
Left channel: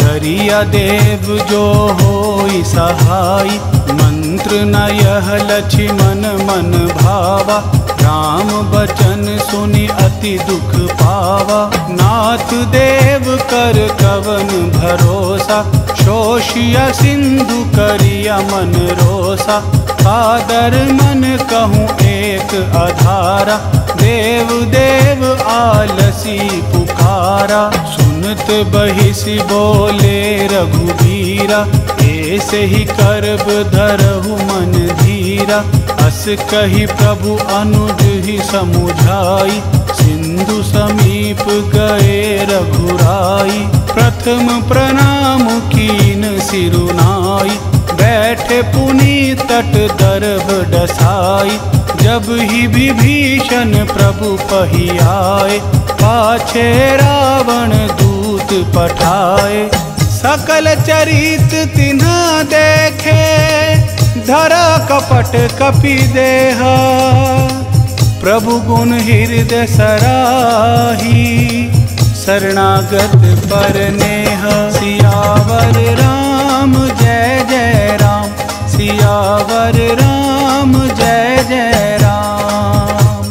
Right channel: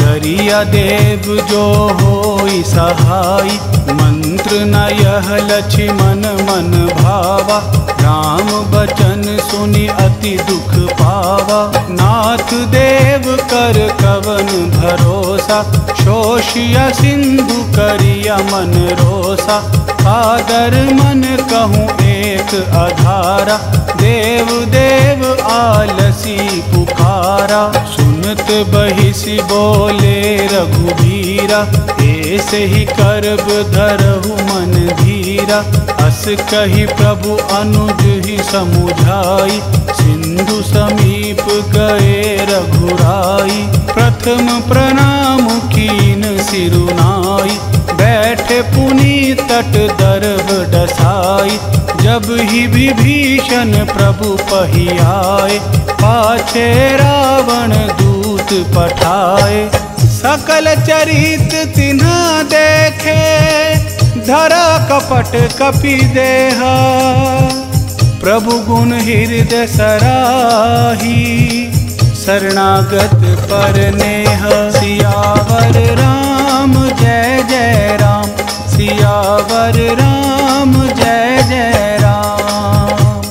करिया देव जो होई सहाय। मंत्र न यह लक्ष्मण मन भावा, राम बचन सुनि अति दुख पावा। नाथ देव कर कवन भरोसा, शोषिया सिंधु करिया मन रोसा। कादर मन कहूँ एक अधारा, देव देव आलसी पुकारा। सुनत बहिसी बोले रघुबीरा, ऐसे ही करब धरहु मन धीरा। अस कही प्रभु अनुज ही समुझाई, सिंधु समीप गए रघुराई। प्रथम प्रणाम कीन सिरुनाई, बैठे पुनि तट दर्भ डसाई। जब ही विभीषण प्रभु पहियाए, पाछे रावण दूत पठाए। सकल चरित तिन्ह देखे, धरा कपट कपि देहा। प्रभु गुण हृदय सराही, शरणागत पर नेह। सियावर राम जय जय राम। सियावर राम जय जय राम।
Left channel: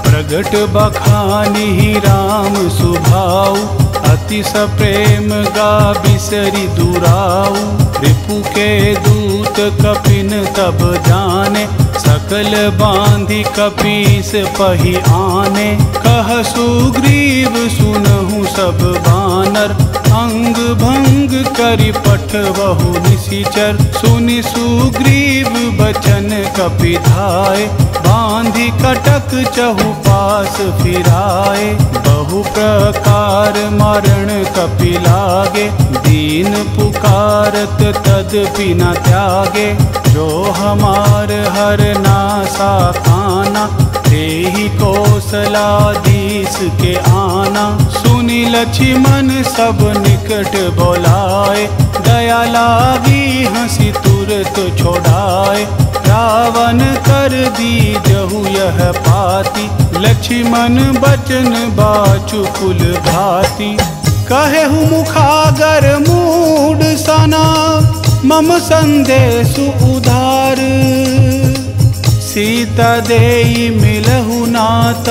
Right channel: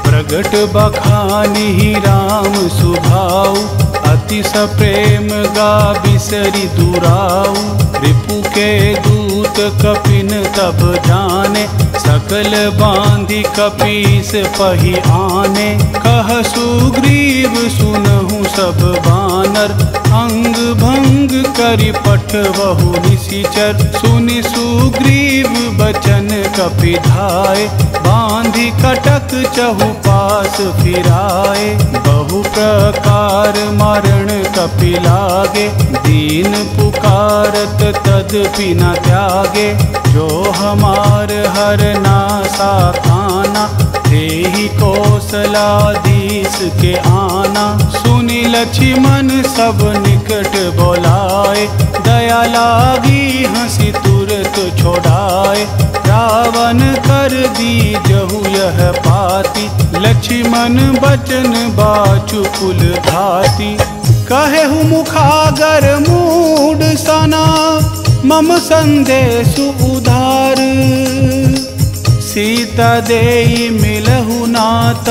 प्रगट बखानी राम सुभाऊ, अति सप्रेम गा बिसरि दुराऊ। रिपु के दूत कपिन तब जाने, सकल बांधि कपीस पही आने। कह सुग्रीव सुनहु सब बानर, अंग भंग करि पठवहु निशिचर। सुनि सुग्रीव बचन कपिधाय, बांधि कटक चहुपास फिराए। बहु प्रकार मारण कपि लागे, दीन पुकारत तदपि न त्यागे। जो हमार हर नासा काना, तेहि कौशलाधीश के आना। सुनि लक्ष्मण सब निकट बोलाए, दया लागी हंसी तुरत छोड़ाए। रावण कर दीजहु यह पाती, लक्ष्मण बचन बाचु कुल घाती। कहेहु मुखागर मूढ़ सना, मम संदेशु उधार। सीता देई मिलहु नात,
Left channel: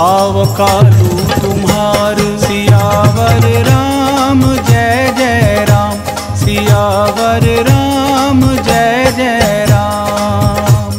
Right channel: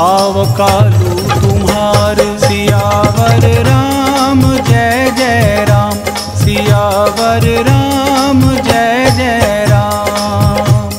आव कालू तुम्हार। सियावर राम जय जय राम, सियावर राम जय जय राम।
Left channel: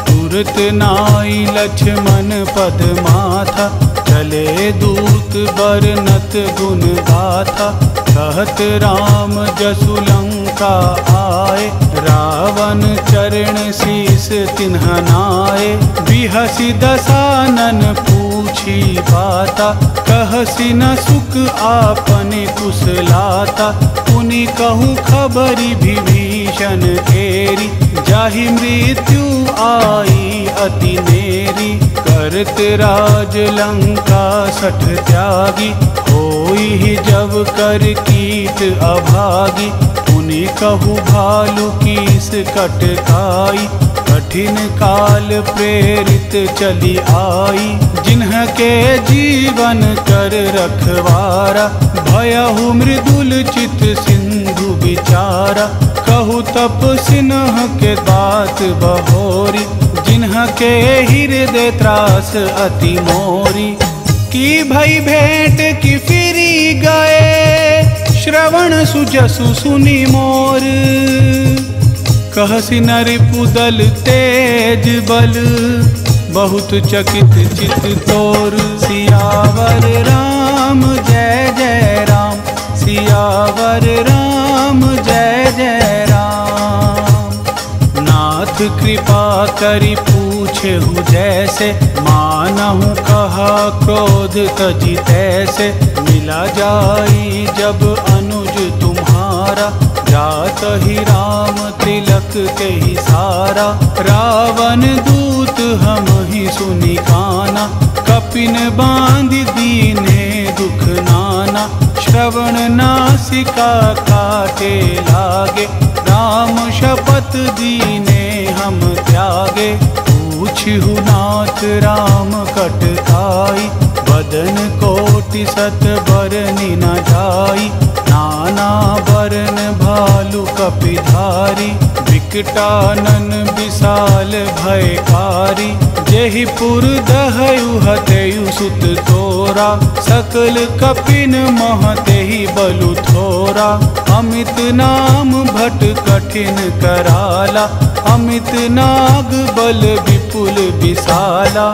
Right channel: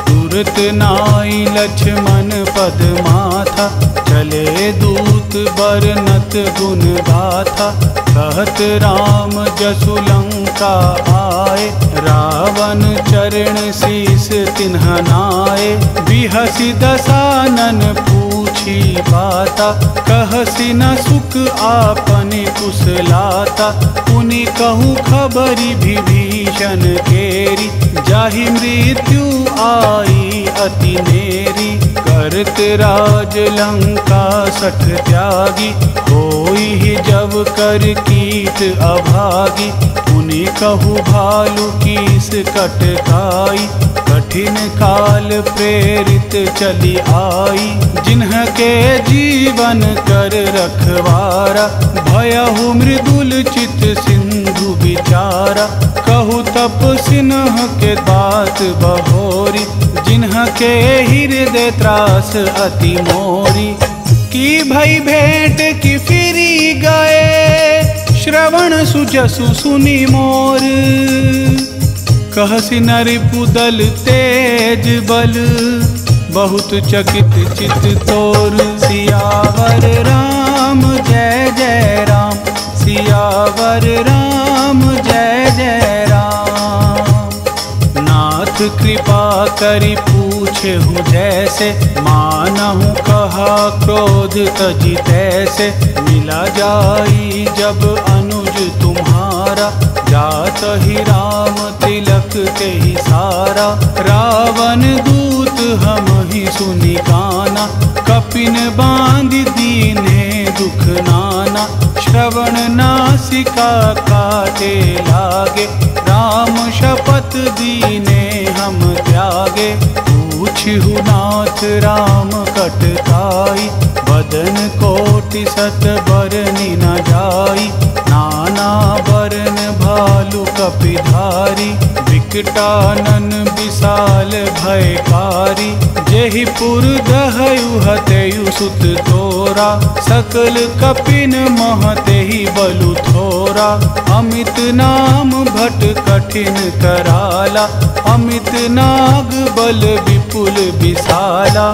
तुरत नाई लक्ष्मण पद माथा, चले दूत बरनत गुण गाथा। कहत राम जसु लंका आए, रावण चरण शीस तिन्ह नाए। बिहसि दसानन पूछी बाता, कहसि न सुख आपन कुशलाता। पुनि कहूँ खबरि विभीषण केरी, जाहि मृत्यु आई अति नेरी। करत राज लंका सठ त्यागी, होई जब कर कीट अभागी। पुनि कहु भालु कीस कटकाई, कठिन काल प्रेरित चली आई। जिन्ह के जीवन कर रखवारा, भयहु मृदुल चित सिंधु विचारा। कहु तप सिन्ह के बात बहोरी, जिन्ह के हृदय त्रास अति मोरी। की भई भेंट की फिरी गए, श्रवण सुजसु सुनि मोर। कहसि नरिपुदल तेज बल, बहुत चकित चित तोर। सियावर राम जय जय राम, सियावर राम जय जय राम। नाथ कृपा करि पूछेहु जैसे, मानहु कहा क्रोध तजी तैसे। मिला जाई जब अनुज तुम्हारा, जात ही राम तिलक के ही सारा। रावण दूत हम ही सुनि काना, कपिन बांध दीने दुख नाना। श्रवण नासिका काटे लागे, राम शपथ दीने हम त्यागे। पूछहु नाथ राम कटकाई, बदन कोटि सत बरनि न जाई। नाना बरन भालु कपिधारी, विकटानन विशाल भयकारी। जेहि पुर दहयु हतेयु सुत तोरा, सकल कपिन महतेहि बलु थोरा। अमित नाम भट कठिन कराला, अमित नाग बल विपुल विशाला।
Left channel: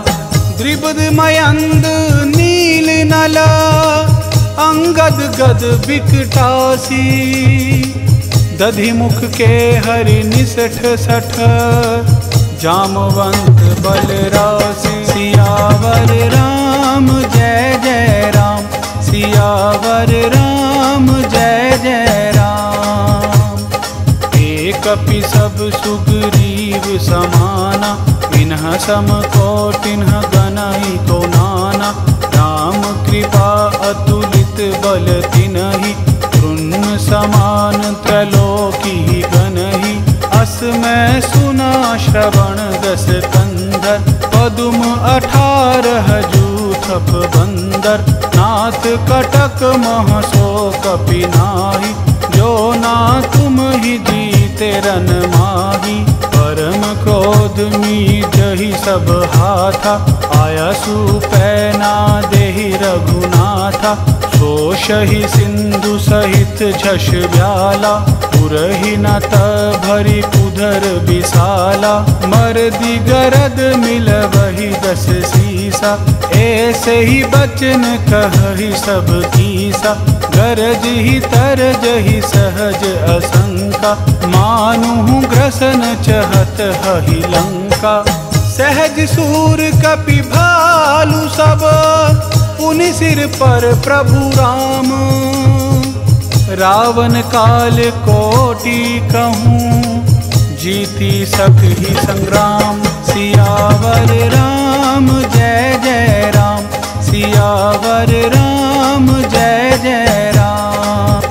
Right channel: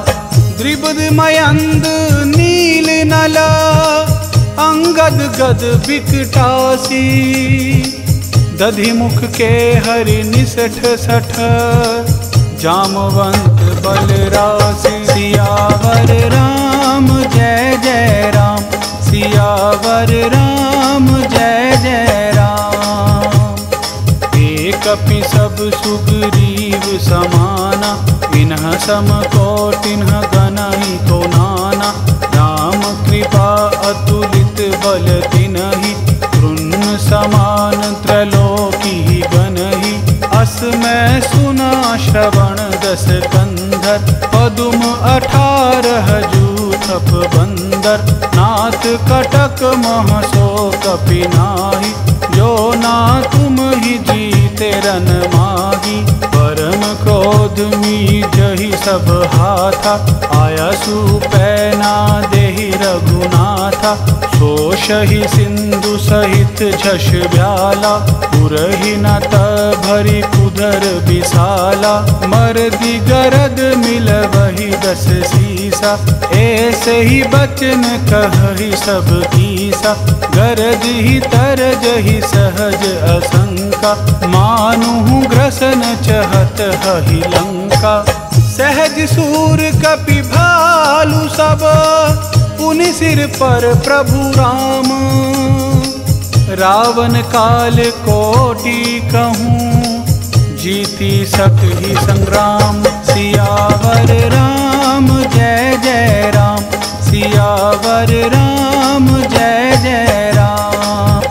द्रिपद मयंद नील नला, अंगद गद विकटासी। दधि मुख के हरि निसठ सठ, जामवंत बलरासी। सियावर राम जय जय राम, सियावर राम जय जय राम। कपि सब सुग्रीव समाना, इन्ह सम कोटिन्ह गनहि को नाना। राम कृपा अतुलित बल तिन्हि, तृण समान त्रैलोकी गनहि। अस मैं सुना श्रवण दस कंधर, पदुम 18 जूथप बंदर। नाथ कटक महसो कपि नाही, जो ना तुम ही जीते रन माही। परम क्रोध मीजहि सब हाथा, आया सुपैना देहि रघुनाथा। सोषहि सिंधु सहित झष ब्याला, पुरहि न भरी कुधर बिसाला। मर्दी गरद मिलवहि 10 सीसा, ऐसे ही बचन कहहि सब कीसा। गरज ही तरज ही सहज असंका, मानुहु ग्रसन चहत हहि लंका। सहज सूर कपि भालु सब, पुनि सिर पर प्रभु राम। रावण काल कोटि कहूँ, जीती सकहि संग्राम। सियावर राम जय जय राम, सियावर राम जय जय राम।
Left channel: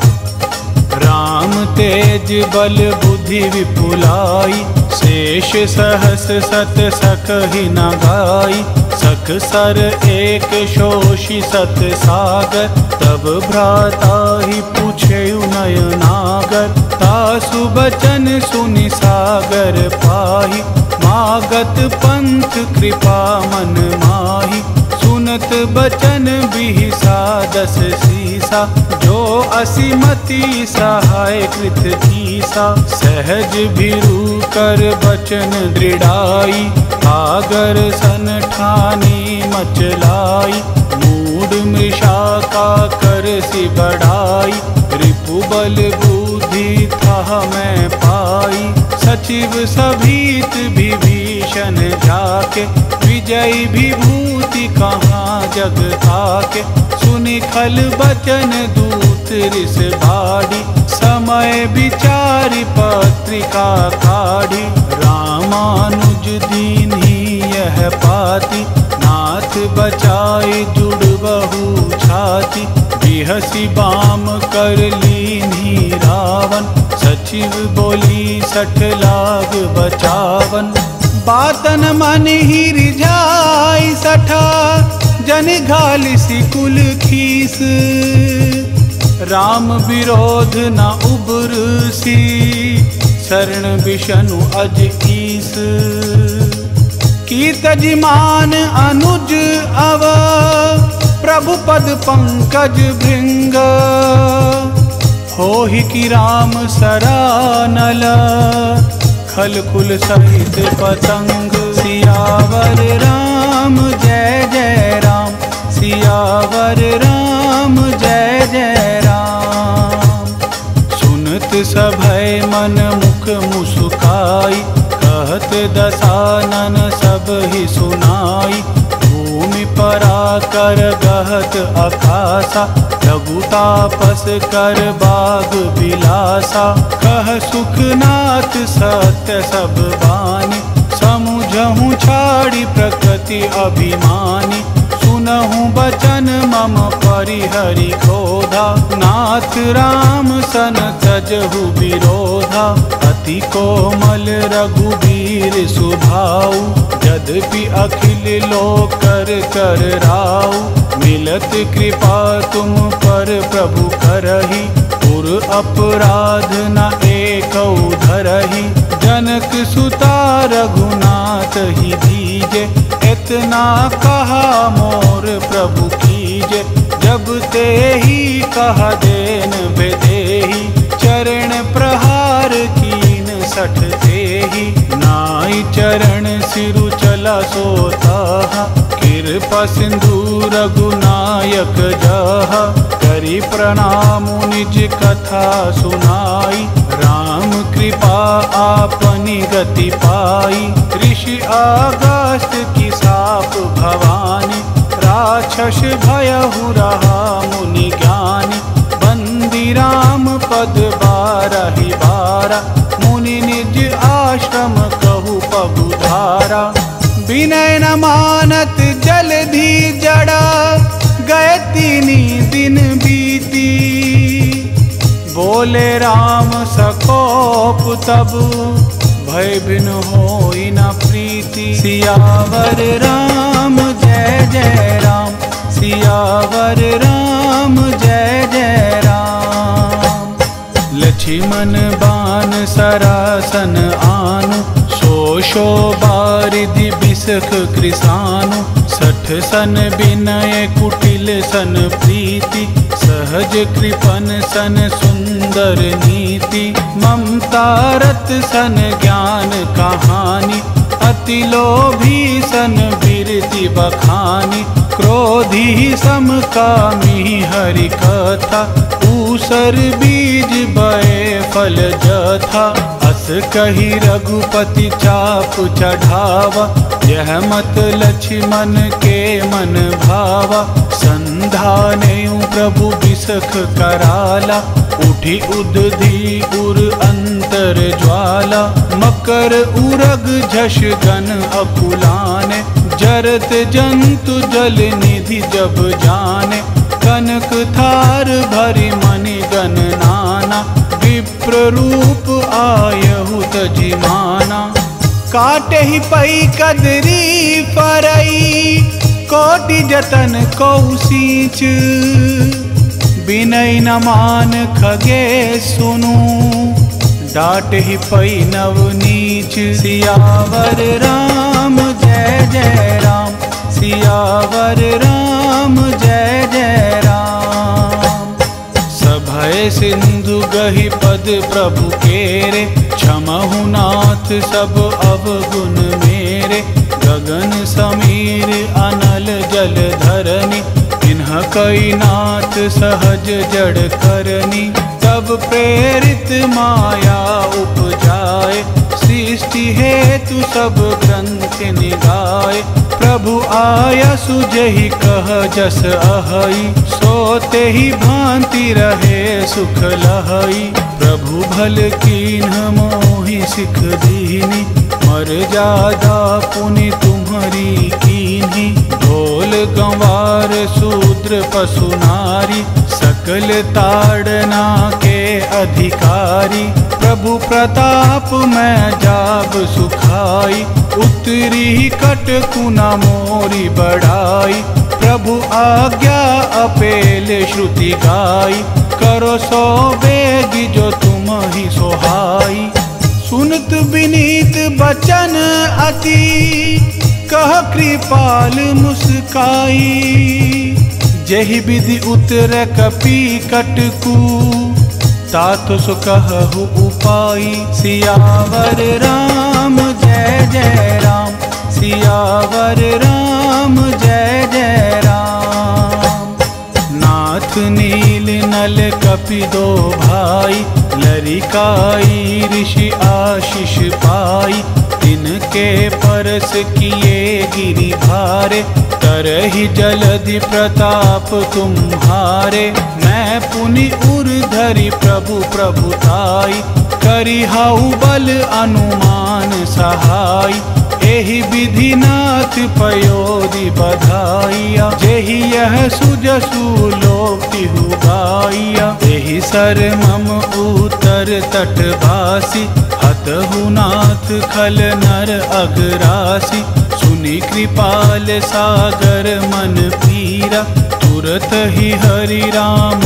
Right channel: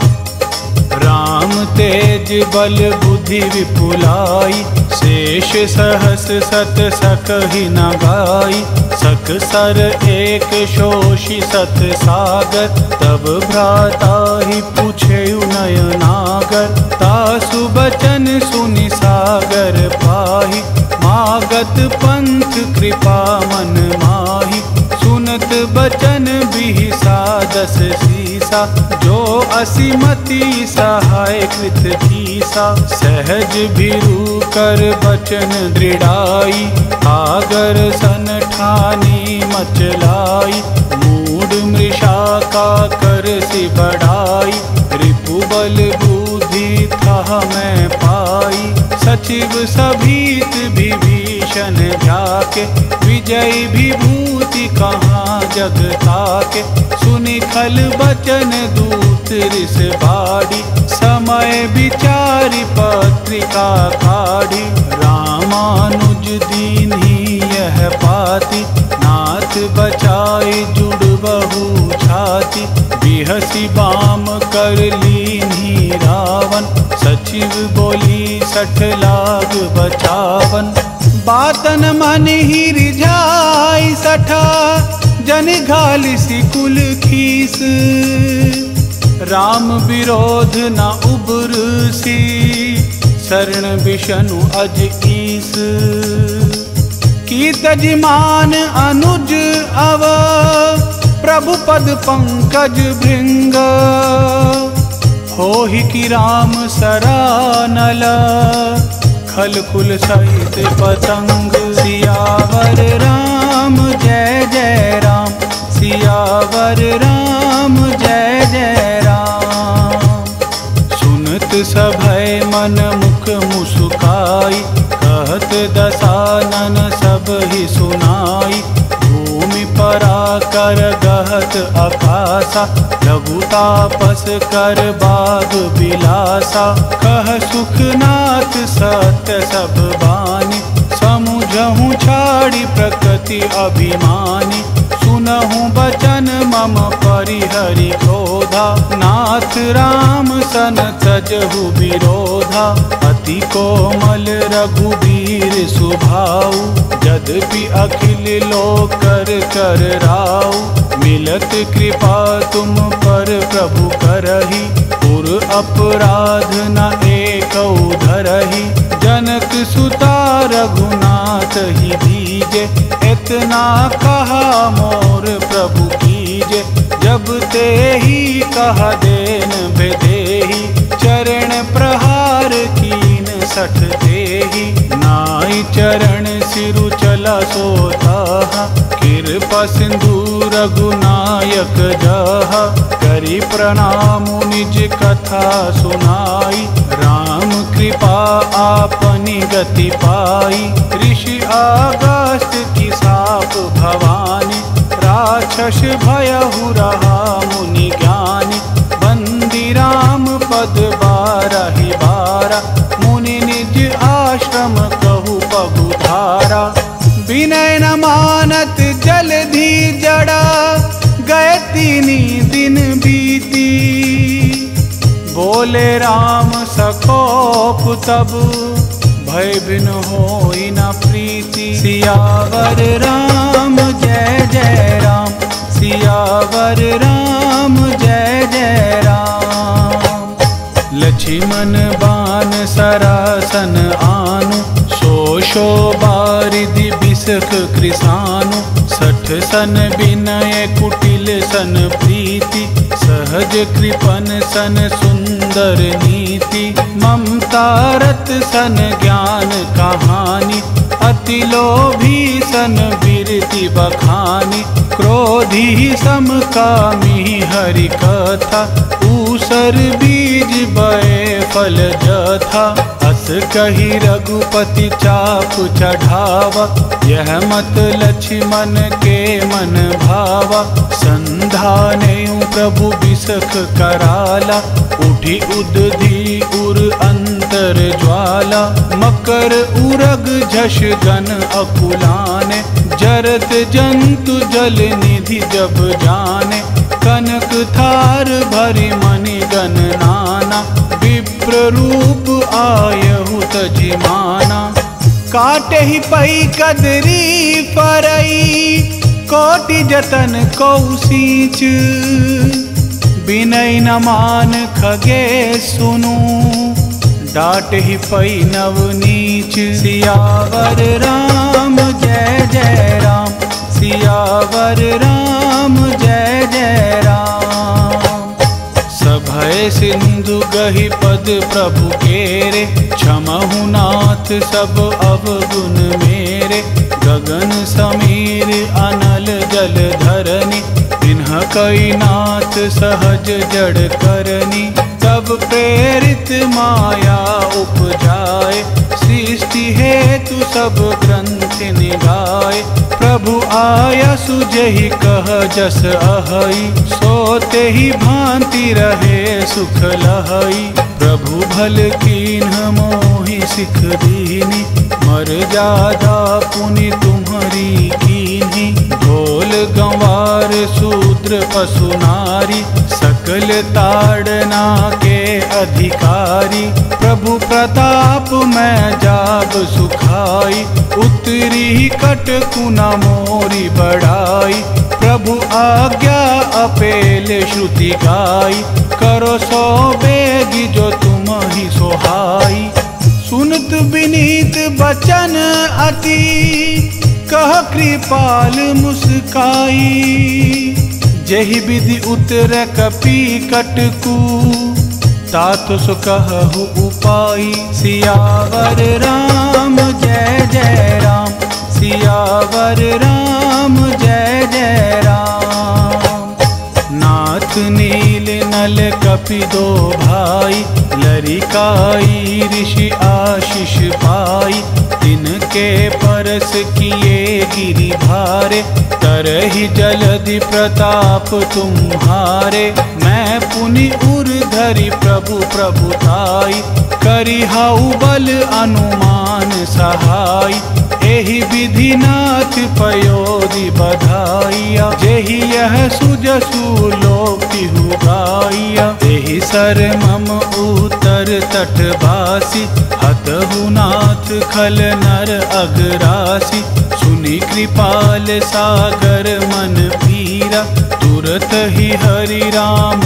राम तेज बल बुद्धि विपुलाई, शेष सहस सत सकहि न गाई। सख सर एक शोषि सत सागर, तब भ्राता ही पूछे नयनागर। तासु बचन सुनि सागर पाही, मागत पंथ कृपा मन माही। सुनत बचन बिहिसा 10 सीसा, जो असीमति सहाय कृत कीसा। सहज भिरु कर बचन दृढ़ाई, आगर सन ठानी मचलाई। मूड मृषा का कर सी बढ़ाई, रिपु बल बुद्धि था मैं पाई। सचिव सभीत विभीषण जाके, विजय विभूति कहाँ जग ताके। सुनि खल बचन दूत रिस बाड़ी, समय विचारि पत्रिका काढ़ी। रामानुज दीन्ही यह पाती, नाथ बचाए जुड़ बहु छाती। बिहसी बाम कर लीन्ही रावण, सचिव बोली 60 लाग 55। बातन मन ही रिझाई 60, जन घालिसी कुल खीस। राम विरोध न उबरसी, शरण विष्णु अज ईस। की तजमान अनुज अव, प्रभु पद पंकज भृंग। होहि की राम सरानल, खल कुल सहित पतंग। सियावर राम जय जय राम, सियावर राम जय जय राम। सुनत सभय मन मुख मुस्काई, कहत दसानन सब ही सुनाई। भूमि परा कर गहत आकाशा, लघुतापस कर बाग बिलासा। कह सुखनाथ सत्य सब बानी, समुझहु छाड़ी प्रकृति अभिमानी। सुनहु बचन मम परिहरि क्रोधा, नाथ राम सन तजहु विरोधा। अति कोमल रघुबीर सुभाऊ, यद्यपि अखिल लोक कर राऊ। मिलत कृपा तुम पर प्रभु करही, पुर अपराध न एकौ धरही। जनक सुता रघुनाथ ही दीजे, इतना कहा मोर प्रभु कीजे। जब ते ही कहा देन बेदेही, चरण प्रहार कीन 60 देही। नाई चरण सिरु चला सोता, कृपा सिंधु रघुनायक जहा। करी प्रणाम निज कथा सुनाई, राम कृपा आपनी गति पाई। ऋषि अगस्त्य की साप भवानी, राक्षस भयहु रहा मुनि ज्ञानी। बंदी राम पद 12 मुनि निज आश्रम कहु पगु धारा। विनय न मानत जलधि जड़ा, गए 3 दिन बीती। बोले राम सकोप तब, भय बिन होई न प्रीति। सियावर राम जय जय राम, सियावर राम जय जय राम। लक्ष्मण बान सरासन आनु, तोषो बारिधि बिसख कृसानु 60 सन विनय कुटिल सन प्रीति सहज कृपन सन सुंदर नीति ममता रत सन ज्ञान कहानी अति लोभी सन बिरति बखानी क्रोधी सम कामी हरि कथा ऊसर बीज बए फल जथा अस कही रघुपति चाप चढ़ावा यह मत लक्ष्मण के मन भावा संधानेउ प्रभु बिसख कराला उठी उदधि उर अंतर ज्वाला मकर उरग झष गन अकुलाने जरत जंतु जल निधि जब जाने कनक थार भरी मणि गण नाना विप्र रूप आयहु तजिमाना काटे ही पई कदरी परई कोटि जतन कौसीच बिनय न मान खगे सुनु डाट ही पई नव नीच सियावर राम जय जय राम सियावर राम जय जय राम सभय सिंधु गहि पद प्रभु केरे क्षमहु नाथ सब अवगुण मेरे गगन समीर अनल जल धरनी इन्ह कई नाथ सहज जड़ करनी तब प्रेरित माया उपजाए सृष्टि हेतु सब ग्रंथ निगाए प्रभु आया सुजहि कह जस अहई सोते ही भांति रहे सुख लहई प्रभु भल कीन्ह मोहि सिख दीनी मर जादा पुनि तुम्हारी कीन्ही ढोल गंवार शूद्र पशु नारी सकल ताड़ना के अधिकारी प्रभु प्रताप में जाब सुखाई उतरी कट कुना मोरी बढ़ाई प्रभु आज्ञा अपेल श्रुति गाई करो सो बेगी जो तुम ही सोहाई सुनत विनीत बचन अति कह कृपाल मुस्काई जहि विधि उतर कपि कटकू तातो सो कहु उपाई सियावर राम जय जय राम सियावर राम जय जय राम नाथ नील नल कपि दो भाई लरिकाई ऋषि आशीष पाई तिनके परस किए गिरि भारे तरहि जलधि प्रताप तुम्हारे मैं पुनि उर धरि प्रभु प्रभुताई करिहाउ बल अनुमान सहाय एहि विधि नाथ पयोधि बधाइया जेहि यह सुजसु लोकतिहु गाइया एहि सर मम उतर तटवासी हतहु नाथ खल नर अगरासी सुनि कृपाल सागर मन पीरा तुरत ही हरि राम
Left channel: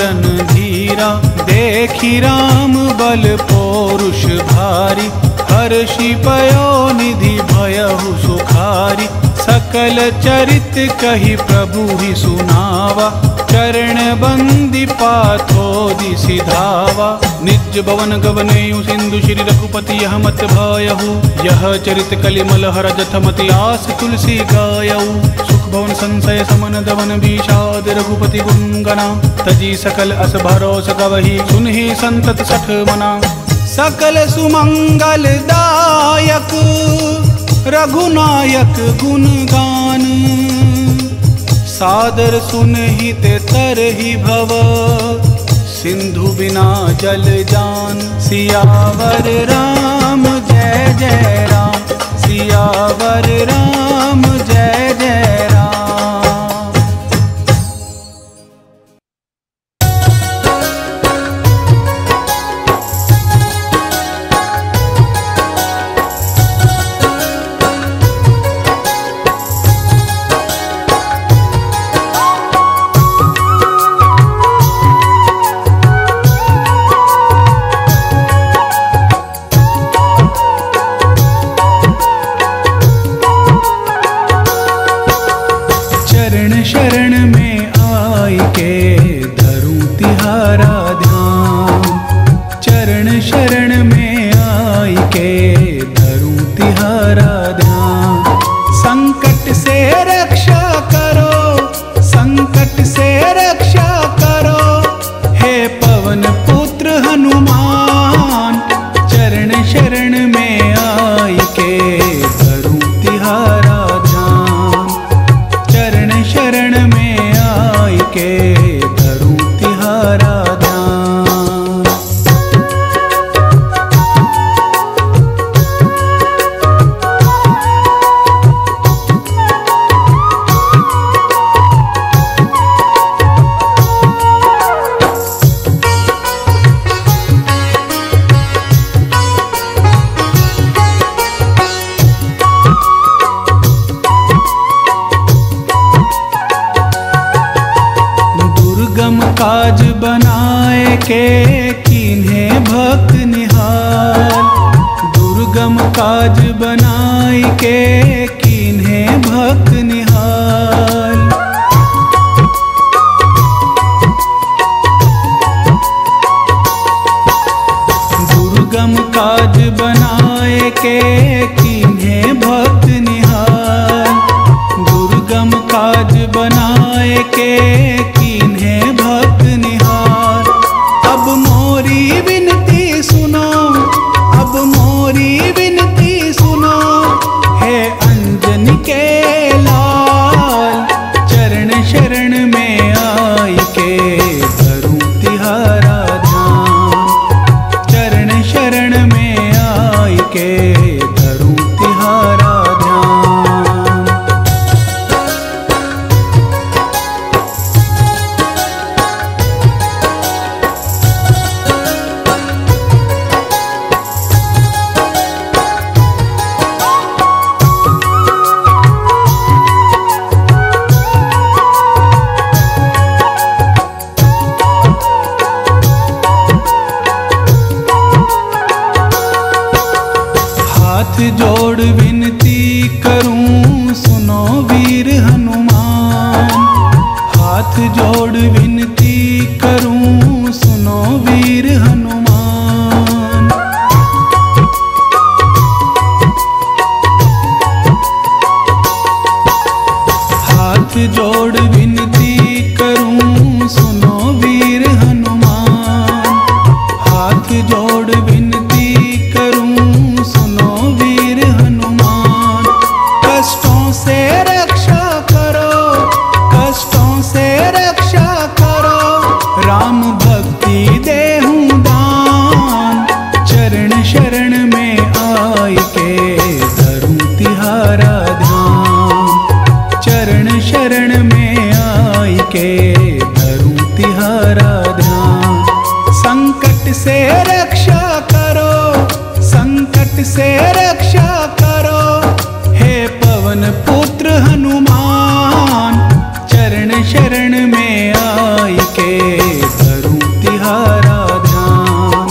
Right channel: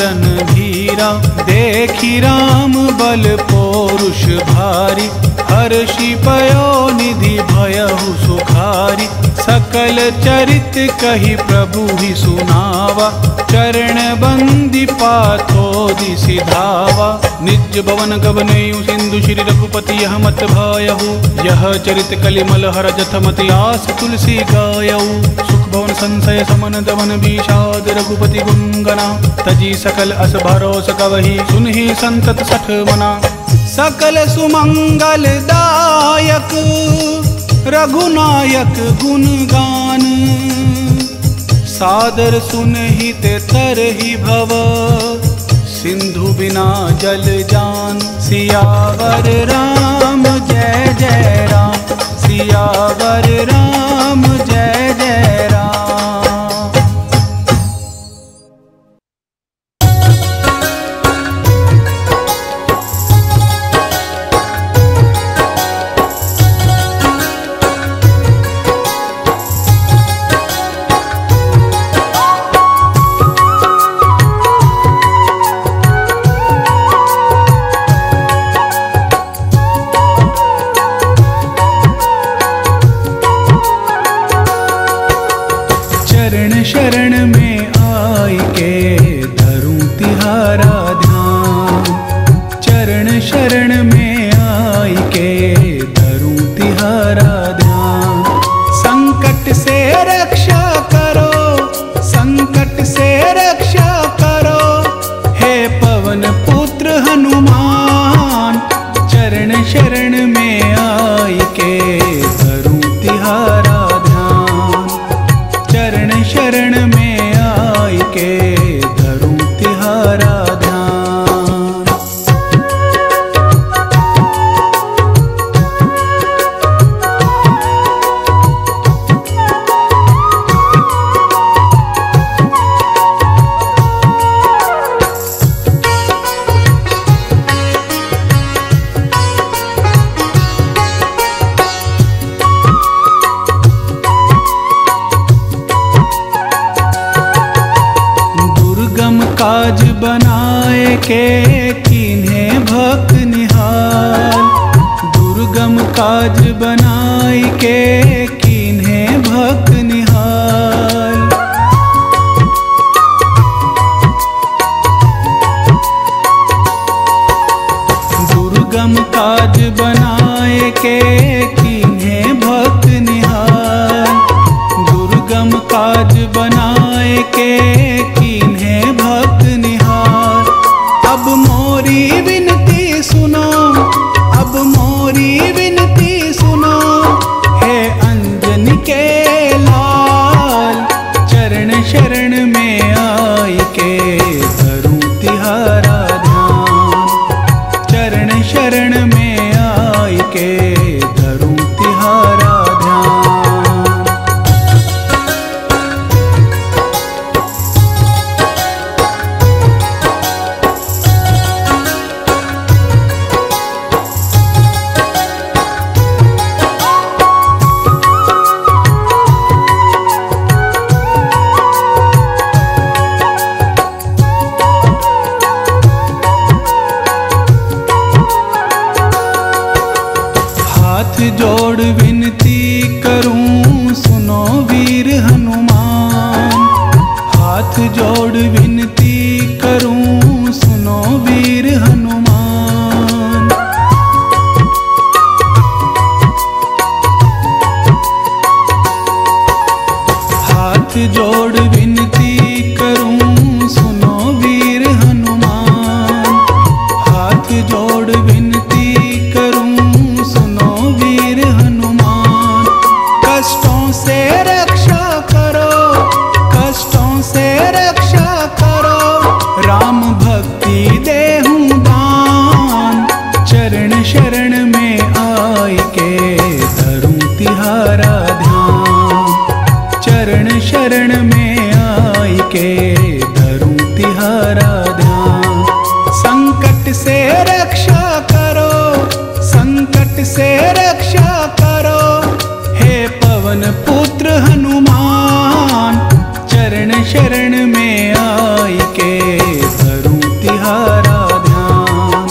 रन धीरा देखी राम बल पौरुष भारी हर्षि पयो निधि भयहु सुखारी सकल चरित कही प्रभु ही सुनावा चरण बंदी पाथोदि सिधावा निज भवन गवनेयु सिंधु श्री रघुपति यह मत भायहु यह चरित कलिमल हर जथमति आस तुलसी गायऊ सुख भवन संशय समन दमन विषाद रघुपति गुणगना तजी सकल अस भरोस गवही सुनहि संतत सठ मना सकल सुमंगल दायक रघुनायक गुणगान सादर सुनहि ते तरहि भव सिंधु बिना जल जान सियावर राम जय जय राम सियावर राम जय जय राम। के धरूं तिहारा ध्यान। चरण शरण में आई के धरूं तिहारा ध्यान। संकट से रक्षा करो, संकट से रक्षा करो, हे पवन पुत्र हनुमान। चरण शरण में आई के धरूं तिहारा ध्यान। चरण शरण में आई के धरूं तिहारा ध्यान। दुर्गम काज बनाए के कीन्हे भक्त निहाल। दुर्गम काज बनाए के कीन्हे भक्त निहाल। दुर्गम काज बनाए के कीन्हे भक्त निहाल। दुर्गम काज बनाए के कीन्हे भक्त निहाल। अब मोरी विनती सुनो, अब मोरी विनती सुनो, हे अंजनी के लाल। चरण शरण में आई के धरूं तिहारा ध्यान। चरण शरण में आई के धरूं तिहारा ध्यान। हाथ जोड़ विनती करूं सुनो वीर हनुमान। हाथ जोड़ विनती करूं सुनो वीर हनुमान। हाथ जोड़ विनती करूं सुनो वीर हनुमान। हाथ जोड़ विनती करूं सुनो वीर हनुमान। कष्टों से रक्षा करो, कष्टों से रक्षा करो, राम भक्ति देहूं दान। चरण शरण में आई के धरूं तिहारा ध्यान। चरण शरण में आई के धरूं तिहारा ध्यान। संकट से रक्षा करो, संकट से रक्षा करो, हे पवन पुत्र हनुमान। चरण शरण में आई के धरूं तिहारा ध्यान।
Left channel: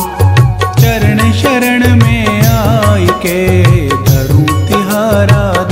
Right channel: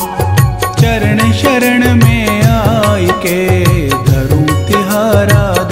चरण शरण में आई के धरूं तिहारा